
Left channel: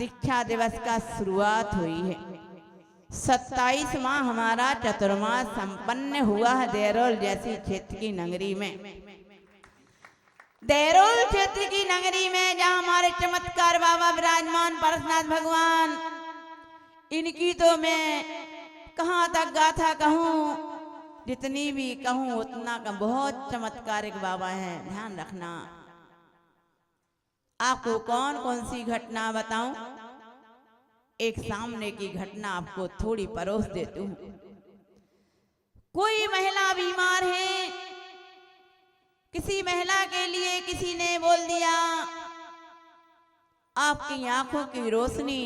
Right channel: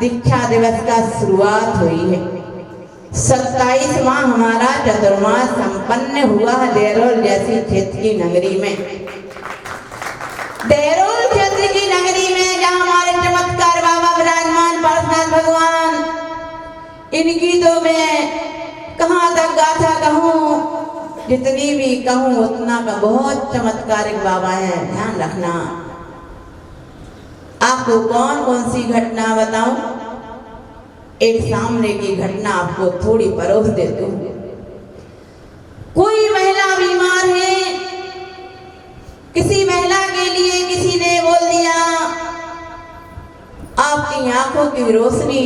दीक्षा दिवस का शुरुआत हुई है। 27वां हमारा चतुर्मास संपन्न हुआ है देरोल जैसी क्षेत्र की नगरी में। देरोल क्षेत्र की नगरी में जहाँ हमारे चमत्कार बाबा विराजमान पार्षनाथ भगवान, इनकी तो मैं कहाँ तक गाथा कहूँ, जितनी भी कहूँ उतना का, बहुत चमत्कारिक बाबा है। ध्यान रखना, आपको कौन कौन सी घटना बताऊं? एक सामने की घटना आपको थोड़ी परोस देती हूँ। कोई महिला बीमार है, किसी महिला के लिए किसी ने बोल दिया आपकी आंखों की रोशनी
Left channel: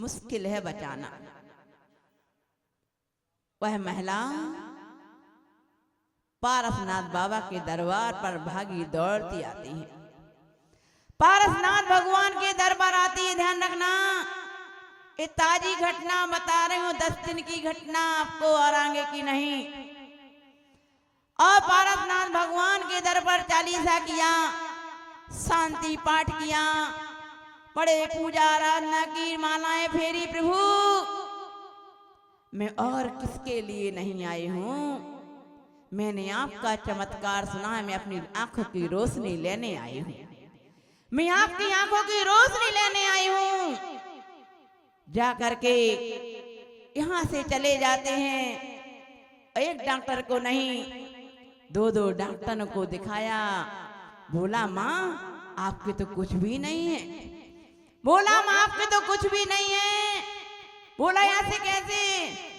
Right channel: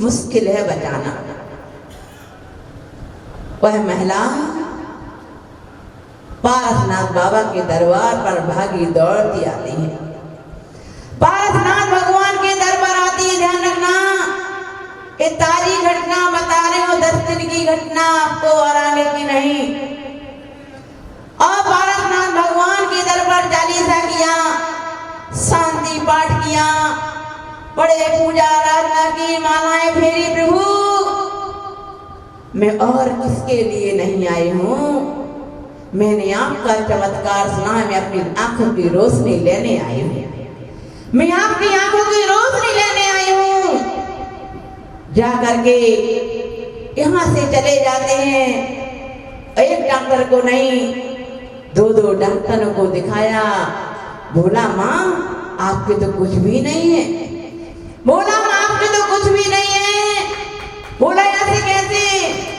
मुश्किल है बचाना। वह महिला पारसनाथ बाबा के दरबार पर भागी दौड़ती आती है। पारसनाथ भगवान के दरबार आती है। ध्यान रखना, ये ताजी घटना बता रहे हो, 10 दिन की घटना, आपको और आगे की नहीं। और पारसनाथ भगवान के दरबार चालीसा किया, शांति पाठ किया, बड़े पूजा आराधना की, मालाएं फेरी। प्रभु मैं और किसके लिए नहीं आई हूँ, मैंने आपका चमत्कार सुना है, मैं अपनी आंखों की रोशनी लेने आई हूँ, मैं आपकी आंखों की रोशनी लेने आई हूँ। जा करके यहाँ से चले जाते हैं। एक डॉक्टर को नहीं, 2 डॉक्टरों को दिखाया। बोला माँ आपके तो कुछ भी नहीं है। बोला माँ आपके तो कुछ भी नहीं है। बोला ऐसे कैसे?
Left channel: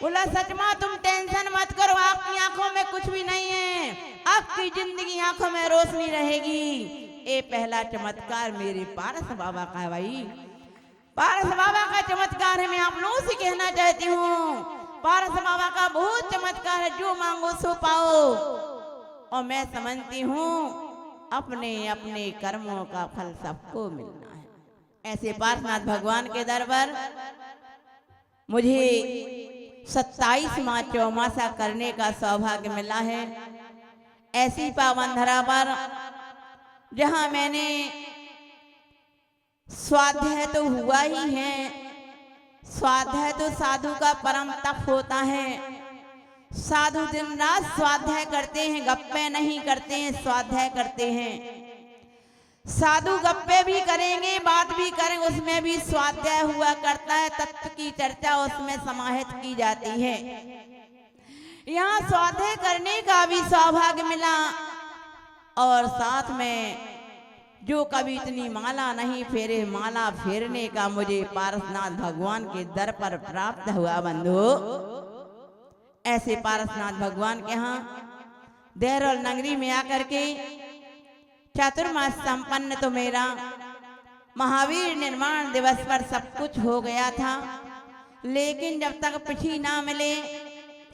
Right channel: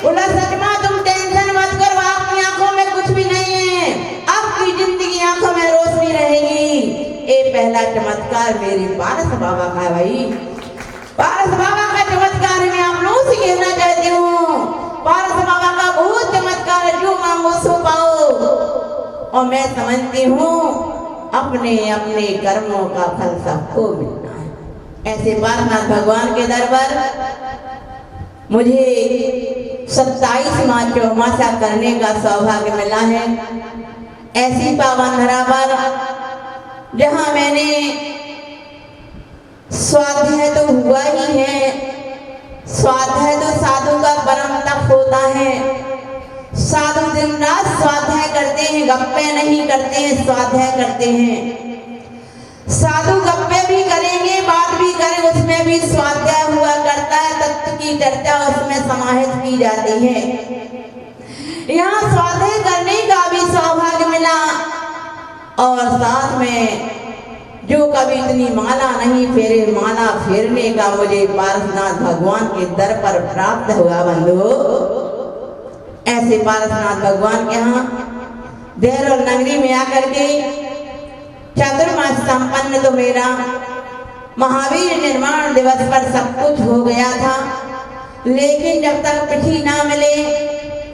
बोला सच माँ तुम टेंशन मत करो, आपकी आंखों में कुछ भी नहीं है, आपकी जिंदगी आंखों में रोशनी रहेगी। ये पहला चमत्कार मेरी पारस बाबा का है भाई। पारस बाबा का चमत्कार मैं आप लोगों से कहना चाहती हूँ। पारस बाबा का बहुत चमत्कार है, जो मांगो सो पाओ। और मैं समझती हूँ अपने अपने कर्मों का फल सबको मिलना है। ऐसे पारसनाथ भगवान के दर पर मुझे 27वां चौमासा करने का सौभाग्य मिला है। ऐसी पावन धरा पर जहाँ मैंने स्वाध्याय तो हुआ ही है। स्वाध्याय तो साधु का परम तप होता है। साधु दिन रात स्वाध्याय करते हैं, गप्पे नहीं करते हैं, स्वाध्याय करते हैं। साधु गप्पे भी करेंगे, बात भी करें, उसमें भी स्वाध्याय हुआ करता है। तत्व की चर्चा उसमें समाहित की जाती है। यहाँ स्वाध्याय करने का भी सौभाग्य मिला और साथ में जो कभी इतनी माला नहीं फेरे, माला फेरने का मुझे पारसनाथ भगवान के दर पर प्राप्त हुआ। बंधु, ऐसे पारसनाथ भगवान के यहाँ देहरोल नगरी में आकर के चातुर्मास संपन्न तो मेरा महावीर निर्माण दिवस पर सब कुछ हो गया था, लेकिन जब तक पिठी ना मिले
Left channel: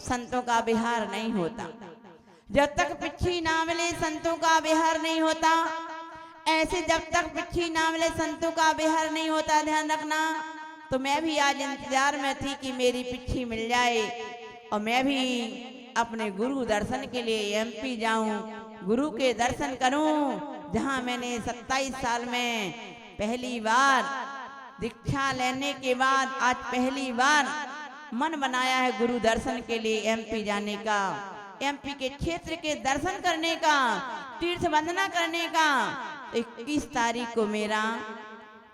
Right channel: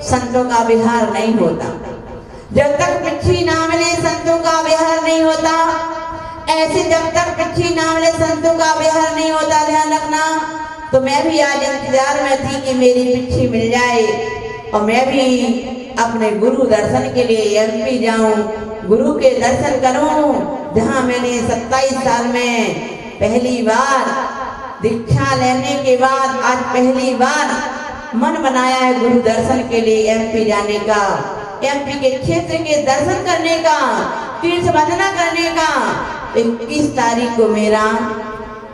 संतों का विहार नहीं होता। जब तक पिठी ना मिले संतों का विहार नहीं होता। ऐसे जब तक पिठी ना मिले संतों का विहार नहीं होता, ध्यान रखना। तो मैं भी आज इंतजार में थी कि मेरी पिठी मिल जाए और मैं भी अपने गुरु दर्शन के लिए एमपी जाऊं, गुरु के दर्शन करूं, जहां मैंने 27 साल में पहली बार दीक्षा लेने के बाद आज पहली बार मन बनाया है गुरु दर्शन के लिए एमपी जाने का, एमपी के क्षेत्र के दर्शन करने का, तीर्थ वंदना करने का। 21 तारीख को मेरा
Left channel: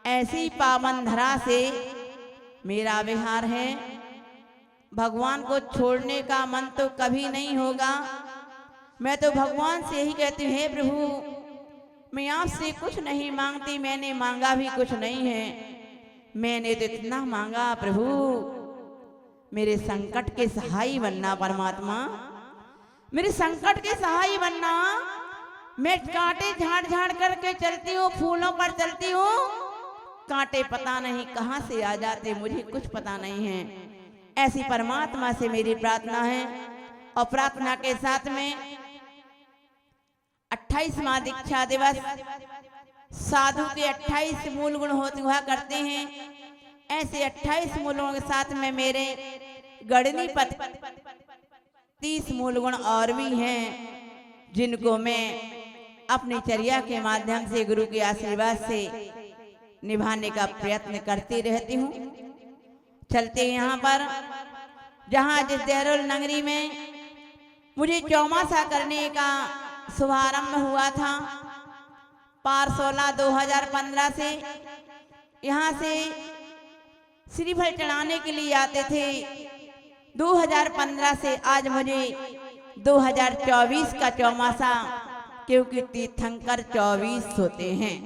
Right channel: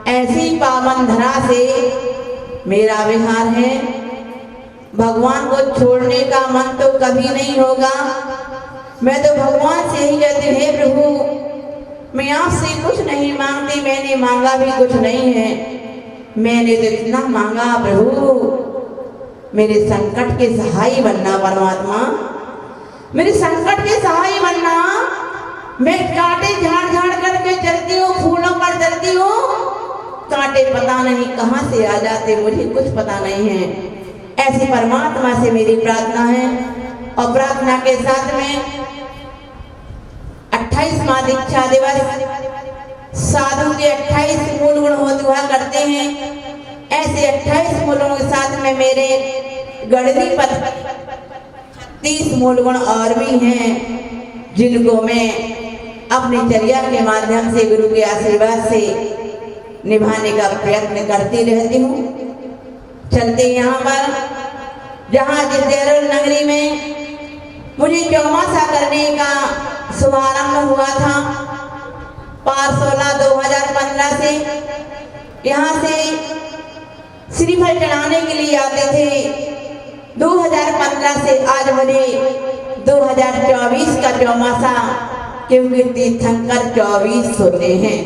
ऐसी पावन धरा से मेरा विहार है। भगवान को छोड़ने का मन तो कभी नहीं होगा। मैं तो भगवान से ही कहती हूँ, हे प्रभु मैं आपसे कुछ नहीं मांगती, मैंने मांगा भी कुछ नहीं है। मैंने तो इतना मांगा, प्रभु मेरे संकट के सहाय बनना, परमात्मा मेरे संकट के सहाय बनना। मैं कांटे झाड़ झाड़ करके चलती हूँ, फूलों पर चलती हूँ, कांटे पता नहीं कहाँ से आ जाते, मुझे कुछ पता नहीं है। ऐसी परमात्मा से मेरी प्रार्थना है। और प्रार्थना के साथ में 28वां दीक्षा दिवस साधु के 28 मूल गुण हुआ करते हैं। ऐसे 28 मूलों के साथ में मेरे गणती पर 30 मूल गुण और भी हैं, जिनको मैं अपनी चर्या के माध्यम से गुरु के आशीर्वाद से निभाने का प्रयत्न करती रहती हूँ। चलते यहाँ पर जहाँ देहरोल नगरी में मुझे चौमासा करने का शुभारंभ हुआ था 5/16/2015 से। यहाँ से श्रीफल चढ़ाने के लिए आते थे। 2015 से आज मुझे 2024 का चौमासा, क्योंकि तीर्थंकर 24 होते हैं,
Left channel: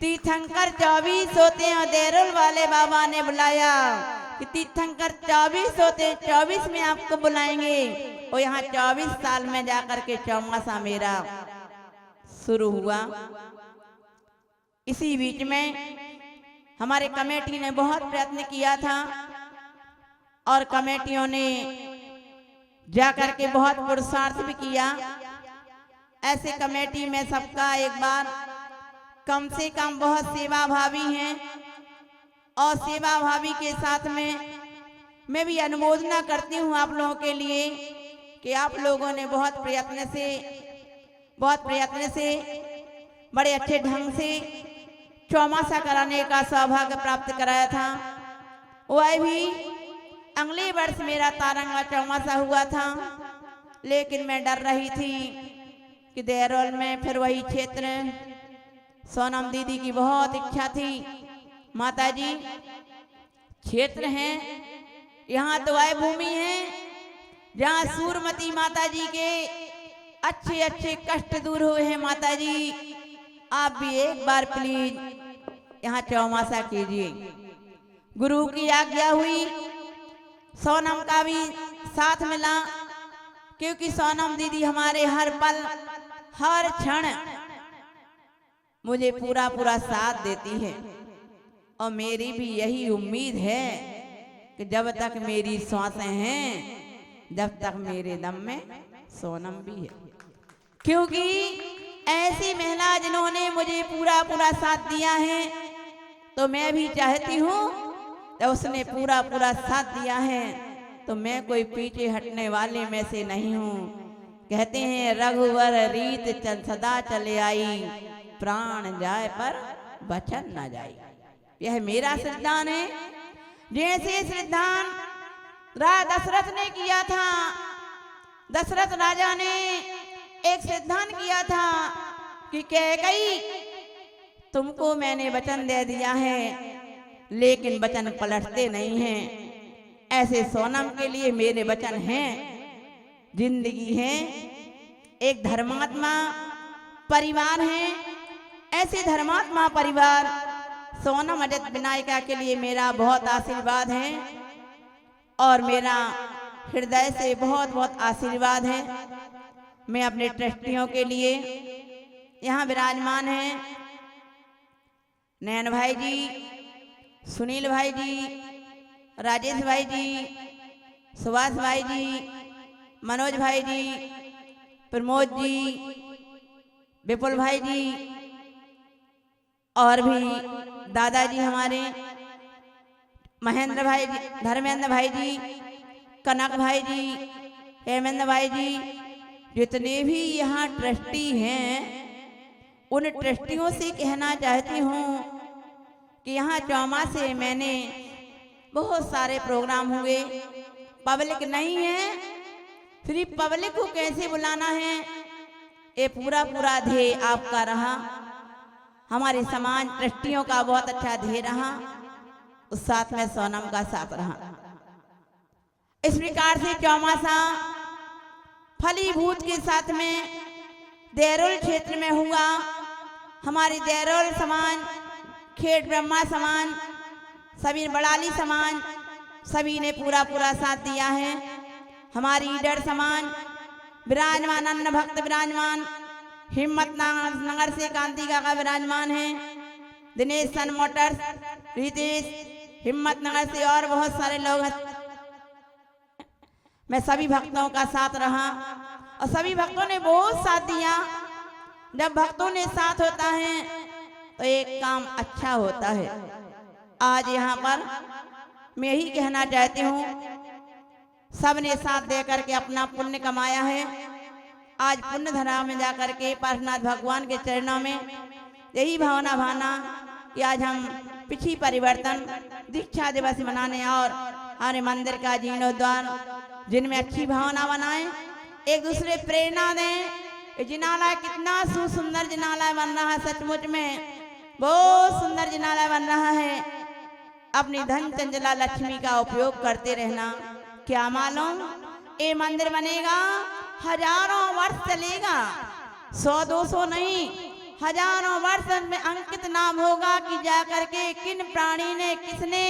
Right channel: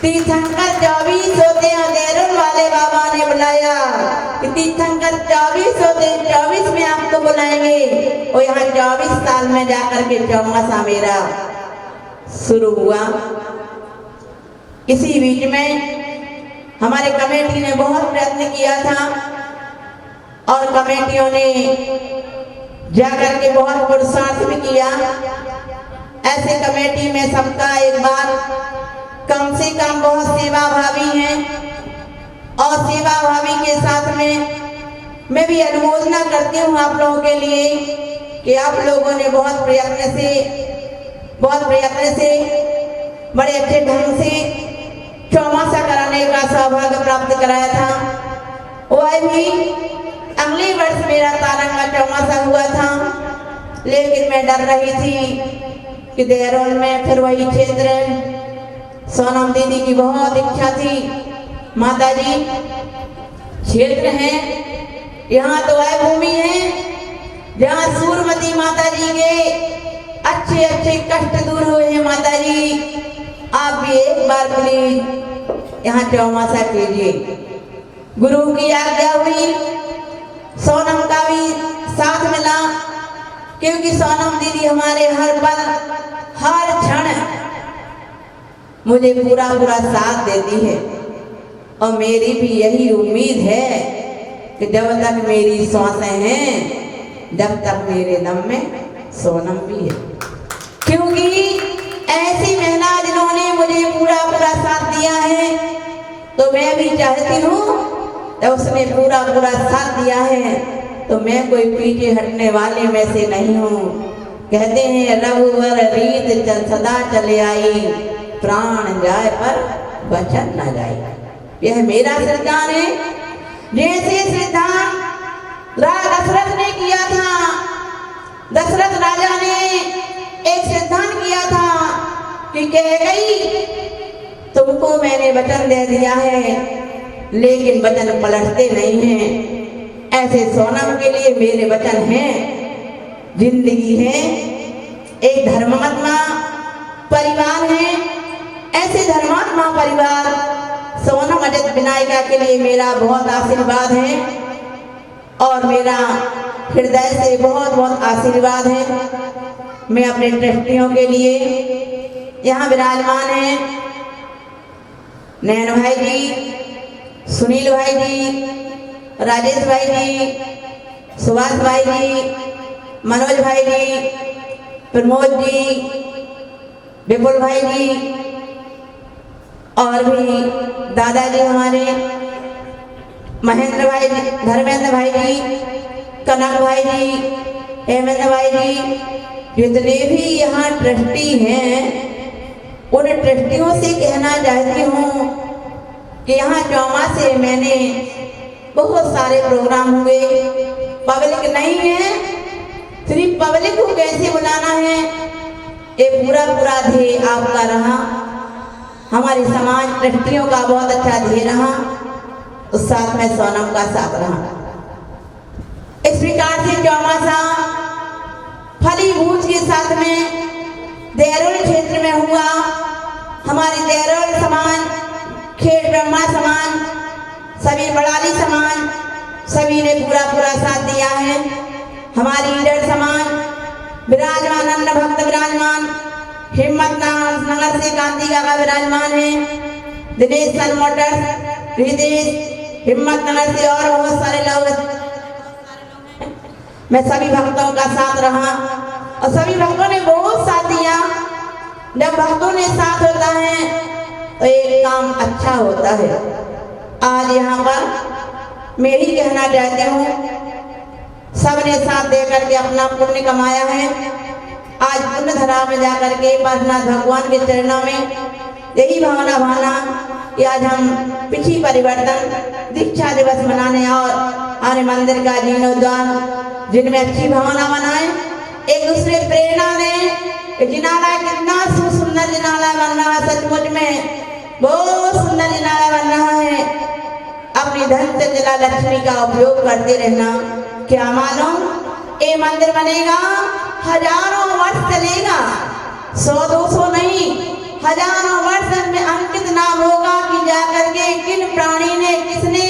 तीर्थंकर 24 होते हैं। देहरोल वाले बाबा ने बुलाया कि तीर्थंकर 24 होते हैं, 24 में आपको बुलाएंगे। और यहाँ 24 साल में जाकर के चौमासा मेरा शुरू हुआ। इसी बीच में हमारे कमेटी ने बहुत प्रयत्न किया था और कमेटियों ने जाकर के बहुत पुरुषार्थ भी किया। ऐसे कमेटी में सबका एक बार कम से कम बहुत सेवा भावी हैं और सेवा भावी के साथ में मैं भी अनुमोदना करती हूँ आप लोगों के लिए कि आप लोगों ने बहुत प्रयत्न से बड़े अच्छे ढंग से चौमासा कराने का सौभाग्य प्राप्त कराया था। वह भी अगले वर्ष मेरा तारंग का चौमासा हुआ था, लेकिन मैं डर रही थी कि देहरोल में फिर वही क्षेत्र, सोनम दीदी की बहुत इच्छा थी, माता जी क्षेत्र है, यहाँ तो वह भूमि है जहाँ सूरमती माता जी के अच्छे अच्छे कष्ट दूर हुए हैं। माता जी आप भी एक बार प्लीज यहाँ चौमासा कीजिए। गुरु की आज्ञा हुई, सोनम का भी साथ मिला, क्योंकि सोनम दीदी हमारे हर पल हर क्षण मुझे पूरा साथ देती है। और मेरी भी यही उम्मीद है कि जब तक मेरी सांसें हैं, जब तक मेरे दम में सोनम भी है। क्योंकि ऐसी महिला जिन्होंने मुझे पूरा पूरा साथ दिया है, तो मैं भी चाहती हूँ कि उसने पूरा पूरा साथ दिया है तो मैं कोई पीछे हटने वाले में से नहीं हूँ। कहते हैं रघुवर रीत चल सदा चले आई, प्राण जाए पर वचन न जाए। यह मेरा सिद्धांत है। जैसे सिद्धांत राजा दशरथ ने किया था, दशरथ राजा ने एक सिद्धांत किया था कि कैकेयी तुमको मैंने वचन दे दिया है, लेकिन वचन पलटते नहीं हैं। ऐसे सोनम के लिए मेरे वचन हैं, जिंदगी है, एक धर्मात्मा परिवार है। ऐसे धर्मात्मा परिवार सोनम अजित विनायका के लिए मेरा बहुत आशीर्वाद है और मेरा हृदय से बहुत बहुत आशीर्वाद है। मैं अपने ट्रस्टियों के लिए यहाँ विराजमान हैं नैन भाई जी, सुनील भाई जी, राजेश भाई जी, सुभाष भाई जी, मनोज भाई जी, प्रमोद जी, विपुल भाई जी, और भी दादाजी हमारे महेंद्र भाई जी, धर्मेंद्र भाई जी, कनक भाई जी, हेमेंद्र भाई जी, जितने भी यहाँ ट्रस्टी हैं, उन ट्रस्टियों से कहना चाहती हूँ कि यहाँ चौमा से मैंने बहुत सारे प्रोग्राम हुए। पब्लिक नहीं है, सिर्फ पब्लिक को कैसे बुलाना है, ये पूरा पूरा ध्येय आपका रहा। हमारे समाज ट्रस्टियों का बहुत अच्छा ध्येय रहा, उस साथ में सोनम का साथ रहा। इस प्रकार से चौमासा फलीभूत के साथ में देहरोल क्षेत्र में हुआ। हमारे देहरोल समाज, खेड़ ब्रह्मा समाज, सभी बड़ाली समाज, सभी ने पूरा पूरा साथ दिया है। हमारी लीडर समाज विराजमान, अन्न भक्त विराजमान, हिम्मत नगर से कांति का विराजमान है, दिनेश सन मोटर्स, हृदय हिम्मत नगर से और बहुत सारे लोग। मैं सभी भक्तों का साथ रहा और सभी भक्तों ने बहुत साथ दिया। जब भक्तों ने साथ होता है तो एक काम अच्छा होता है। आज यहाँ पर मैं ही कहना चाहती हूँ, सबने साथ देकर के अपना पुण्य कमाया है। आज पुण्य धरा में जाकर के पार्शनाथ भगवान के चरणों में यही भावना भाना कि आज हम पिछली परिवर्तन दीक्षा दिवस मनाने और आने मंदिर का जीर्णोद्धार जिनमें अच्छी भावना मनाए, एक दूसरे प्रेरणा दें। जिनाला कितना सुंदर जिनाला बन रहा है, सचमुच में बहुत सुंदर जिनाला बन रहा है। अपनी धन से जिला लक्ष्मी का उपयोग करते रहना। क्या मालूम ये मंदिर बनेगा, हजारों वर्ष चलेगा, 100-200 नहीं, हजारों वर्ष में अंकित नाम होगा कि जाकर के किन प्राणी ने, किसने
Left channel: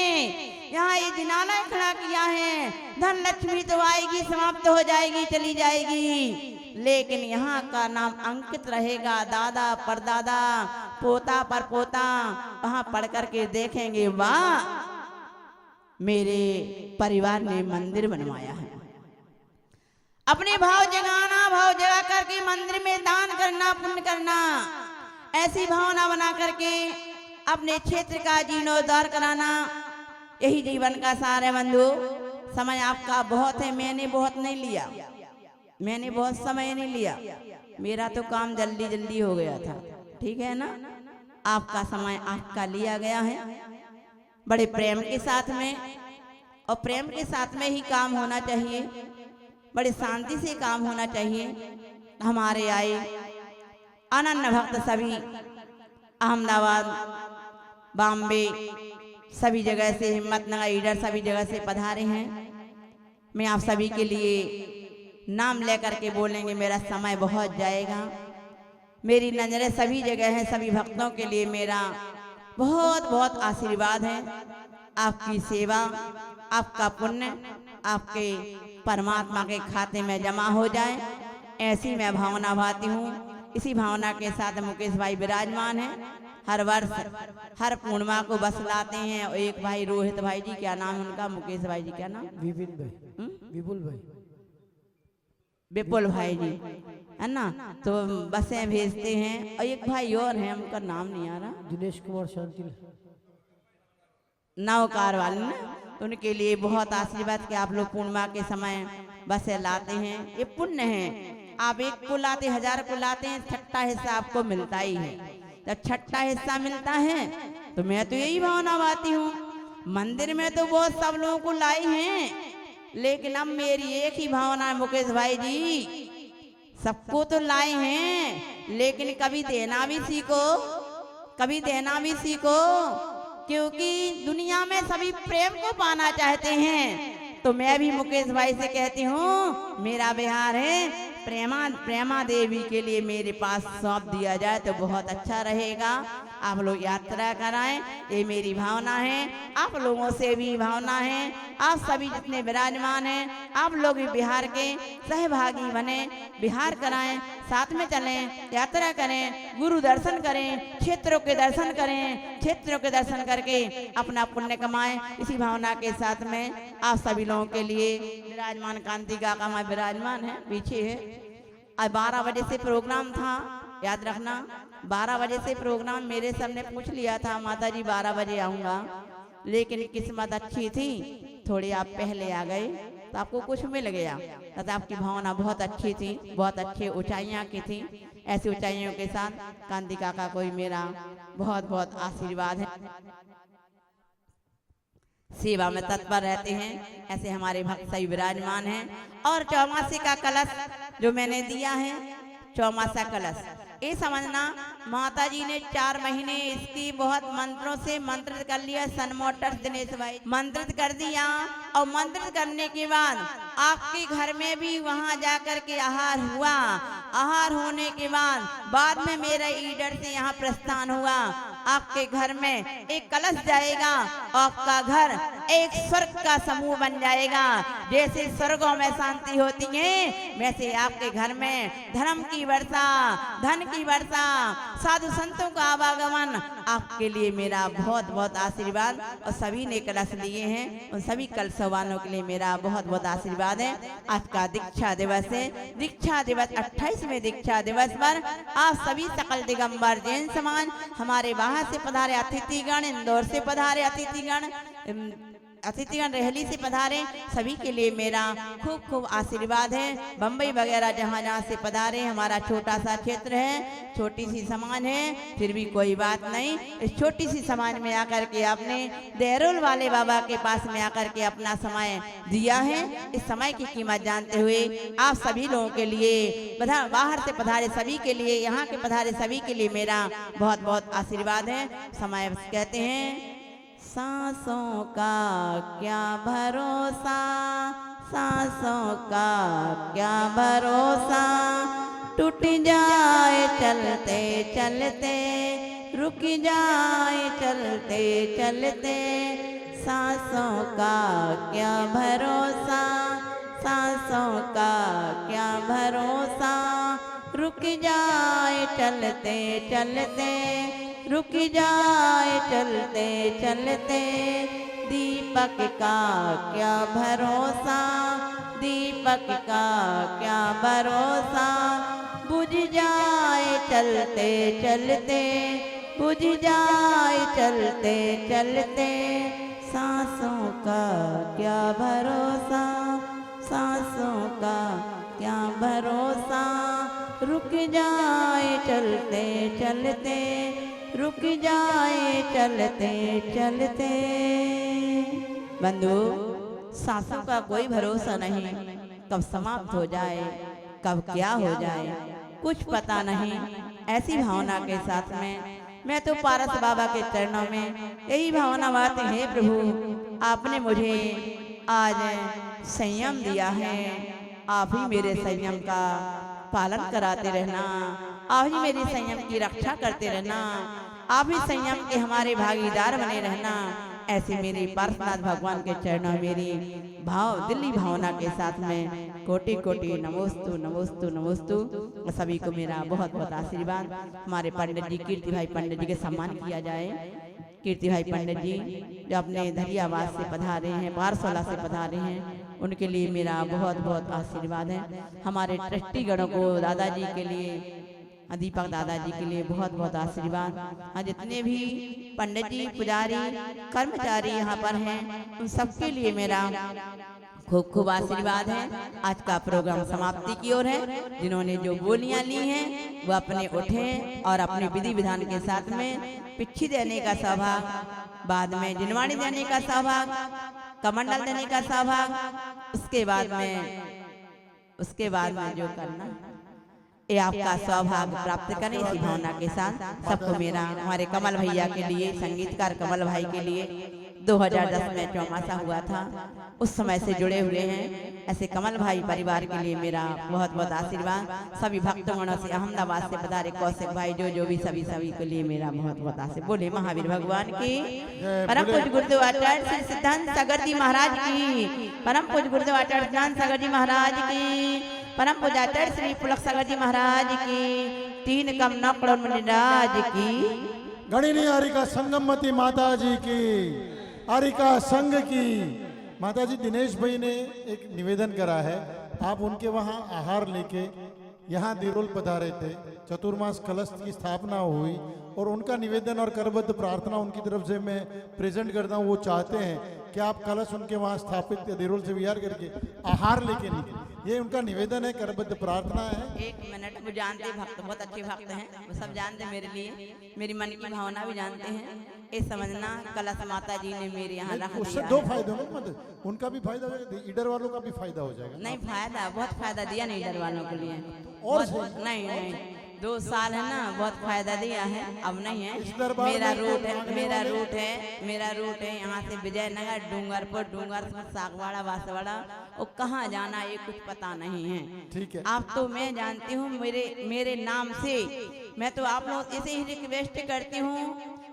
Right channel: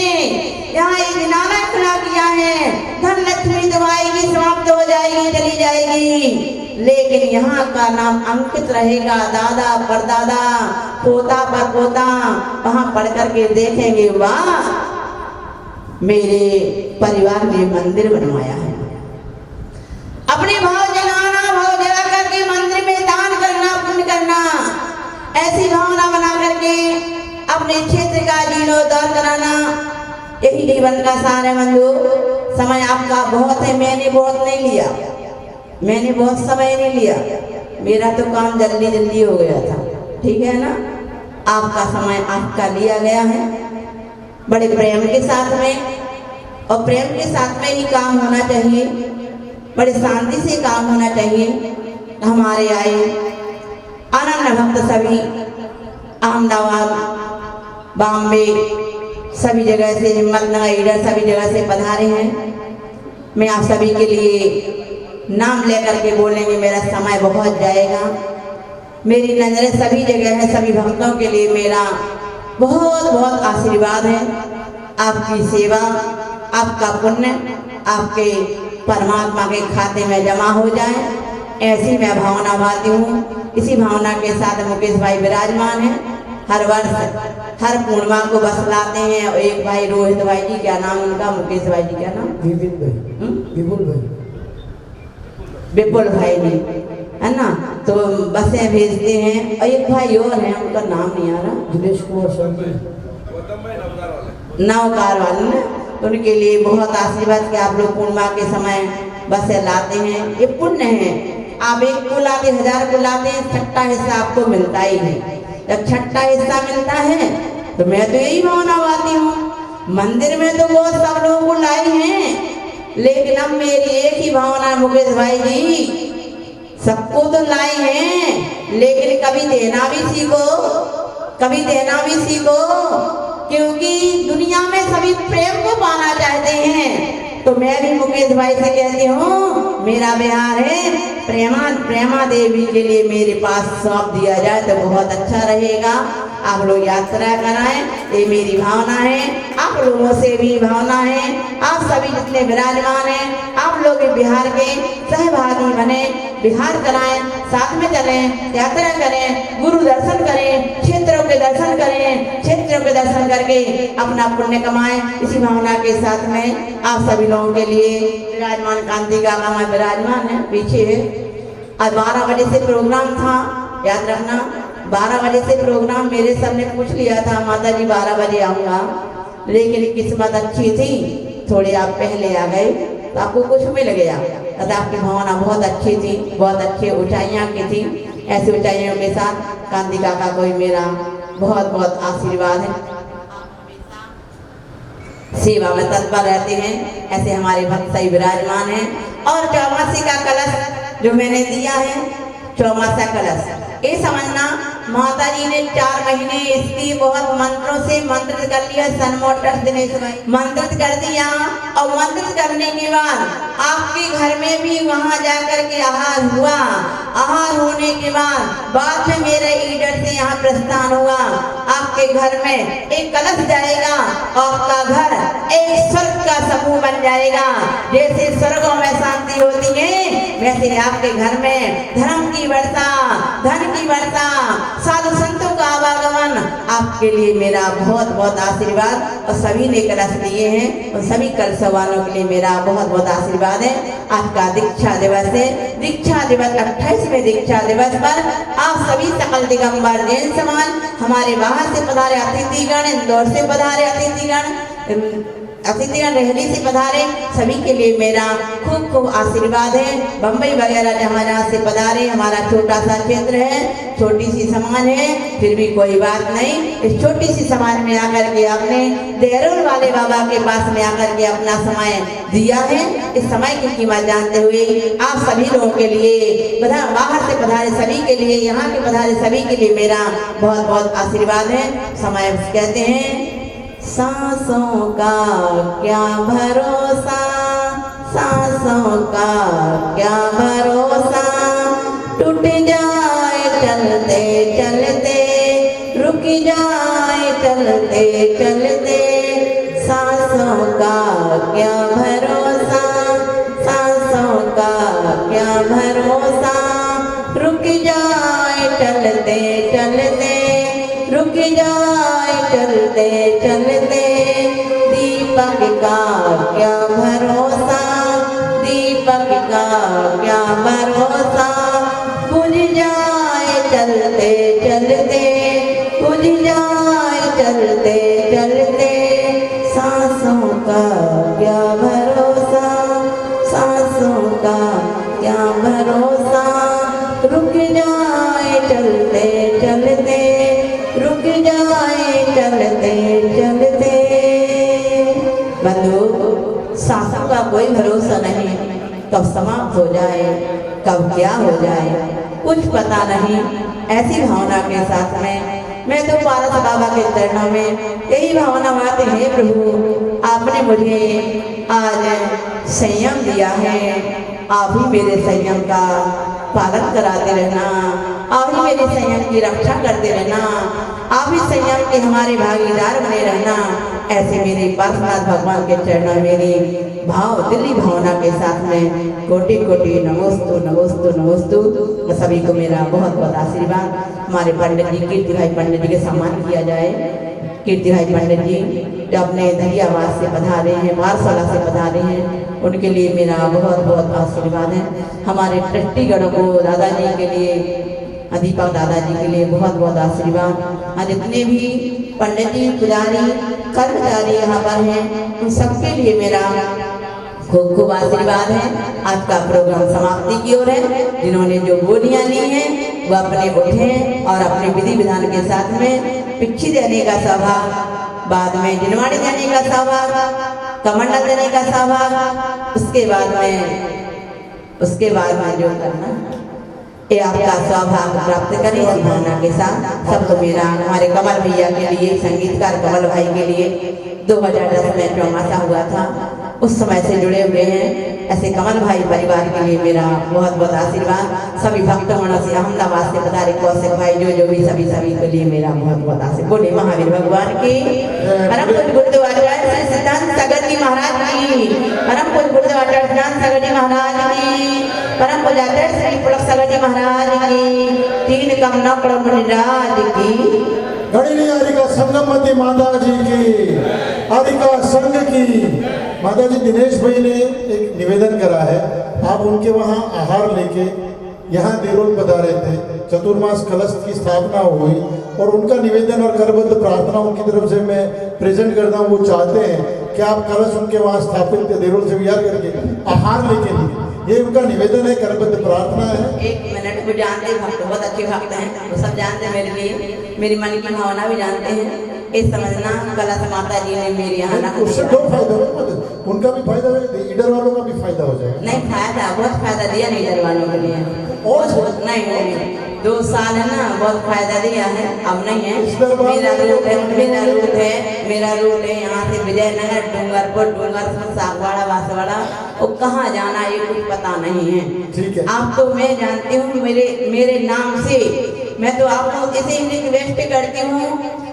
यहाँ एक जिनाला खड़ा किया है। धन लक्ष्मी तो आएगी, समाप्त हो जाएगी, चली जाएगी, लेकिन यहाँ का नाम अंकित रहेगा। दादा परदादा, पोता पर पोता वहाँ पढ़ करके देखेंगे, वाह मेरे परिवार ने मंदिर बनवाया है। अपने भाव जगाना, भाव जगा करके मंदिर में दान करना, पुण्य करना, ऐसी भावना बना करके अपने क्षेत्र का जीर्णोद्धार कराना, यही जीवन का सार है। बंधु, समय आपका बहुत है, मैंने बहुत नहीं लिया, मैंने बहुत समय नहीं लिया, मेरा तो काम जल्दी जल्दी हो गया था, ठीक है ना। आपका समय आपका लिया गया है बड़े प्रेम के साथ में, और प्रेम के साथ में ही काम होना चाहिए, बड़े शांति से काम होना चाहिए। हमारे आए आनंद भक्त सभी अहमदाबाद, बॉम्बे, सभी जगह से, हिम्मतनगर, ईडर, सभी जगह से पधारे हैं। मैं आप सभी के लिए नाम लेकर के बोलेंगे, मेरा समय बहुत जाएगा। मेरी नजरें सभी जगह है, सभी भक्तों के लिए मेरा बहुत बहुत आशीर्वाद है। आपकी सेवा, आपका पुण्य आपके परमात्मा के खाते में जमा हो जाए, ऐसी मैं भावना बाती हूँ। इसी भावना के साथ मुकेश भाई विराजमान हैं, हर वर्ष हर पूर्णिमा को बस लाते हैं। और एक भाई रोहित भाई जी, क्या नाम उनका, मुकेश भाई जी क्या नाम, विपुल भाई जी, है ना, तो बसें भेजते हैं। और एक भाई और है, उनका नाम नहीं आ रहा, दिनेश कुमार नवकार वाले ने, उनके लिए बहुत आशीर्वाद कि आप लोग पूर्णिमा के समय बसें लाते हैं। ये पुण्य है, आप एक को लाते, 1000 को लाते हैं, छठा हिस्सा आपको मिलता ही है। जब छठा हिस्सा मिलता है तो मैं तो यही भावना गाती हूँ। मंदिर में तो वो सब लोग को लाई हैं, लेकिन अब मेरी एक ही भावना है मुकेश भाई जी, सबको तो लाई हैं, लेकिन कभी देना भी सीखो, कभी देना भी सीखो, क्योंकि दुनिया में सभी प्रेम को पाना चाहते हैं। तो मैं भी मुकेश भाई से कहती हूँ, मेरा बिहार है, प्रेमा देवी के लिए मेरे पास सौंप दिया जाए तो बहुत अच्छा रहेगा। आप लोग यात्रा कराएं, ये मेरी भावना है, आप लोगों से भी भावना है। आप सभी जितने विराजमान हैं, आप लोग बिहार के सहभागी बने, बिहार कराएं, साथ में चलें, यात्रा करें, गुरु दर्शन करें, क्षेत्रों के दर्शन करें, क्षेत्रों के दर्शन करके अपना पुण्य कमाएं। इसी भावना के साथ में आप सभी लोगों के लिए विराजमान कांति का गामा विराजमान है पीछे। आज 12 बजे से प्रोग्राम था, याद रखना 12 बजे से प्रोग्राम। मेरे सर ने पूछ लिया था माता जी 12 बजे आऊँगा, लेकिन किस्मत अच्छी थी, थोड़ी आप पहले आ गए तो आपको कुछ मिल गया। आपकी भावना बहुत अच्छी थी, बहुत अच्छी ऊंचाइयाँ की थी। ऐसी ऊंचाइयों के साथ कांति काका को मेरा बहुत बहुत आशीर्वाद है। सेवा में तत्पर रहते हैं, ऐसे हमारे भक्त सही विराजमान हैं। और चौमासी का कलश जो मैंने दिया है, चौमासा कलश, ये समझना माता जी ने 4 महीने इसकी बहुत मंत्रों से मंत्रित कर लिया। सनमोटर्स दिनेश भाई मंत्रित कर दिया, और मंत्रित करने के बाद आपके घर में भी वहां जाकर के आहार हुआ। आहार होने के बाद में मेरे ईडर से यहाँ प्रस्थान हुआ। आपके घर में एक कलश जाएगा, आपका घर एक स्वर्ग का समूह बन जाएगा। जैसे स्वर्गों में शांति होती है, वैसे आपके घर में धर्म की वर्षा, धन की वर्षा, साधु संतों का आवागमन। आपके लिए मेरा बहुत बहुत आशीर्वाद। और सभी ने कलश लिए हैं, और सभी कलश वालों के लिए मेरा बहुत बहुत आशीर्वाद है। आज का दीक्षा दिवस है, दीक्षा दिवस 28वें दीक्षा दिवस पर आप सभी सकल दिगंबर जैन समाज, हमारे बाहर से पधारे अतिथिगण, इंदौर से पधारे अतिथिगण, रहली से पधारे, सभी के लिए मेरा खूब खूब आशीर्वाद है। बम्बई वगैरह हमारे यहाँ से पधारे, हमारा छोटा सा क्षेत्र है, छोटी सी समाज है, फिर भी कोई बात नहीं। इस छोटी सी समाज में आकर के आपने देहरोल वाले बाबा के पास में आकर के अपना समय दिया है। इस समय की कीमत जानते हुए आप सभी लोगों के लिए, बाहर से पधारे सभी के लिए, यहाँ के पधारे सभी के लिए मेरा बहुत बहुत आशीर्वाद है। समय कहते हैं, सांसों का क्या भरोसा, सांसों का क्या भरोसा, टूट जाए चलते चलते, रुक जाए चलते चलते, सांसों का क्या भरोसा, सांसों का क्या भरोसा, रुक जाए चलते चलते, रुक जाए चलते चलते, दीपक का क्या भरोसा, दीपक का क्या भरोसा, बुझ जाए चलते चलते, बुझ जाए चलते चलते, सांसों का क्या भरोसा, सांसों का क्या भरोसा, रुक जाए चलते चलते, रुक जाए चलते चलते। बंधु, सांसों का कोई भरोसा नहीं, कब समाप्त हो जाए, कब क्या हो जाए, कुछ पता नहीं। ऐसी भावना के साथ में मैं तो पारस बाबा के चरणों में यही भावना गाती है, प्रभु आपने मुझे आज संयम दिया है, आप ही मेरे संयम का पालन कराते रहना, आप ही मेरे संयम की रक्षा करते रहना, आप ही संयम के हमारे भागीदार बने रहना। ऐसे मेरे पार्श्वनाथ भगवान के चरणों में मेरी दिली भावना के साथ में कोटि कोटि नमोस्तु नमोस्तु नमोस्तु। सभी को मेरा बहुत बहुत आशीर्वाद। हमारे पंडित जी कीर्ति भाई पंडित जी के सम्मान किया जाए। कीर्ति भाई पंडित जी जो अपने दरियाबाद से पधारे हैं, वारसोला से पधारे हैं, उनके लिए मेरा बहुत बहुत आशीर्वाद है। हमारे ट्रस्टीगणों को दादाजी के लिए, दीपक दादाजी के लिए बहुत बहुत आशीर्वाद। और जितने भी पंडित जी, पुजारी, कर्मचारी यहाँ पर हैं, उन सबके लिए मेरा खूब खूब आशीर्वाद है। आज का प्रोग्राम समाप्ति की ओर है। जिन्होंने जो बोलियां ली हैं वो अपने उठे और अपने विधि विधान के साथ में पिच्छी देने का सौभाग्य, बाद में जिनवाड़ी देने का सौभाग्य, कमंडल देने का सौभाग्य, उसके बाद में जो करना ये आपका सौभाग्य प्राप्त करें इसी भावना के साथ। सबको मेरा, हमारे कमल भैया के लिए, संगीतकार कमल भाई के लिए 2010 में चौमासा हुआ था, उस समय से जुड़े हुए हैं। ऐसे कमल भाई परिवार के लिए मेरा बहुत बहुत आशीर्वाद। सभी भक्तगणों से, अहमदाबाद से पधारे कौशिक भाई, जो भी सभी के लिए मेरा बहुत बहुत आशीर्वाद। बोले महावीर भगवान की, परम पूज्य गुरुदेव सिद्धांत सागर जी महाराज की, परम पूज्य गुरुदेव सिद्धांत सागर जी महाराज की, परम पूज्य श्री पुरख सागर जी महाराज की, तीन कमना प्रभुराज की, गणिनी हरिका संगमती माता जी की, हरिका संघ की। माता जी, दिनेश भाई ने एक निवेदन करा है। आप उनके वहाँ आहार लेके यहाँ देरोल पधारे थे, चतुर्मास कलश की स्थापना हो गई और उनका निवेदन और करबद्ध प्रार्थना उनकी तरफ से मैं प्रेजेंट करता हूँ। वो चाहते हैं कि आप कलश उनके वहाँ स्थापित देरोल से विहार करके आहार लेके लिए, ये उनका निवेदन है, करबद्ध प्रार्थना है। एक मिनट को जानते हैं, भक्त बहुत अच्छे भक्त हैं, वो सब जानते हैं मेरे लिए, मेरी मन की भावना भी जानते हैं। इस समझना कलश माता जी ने मेरे यहाँ रख उससे दो फायदा हो, उनका भी फायदा है, ईडर वालों का भी फायदा हो जाएगा। नहीं, फायदा बहुत फायदा दिया नहीं ईडर वालों के लिए, और नहीं 2 साल है ना, बहुत फायदा दिया है। अब नहीं है, मेरा रूट है यहाँ से विजयनगर, डूंगरपुर, सागवाड़ा, बांसवाड़ा, और कहाँ जाना ये कुछ पता नहीं है। ठीक है, आपको मैं जानती हूँ मेरे नाम से, मैं तो आपको इसे रिक्वेस्ट करती हूँ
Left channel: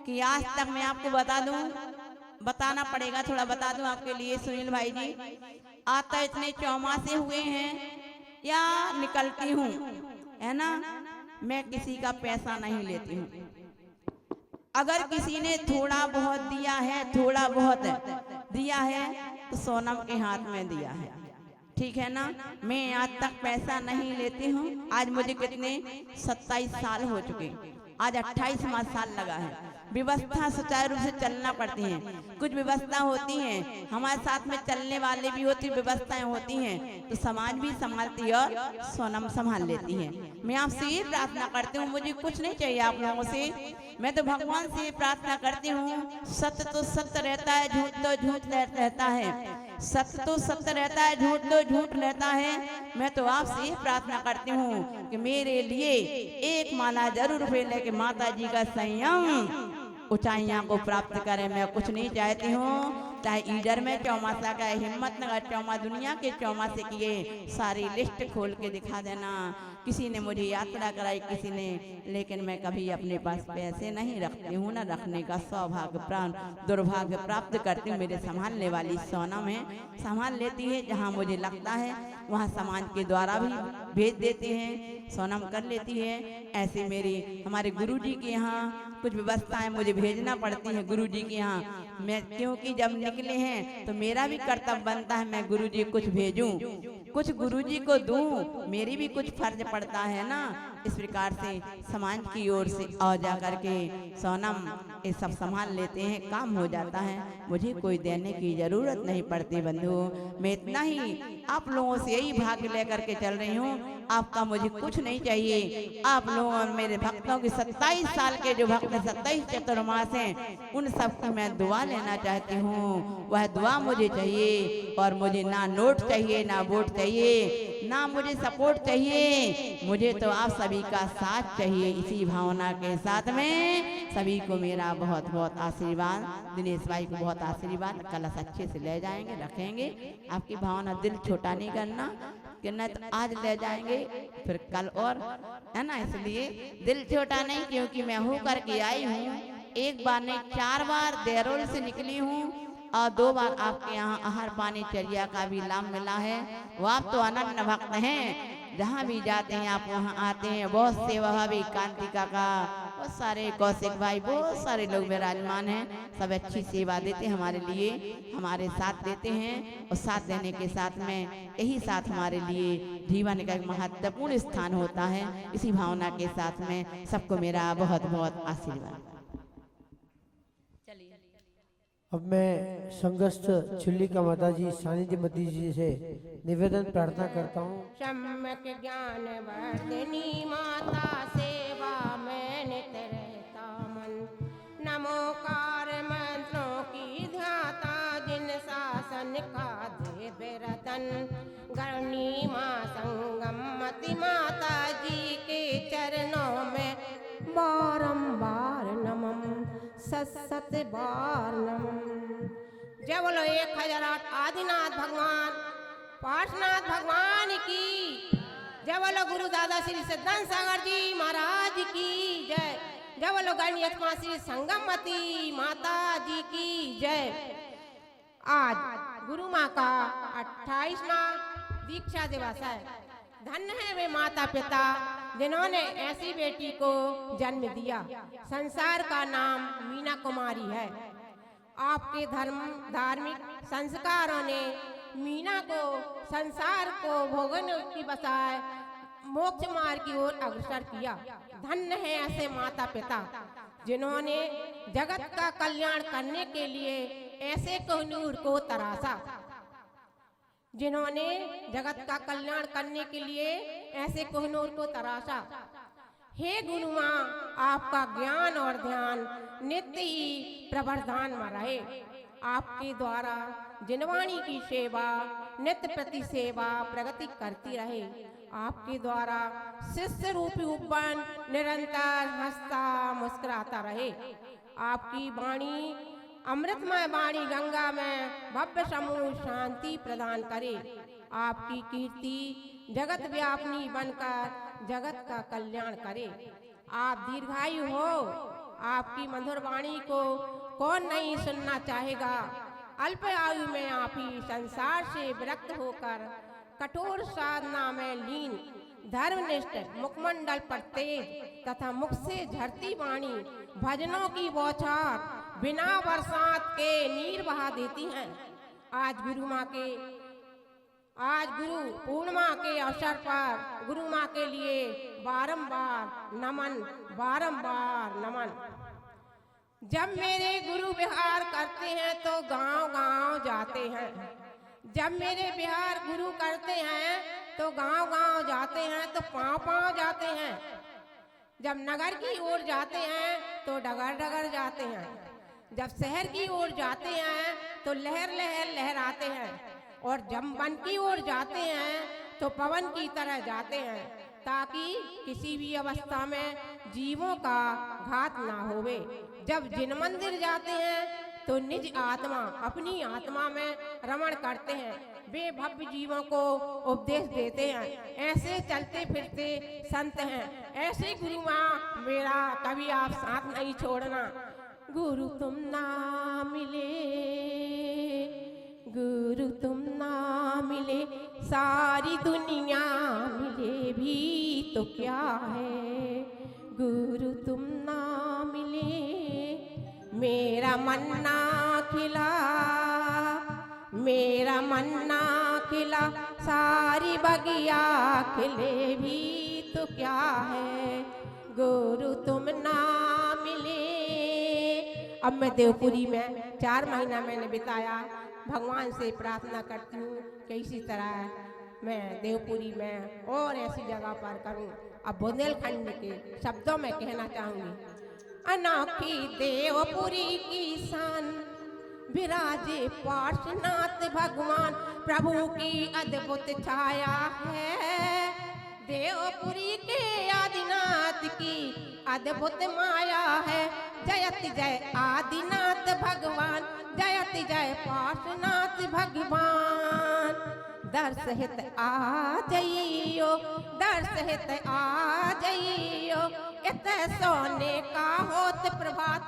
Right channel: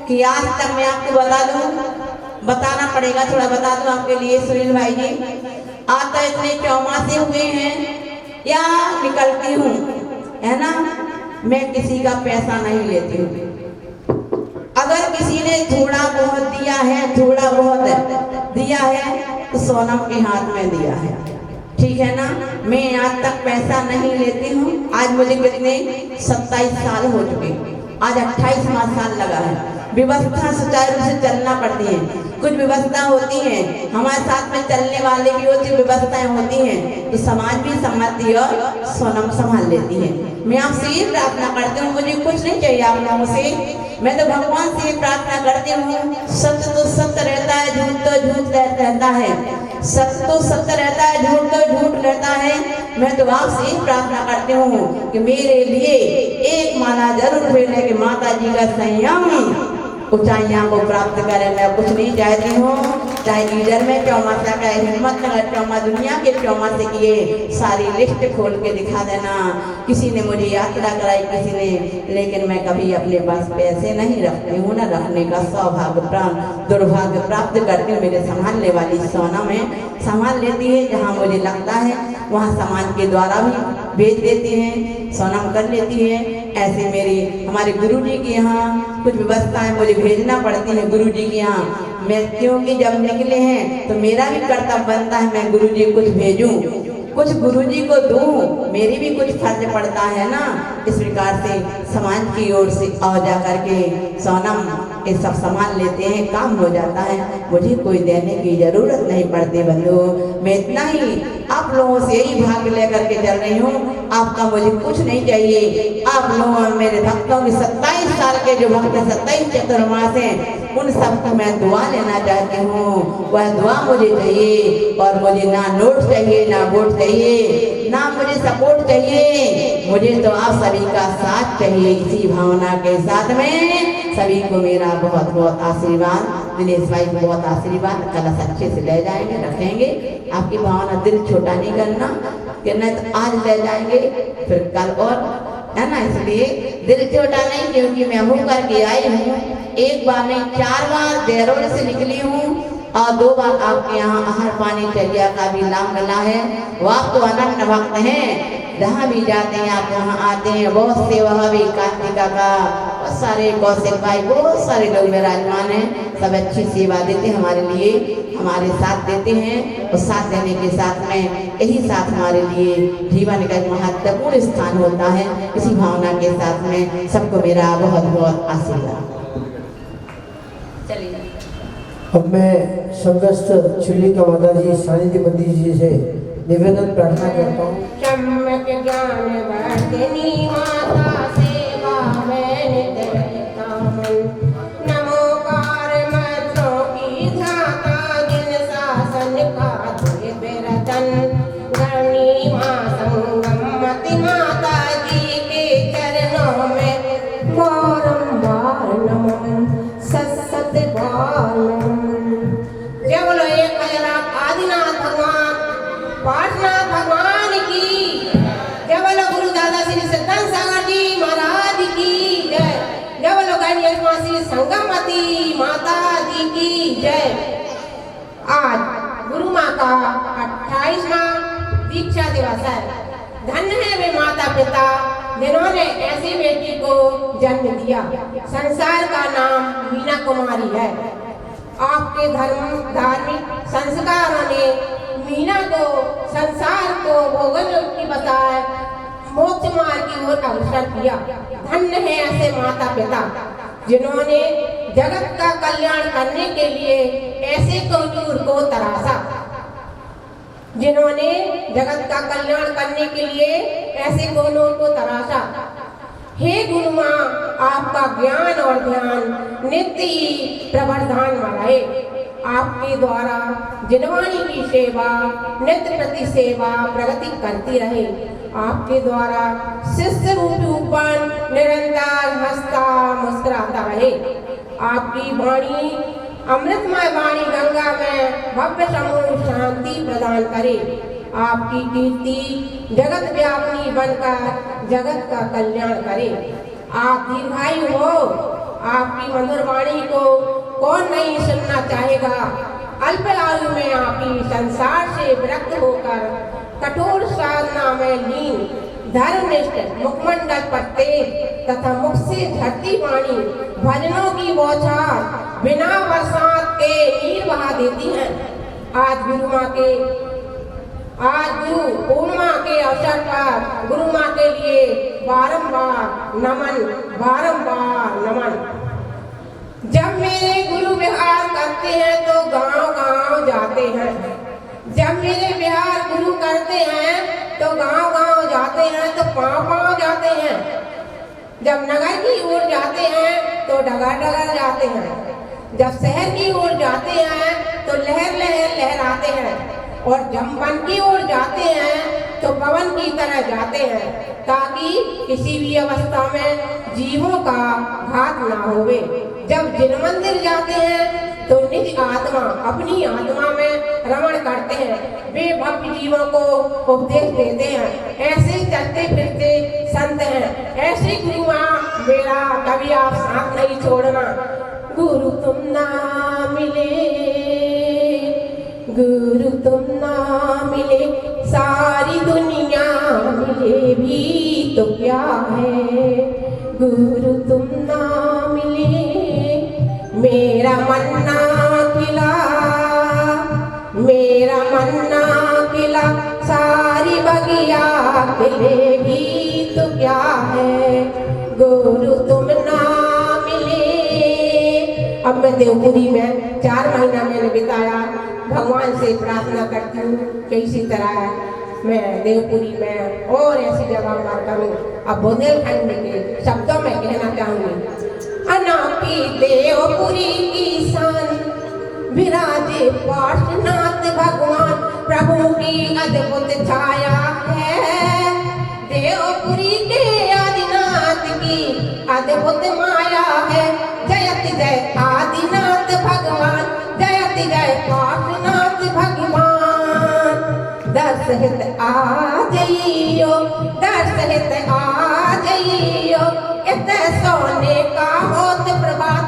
कि आज तक मैं आपको बता दूं, बताना पड़ेगा, थोड़ा बता दूं आपके लिए सुनील भाई जी। आज तो इतने चौमासे हुए हैं या निकलती हूँ, है ना, मैं किसी का पैसा नहीं लेती हूँ। अगर किसी ने थोड़ा बहुत दिया है, थोड़ा बहुत दिया है, तो सोनम के हाथ में दिया है, ठीक है ना। मैं आज तक पैसा नहीं लेती हूँ। आज मुझे कितने 27 साल हो चुके, आज 28वां साल लगा है। व्यवस्था सुचारू रूप से चलना पड़ती है, कुछ व्यवस्था होती है, हमारे साथ में चलने वाले भी होती, व्यवस्थाएं होती हैं, तो समाज भी संभालती और सोनम संभाल लेती है। मैं आपसे ये प्रार्थना करती हूँ, मुझे कुछ नहीं चाहिए आप लोगों से, मैं तो भगवान से प्रार्थना करती हूँ। सत्य तो सत्य रहता है, झूठ तो झूठ रहता है, सत्य तो सत्य रहता है, झूठ तो झूठ रहता है। मैं तो आपसे ही प्रार्थना करती हूँ कि मेरे लिए एक माला जरूर भेजने के माता जी का संयम ऊंचाइयां को प्राप्त करें। मैं कुछ नहीं चाहती हूँ, चाहे लीडर में चौमासा का, हिम्मत नगर चौमा, दुनिया के चौमासे की ये सारी लिस्ट खोल के दिखा देना। किसी ने मुझे यात्रा कराई, किसी ने, लेकिन मैं कभी अपने पास पैसे नहीं रखती हूँ, ना रखने का सौभाग्य दुर्भाग्य प्राप्त करती हूँ। मेरे संभालने वाली सोनम है, संभाल लेती है, जहाँ मुझे लगता है वहाँ समाज के द्वारा भी भेज देती हैं, सोनम कर लेती है। ऐसे हमारे गुरुजी के यहाँ कुछ व्यवस्थाएं मुझे भेजना पड़ती है गुरुजी के यहाँ। मैं क्योंकि जब निकले हैं तो मेरा भी कर्तव्य बनता है, मैं गुरुजी कुछ भेजूं, कुछ गुरुजी को दूं, मेरी भी कुछ फर्ज पड़ता है ना। इस प्रकार से समाज की ओर से आ जा करके सोनम ये सब संभाल लेते हैं, काम हो जाता है, मुझे कोई देने की जरूरत नहीं पड़ती। बंधु, मैं इतना ही आप लोगों से यही भाग लेकर के चल रही हूँ, आपका मुझे कुछ नहीं चाहिए। आप लोगों मेरे भक्तों के 27 साल के जो भक्त 27 चतुर्मास हैं, उन सबको मैं दुआ लेना चाहती हूँ। वह दुआ मुझे चाहिए, और मुझे ना नोट चाहिए, ना वोट चाहिए, ना मुझे सपोर्ट चाहिए, मुझे तो आप सभी का साथ चाहिए। इसी भावना के साथ में सभी को मेरा बहुत बहुत आशीर्वाद, दिनेश भाई को बहुत आशीर्वाद। कलश अच्छे से ले जाएंगे, रखेंगे। आपकी भावना दिल छोटा नहीं करना कि नहीं तो आज ले जाएंगे फिर कल और, है ना, इसलिए दिल छोटा नहीं, क्योंकि मैं हूँ करके आई हूँ। एक बार नहीं 4 बार देहरोल से निकली हूँ और 2 बार आपके यहाँ आहार पानी चलिया का भी नाम मिला है। वो आप तो अनंत भक्त हैं, जहाँ भी जाते हैं आप वहाँ आते हैं। बहुत सेवा भी कार्तिका का, बहुत सारे कौशिक भाई, बहुत सारे लोग विराजमान हैं, सब अच्छी सेवा देते हैं हमारे लिए, हमारे साथ देते हैं। और साथ देने के साथ में यही साथ हमारे लिए जीवन का एक महत्वपूर्ण स्थान होता है। इसी भावना के साथ में सबको मेरा बहुत बहुत आशीर्वाद। चलिए अब मैं समस्त चिल्लिका माता जी सानिध्य मंदिर जी से निवेदन प्रार्थना करता हूँ। सम्यक ज्ञान वर्धिनी माता सेवा में नित्य रहता मन। नमोकार मंत्रों की धाता जिन शासन का तुझे बेरतन। धरणी माँ संगमति माता जी के चरणों में बारंबार नमन सत बार नमन। जय बोलो एक आदिनाथ भगवान पाटनाथ भगवान की जय। बोलो गुरु दादा श्री सत्संग सागर जी महाराज की जय। जय बोलो गणेश माँ श्री संगमती माता जी की जय। आज गुरु माँ का 28वां दीक्षा दिवस है। धन्य है वे माता पिता जिन्होंने ऐसी बेटी को जन्म दिया। संसार का नाम मीना कुमारी है। आपके धार्मिक संस्कारों ने मीना को संसार को भोगन की बजाय मोक्ष मार्ग की ओर अग्रसर किया। धन्य है ऐसे माता पिता जिन्होंने जगत का कल्याण करने के लिए ऐसे कमजोर को तराशा। जिन्होंने जगत का कल्याण करने के लिए ऐसे कमजोर को तराशा। हे गुरु माँ, आपका ज्ञान और ध्यान नित्य ही प्रवर्धमान बनाए। आपके द्वारा जिनवाणी की सेवा नित्य प्रति सेवा प्रगति करती रहे। आपके द्वारा शिष्य रूपी उपन निरंतर हंसता मुस्कुराता रहे। आपकी वाणी अमृतमय वाणी गंगा में भव्य समूह शांति प्रदान करे। आपकी कीर्ति जगत व्यापनी बनकर जगत का कल्याण करे। आप दीर्घायु हो। आपकी मधुर वाणी को कौन नहीं सुनना चाहेगा। अल्प आयु में आपकी संसार से विरक्त होकर कठोर साधना में लीन धर्मनिष्ठ मुखमंडल पर तेज तथा मुख से झरती वाणी भजनों की बौछार बिना बरसात के नीर बहा देती है। आज गुरु पूर्णिमा के अवसर पर गुरु माँ के लिए बारंबार नमन। जब मेरे गुरु विहार करते हैं तो गांव-गांव जाते हैं। जब मेरे विहार गुरु करते हैं तो गांव-गांव जाते हैं, तो पांव-पांव जाते हैं। जब नगर की ओर जाते हैं तो डगर-डगर जाते हैं। जब शहर की ओर जाते हैं तो लहर-लहर लहराते हैं। और जब वन की ओर जाते हैं तो पवन की तरह जाते हैं, ताकि किसी भी अवस्था में जीवों का घात ना होवे। जब जिन मंदिर जाते हैं तो निज आत्मा अपनी आत्मा में रमण करते हैं। वे भक्त जीवों को उपदेश देते हैं। ऐसे चलते फिरते संत हैं। ऐसे गुरु माँ मेरा कभी आप साथ नहीं छोड़ना। गुरु तुम ना मिले, गुरु तुम ना मिले, सारी दुनिया मिले भी तो क्या है। गुरु तुम ना मिले, मेरा मन्ना खिला, सारी बगिया खिले भी तो क्या है। गुरु तुम ना मिले। अब मैं देवपुरी में 4 महीना मैंने बिताया। भगवान से प्रार्थना करती हूँ कि इसी तरह मैं देवपुरी में और ऐसी जगह पर करूँ। अब बुंदेलखंड के शब्दों में कहना चाहूँगी। अनापी देवपुरी की शान विराजे पार्श्वनाथ भगवान, प्रभु की अद्भुत छाया है। देवपुरी के आदिनाथ की अद्भुत माया है। जयति जय आदिनाथ भगवान, जयति जय पार्श्वनाथ भगवान। दस हित आ जइयो, दस हित आ जइयो, इत सोने का होत प्रभात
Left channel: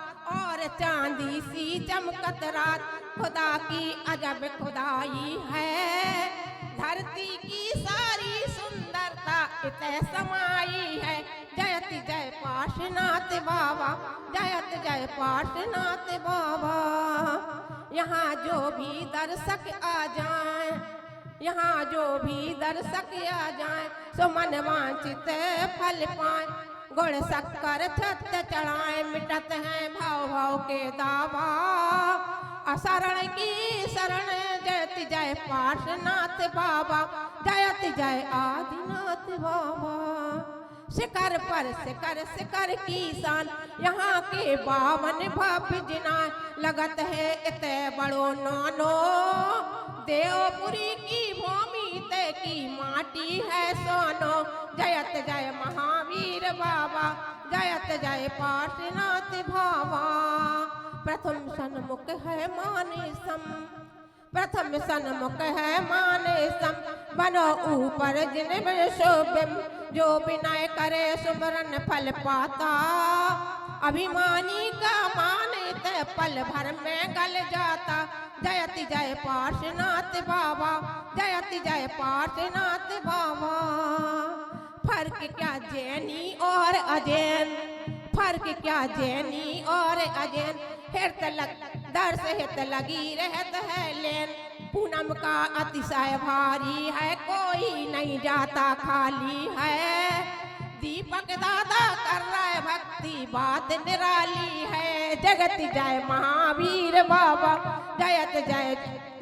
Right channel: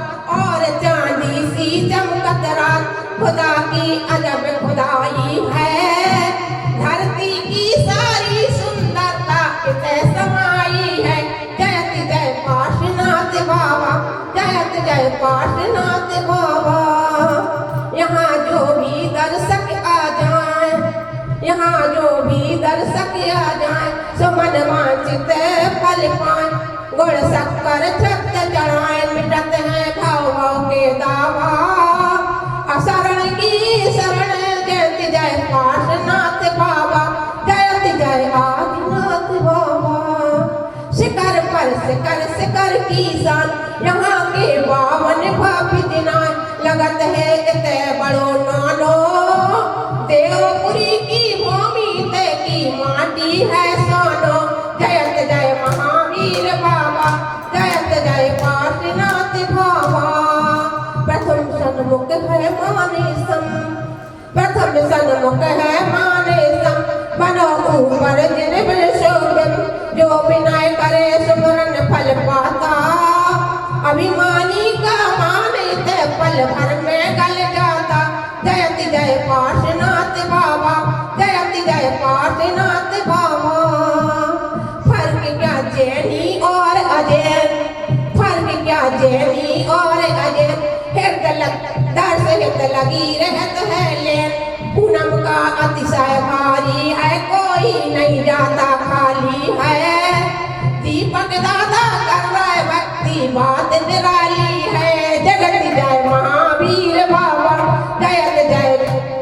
सम सन्मुख है माने सम बनो ऊपर जिन बिन शोभ्यम जो विनय करे सुमरन फल पाता अभिमानी का माने ते पल भर में गल जाता जयति जय पार्श्वनाथ बाबा जयति जय पार्श्वनाथ बाबा फर्क क्या जैनी और अजय फर्क क्या जैनी और अजय हृदय दर्श हृदय लगी रहत है लेन पूनम का अतिशय भारी है कोई नहीं जाता खाली है दीपक दादा कर रहा है भक्ति बात निराली है जगत जय महावीर बाबा जयत जय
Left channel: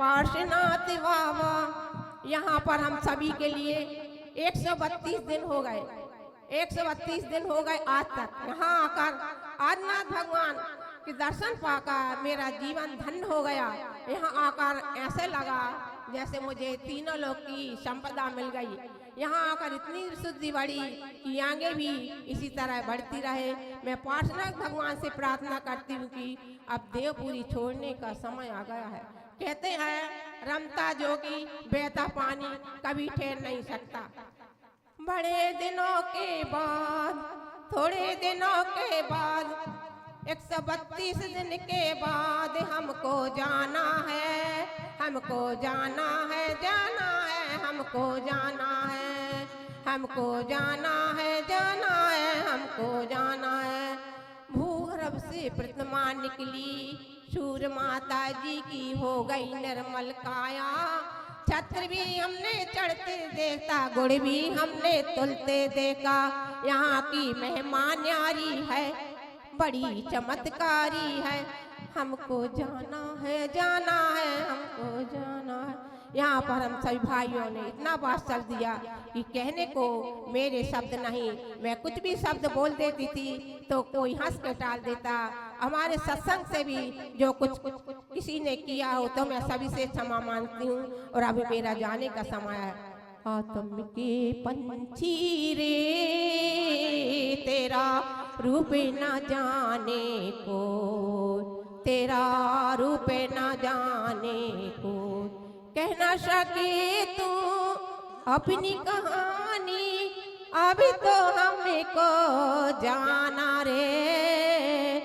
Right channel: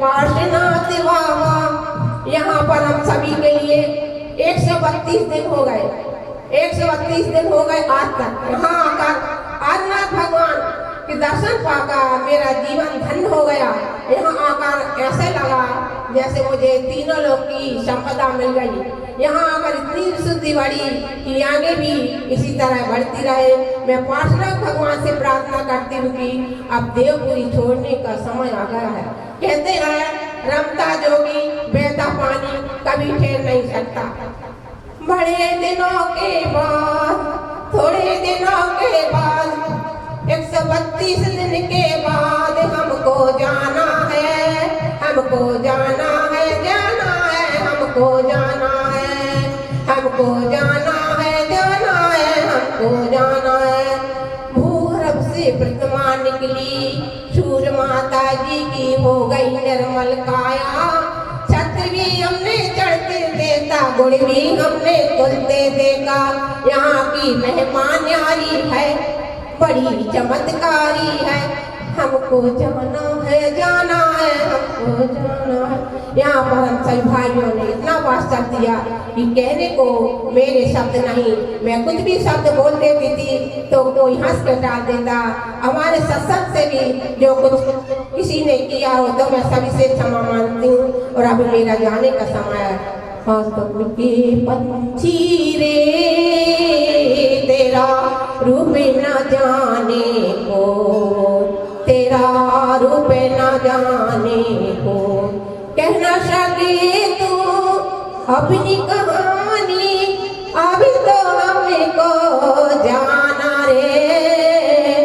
पार्श्वनाथ बाबा। यहाँ पर हम सभी के लिए 132 दिन हो गए 132 दिन हो गए आज तक यहाँ आकर आदिनाथ भगवान के दर्शन पाकर मेरा जीवन धन्य हो गया। यहाँ आकर ऐसे लगा जैसे मुझे तीनों लोग की संपदा मिल गई। यहाँ आकर इतनी शुद्धि बढ़ी कि आगे भी इसी तरह बढ़ती रहे। मैं पार्श्वनाथ भगवान से प्रार्थना करती हूँ कि अब देवपुरी छोड़ने का समय आ गया है। कहते हैं रमता जोगी बहता पानी कभी ठहर नहीं सकता। बड़े दिनों के बाद थोड़े दिनों के बाद 132 दिन के बाद हमको जाना है हमको जाना है जाना है हमको जाना है हमको जाना है जाना है हमको जाना है। भूगर्भ से प्रतिमा निकली सूर्य माता जी की हो गई निर्मल काया छत्र भी हमने चढ़ते देखा गुड़ भी हमने तुलते देखा। यहाँ की मेहमान यारी है बड़ी चमत्कारी है हमको जाना है जाना है हमको जाना है। यहाँ पर हम सभी भाइयों ने इतना वास्ता दिया कि कहने को मेरे शब्द नहीं। मैं कुछ भी शब्द बोल देती थी तो कोई हंस कर डाल देता। हमारे सत्संग से भी जो कुछ किसी ने किया हो तो मैं सभी से क्षमा मांगती हूँ। और अब मेरा जाने का समय है। के पंछी रे तेरा रूप न जाने को तेरा रूप न जाने को कहना सके तू अपनी कहानी अभी तो हमको जाना रे।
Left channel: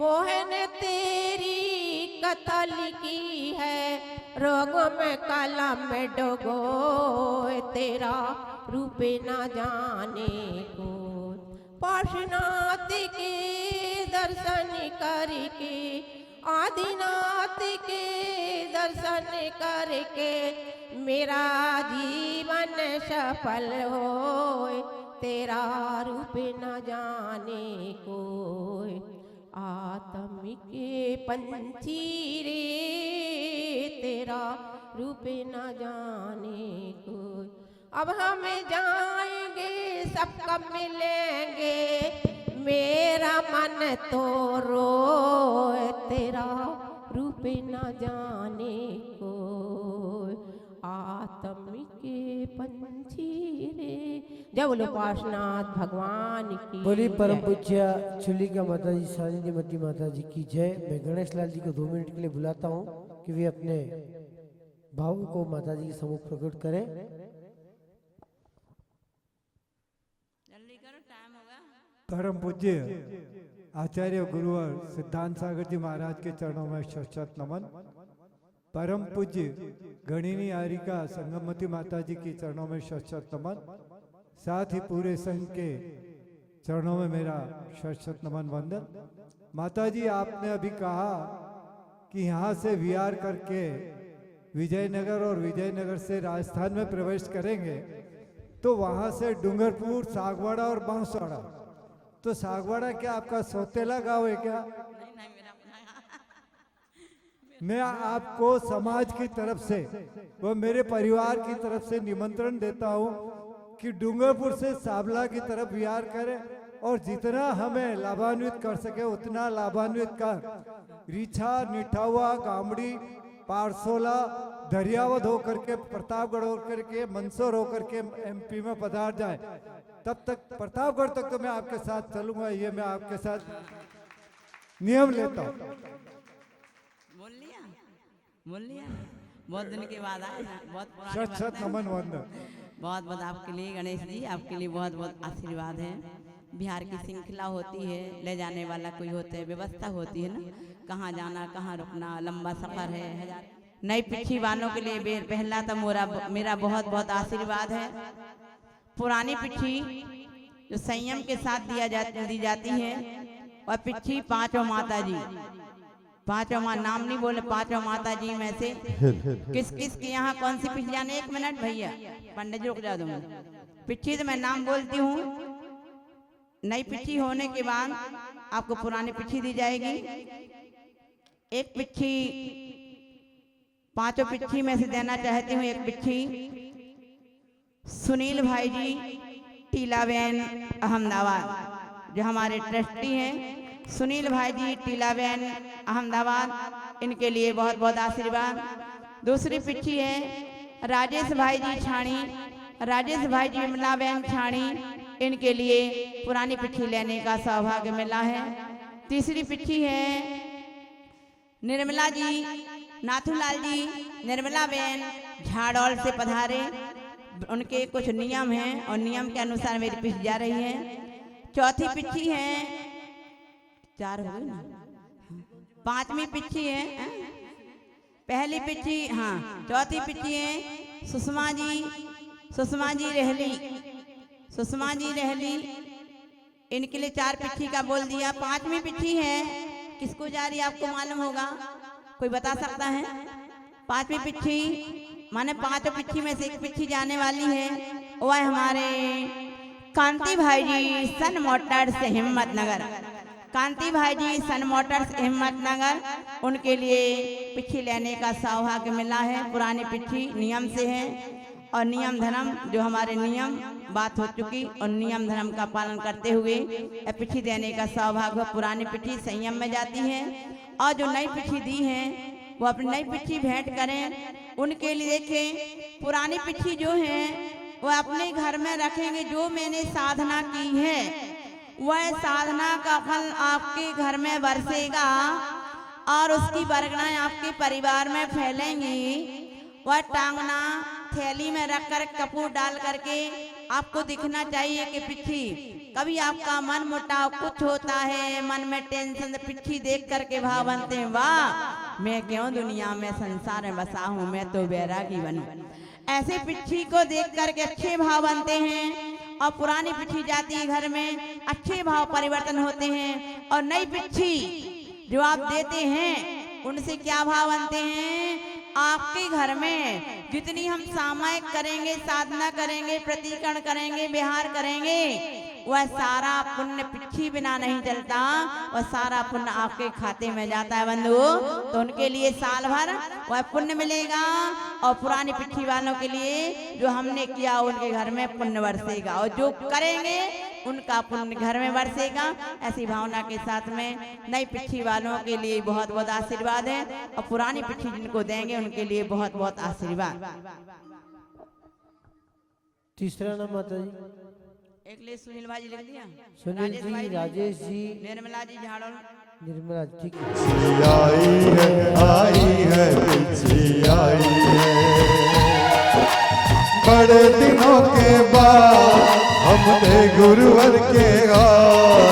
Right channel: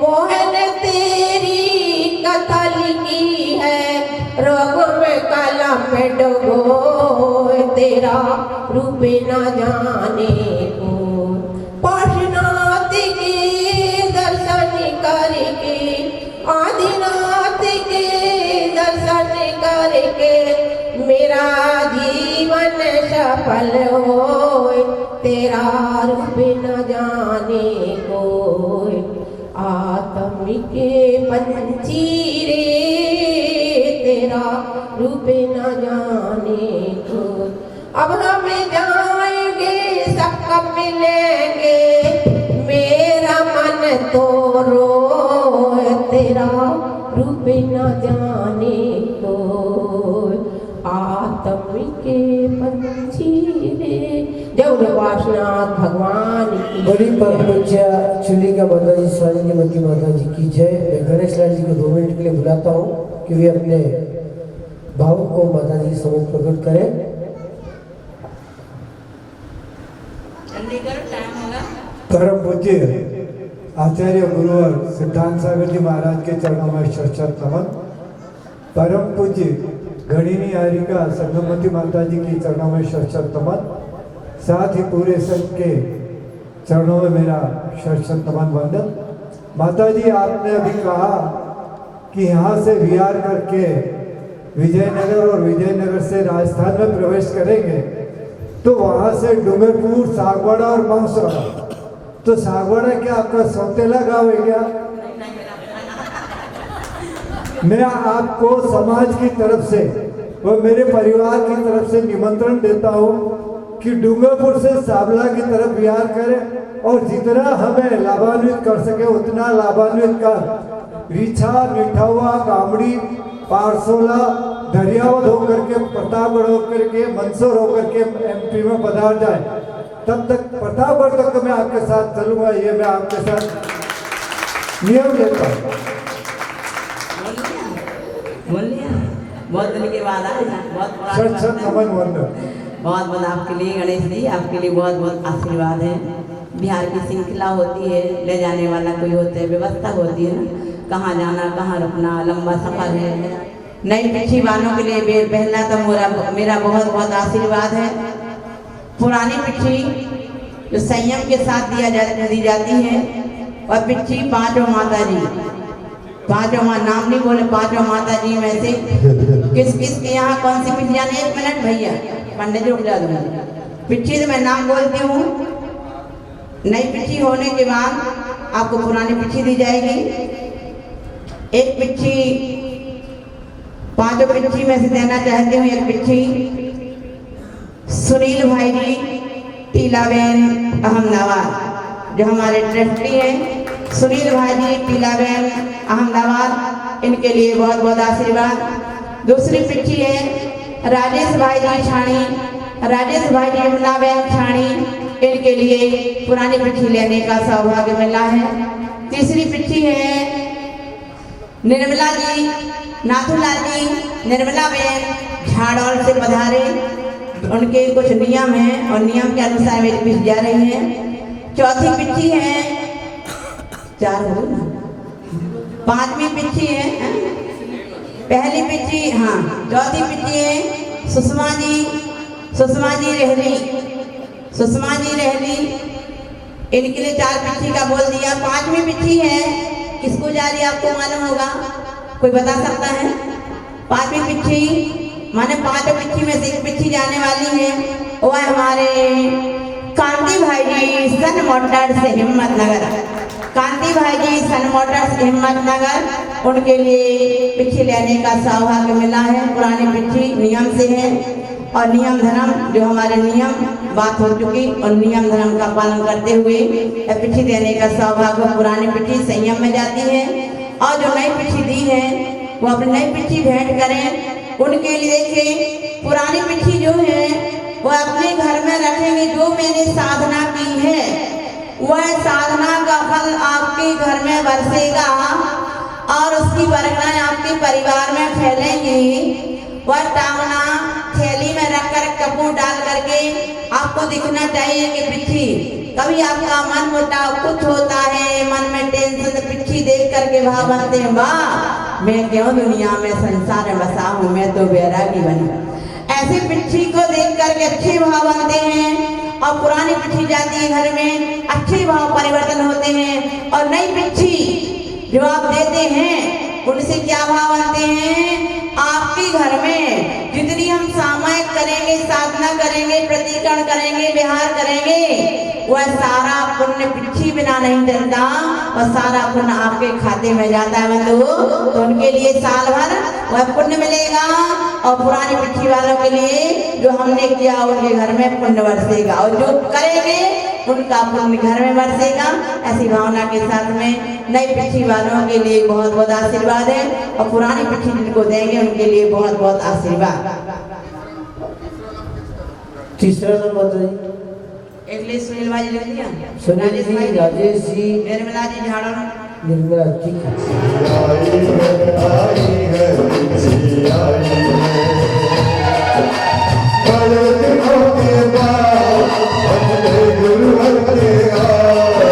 मोहन तेरी कथा लिखी है रोग में कलम में डुबो तेरा रूप न जाने को। पार्श्वनाथ के दर्शन करके आदिनाथ के दर्शन करके मेरा जीवन सफल हो तेरा रूप न जाने को। आत्म के पंछी रे तेरा रूप न जाने को। अब हम जाएंगे सबका मिलेंगे मेरा मन तो रोए तेरा रूप न जाने को। आत्म के पंछी रे जब पार्श्वनाथ भगवान की बड़ी परम पूज्य चुलिका माता जी स्वामी माता जी की जय। मैं गणेश लाल जी को 2 मिनट के लिए बुलाता हूँ कि वे अपने भाव को माता जी समझ प्रकट करें। परम पूज्य आचार्य गुरुवर सिद्धांत सागर जी महाराज के चरणों में शत नमन। परम पूज्य गणिनी हारिका संगमती माता जी की चरणों में शत नमन। साथ ही पूरे संघ के चरणों में मेरा शत नमन वंदन। माता जी आपने अभी कहा कि यहाँ से विहार करके विजयनगर और विजयनगर से राजस्थान में प्रवेश करेंगे तो वहां से डूंगरपुर सागवाड़ा और बांसवाड़ा। तो सागवाड़ा क्या आपका सौतेला गाँव है क्या? मैं आपको समाज की तरफ से और मेरे परिवार की तरफ से निमंत्रण देता हूँ कि डूंगरपुर से साबला की तरफ विहार करें और जितना हमें लाभान्वित कर सके उतना लाभान्वित कर रीछा, निठौवा, कामड़ी, पारसोला, दरियावद होकर के प्रतापगढ़ होकर के मंदसौर होकर के एमपी में पधार जाए। तब तक प्रतापगढ़ तक मैं आपके साथ चलूंगा, ये मैं आपके साथ नियम लेता हूँ। बहुत दिन के बाद आए ना, बहुत सच सच नमन वंदन। बहुत बहुत आपके लिए गणेश जी, आपके लिए बहुत बहुत आशीर्वाद है। बिहार की श्रृंखला होती है, ले जाने वाला कोई होता है, व्यवस्था होती है ना, कहाँ जाना कहाँ रुकना, लंबा सफर है। नई पिछी वालों के लिए पहला तो मेरा बहुत बहुत आशीर्वाद है। पुरानी पिछी जो संयम के साथ दी जाती है, और पिछी पांचों माता जी, पांचों नाम नहीं बोले, पांचों माता जी में से किस किस के यहाँ कौन सी पिछी जाने। 1 मिनट भैया, पंडित जी रुक जा दूंगा। पिछी तो मैं नाम बोलती हूँ। नई पिछी होने के बाद आपको पुरानी पिछी दी जाएगी। एक पिछी, पांचों पिछी में से देना चाहती हूँ। एक पिछी सुनील भाई जी पीलाबेन अहमदाबाद, जो हमारे ट्रस्टी हैं। सुनील भाई जी पीलाबेन अहमदाबाद, इनके लिए बहुत बहुत आशीर्वाद। दूसरी पिछी है राजेश भाई जी छाणी, राजेश भाई जी अमलाबेन छाणी, इनके लिए पुरानी पिछी लेने का सौभाग्य मिला है। तीसरी पिछी है निर्मला जी, नाथूलाल जी, निर्मला बेन झाड़ौल से पधारे। उनके कुछ नियम हैं और नियम के अनुसार मेरी पिछ जा रही है। चौथी पिछी है, 4 हो ना, 5वीं पिछी है, पहली पिछी, हाँ चौथी पिछी है सुषमा जी, सुषमा जी रहली, सुषमा जी रहली, इनके लिए 4 पिछी का बोल दिया। 5वीं पिछी है, किसको जा रही है आपको मालूम होगा, कोई बता सकता है? 5वीं पिछी माने 5 पिछी में से एक पिछी जाने वाली है, वो है हमारे कांति भाई जी सन मोटर्स हिम्मतनगर। कांति भाई जी सन मोटर्स हिम्मतनगर, उनके लिए पिछी लेने का सौभाग्य मिला है। पुरानी पिछी नियम से है, और नियम धर्म जो हमारे नियम बात हो चुकी, और नियम धर्म का पालन करते हुए पिछी देने का सौभाग्य। पुरानी पिछी संयम में जाती है, और जो नई पिछी दी है वो अपनी नई पिछी भेंट करें। उनके लिए देखिए पुरानी पिछी जो है वो अपने घर में रखेंगे। जो मैंने साधना की है वह साधना का फल आपके घर में बरसेगा, और उसकी बरकरार आपके परिवार में फैलेंगी। वह टांगना थैली में रखकर कपूर डाल करके आपको दिखना चाहिए कि पिछी। कभी आपका मन मुटाव कुछ होता है, मन में टेंशन, पिछी देख करके भाव बनते हैं, वाह मैं क्यों दुनिया में संसार में बसा हूँ, मैं तो बैरागी बनी। ऐसे पिछी को देख करके अच्छे भाव बनते हैं, और पुरानी पिछी जाती है घर में, अच्छे भाव परिवर्तन होते हैं। और नई पिछी जो आप देते हैं उनसे क्या भाव बनते हैं? आपके घर में जितनी हम सामायिक करेंगे, साधना करेंगे, प्रतिकरण करेंगे, विहार करेंगे, वह सारा पुण्य पिछी बिना नहीं चलता, और सारा पुण्य आपके खाते में जाता है बंधु। तो उनके लिए साल भर वह पुण्य मिलेगा, और पुरानी पिछी वालों के लिए जो हमने किया उनके घर में पुण्य बरसेगा, और जो करेंगे उनका पुण्य घर में बरसेगा। ऐसी भावना के साथ में नई पिछी वालों के लिए बहुत बहुत आशीर्वाद है, और पुरानी पिछी जिनको देंगे उनके लिए बहुत बहुत आशीर्वाद। तीसरा नंबर एक लिए सुनील भाई लिख दिया, सुनील जी, राजेश जी, निर्मला जी झाड़ो, निर्मला जी आई है आई है। बड़े दिनों के बाद अपने गुरुवर के बाद,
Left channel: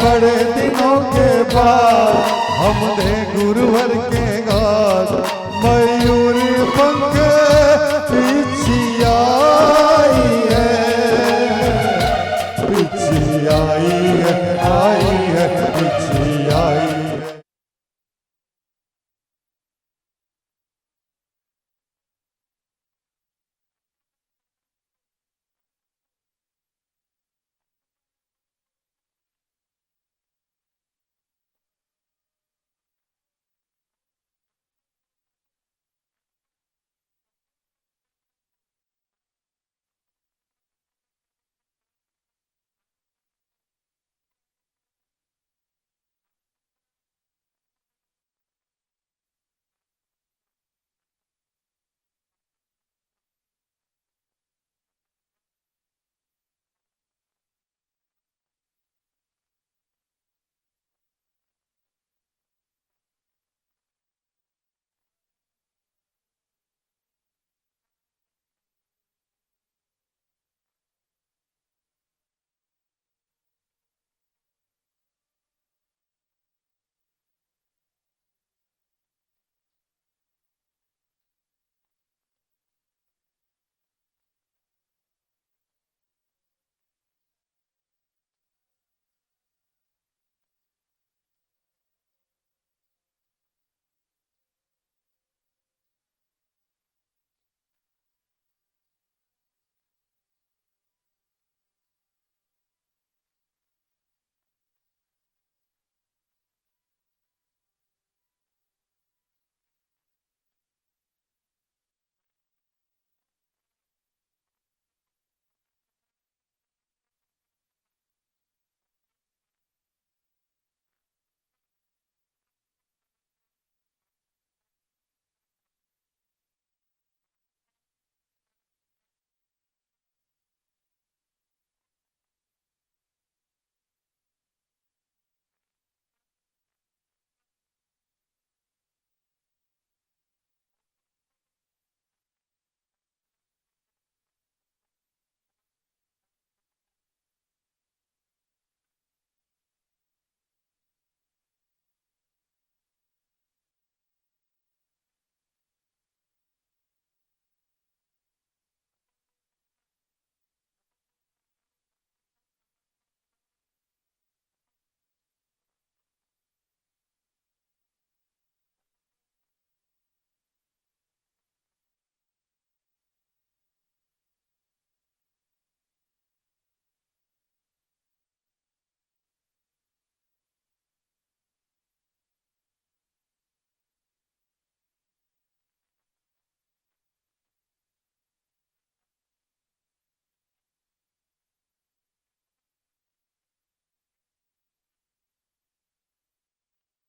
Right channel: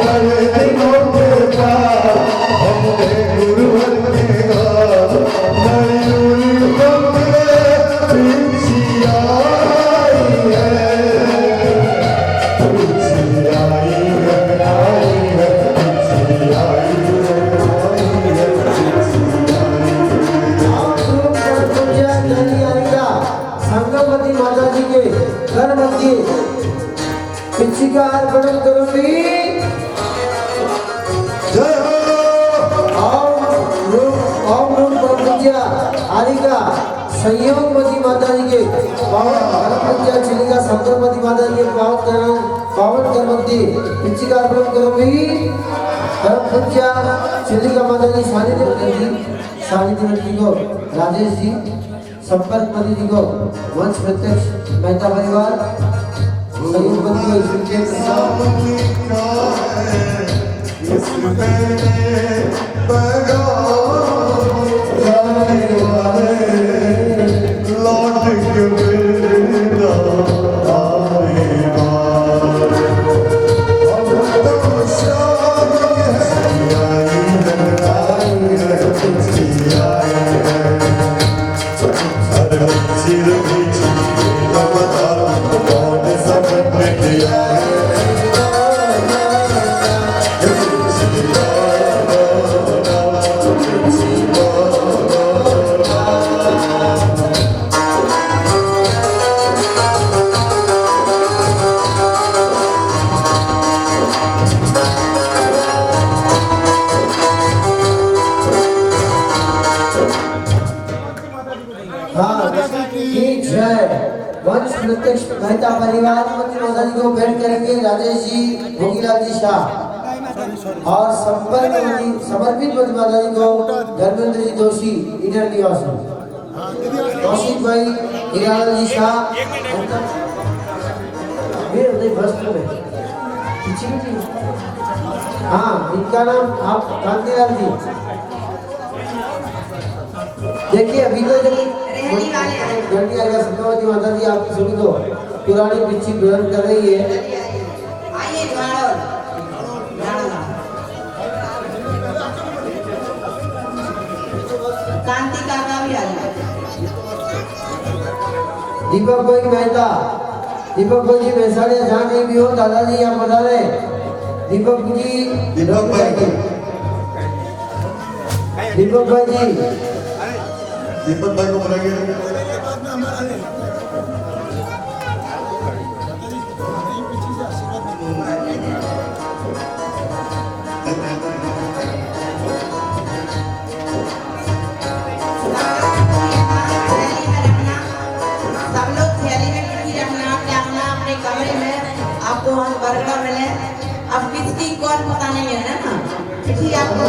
बड़े दिनों के बाद अपने गुरुवर के बाद, मयूरी पंख पिछी आई है, पिछी आई है, आई है, पिछी आई है, संगमती माता जी के घर मंदिर पिछी का अर्पण करूंगी। जय आरिका संयोगवती माता जी के पावन चिलिका संगमती माता जी के पावन कर मंदिर पिछी का अर्पण करूंगी। चिलिका माता जी सानिध्य जी को, राजेश जी संपर्क पति जी को, वंश प्रत्यक्ष मेहता परिवार, संयोगवती को इसके इसमें पैगाम जाने वाले चिर बीची अवतार कौन समझ किया वंश प्रत्यक्ष मेहता परिवार माता जी को भेंट करेंगे राजेश जी, भोगीलाल जी शाह और समर्पित माता जी को धर्मेंद्र जी जोशी, ईडर निवासी कौशिक भाई, हीरालाल जी शाह, हाँ इनका नाम आप कांतिलाल जी। देखिए अभी तो जल्दी आएगा संगमती माता जी आपकी सभी को पुरानी पिछी ग्रहण कर रही है। कांति काका भी आ गया। दीपक भाई मेहता, दीपक भाई जी वैशाली जहाँ कहीं भी हो दादाजी यहाँ बता रहे। दीपक जी, दीपक भाई जी, दीपक भाई जी, दीपक भाई को बुलाइए। आपको वहाँ बरकत मिले। अब किसकी कौन पता नहीं है ना, चिट्ठी आपको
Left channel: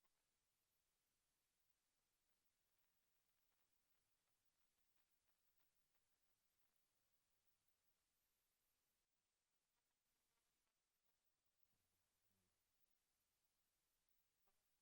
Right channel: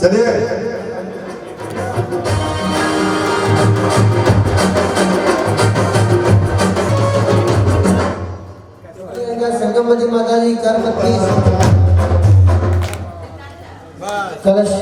चलिए संगमती माता जी करमती कलश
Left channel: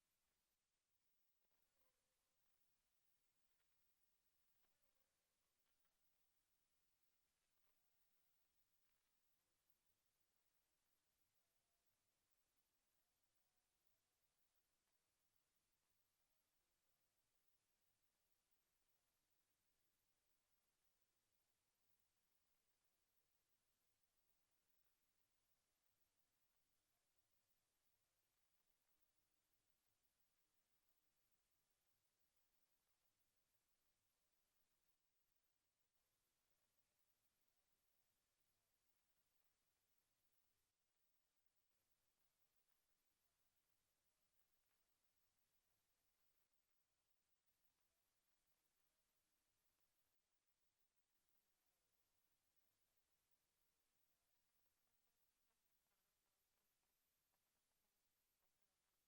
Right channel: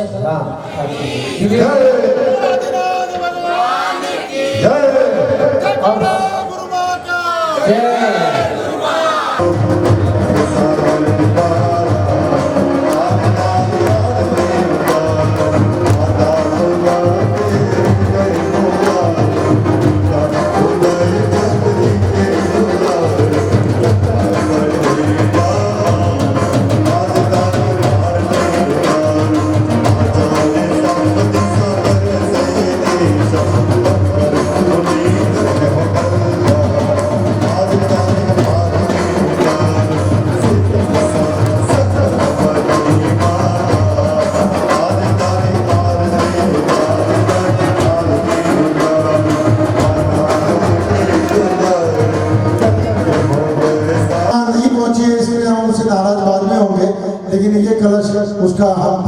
उसका हम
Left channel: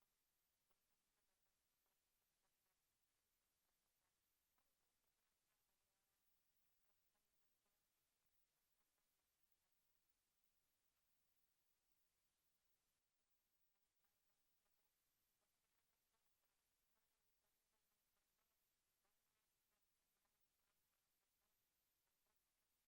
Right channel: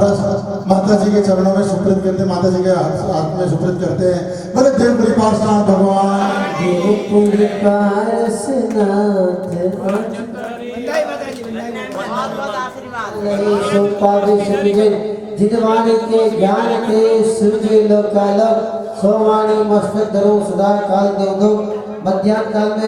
माता जी के चरणों में सुकृत करते हैं, माता जी के हाथ में सुकृत करते हैं। बोले देव कृपानाथ भगवान जितवाणी के ज्ञान के सूर्य लोकालक सोवाणी मस्तक धरो सदा काल देव दो मध्याह्न काल में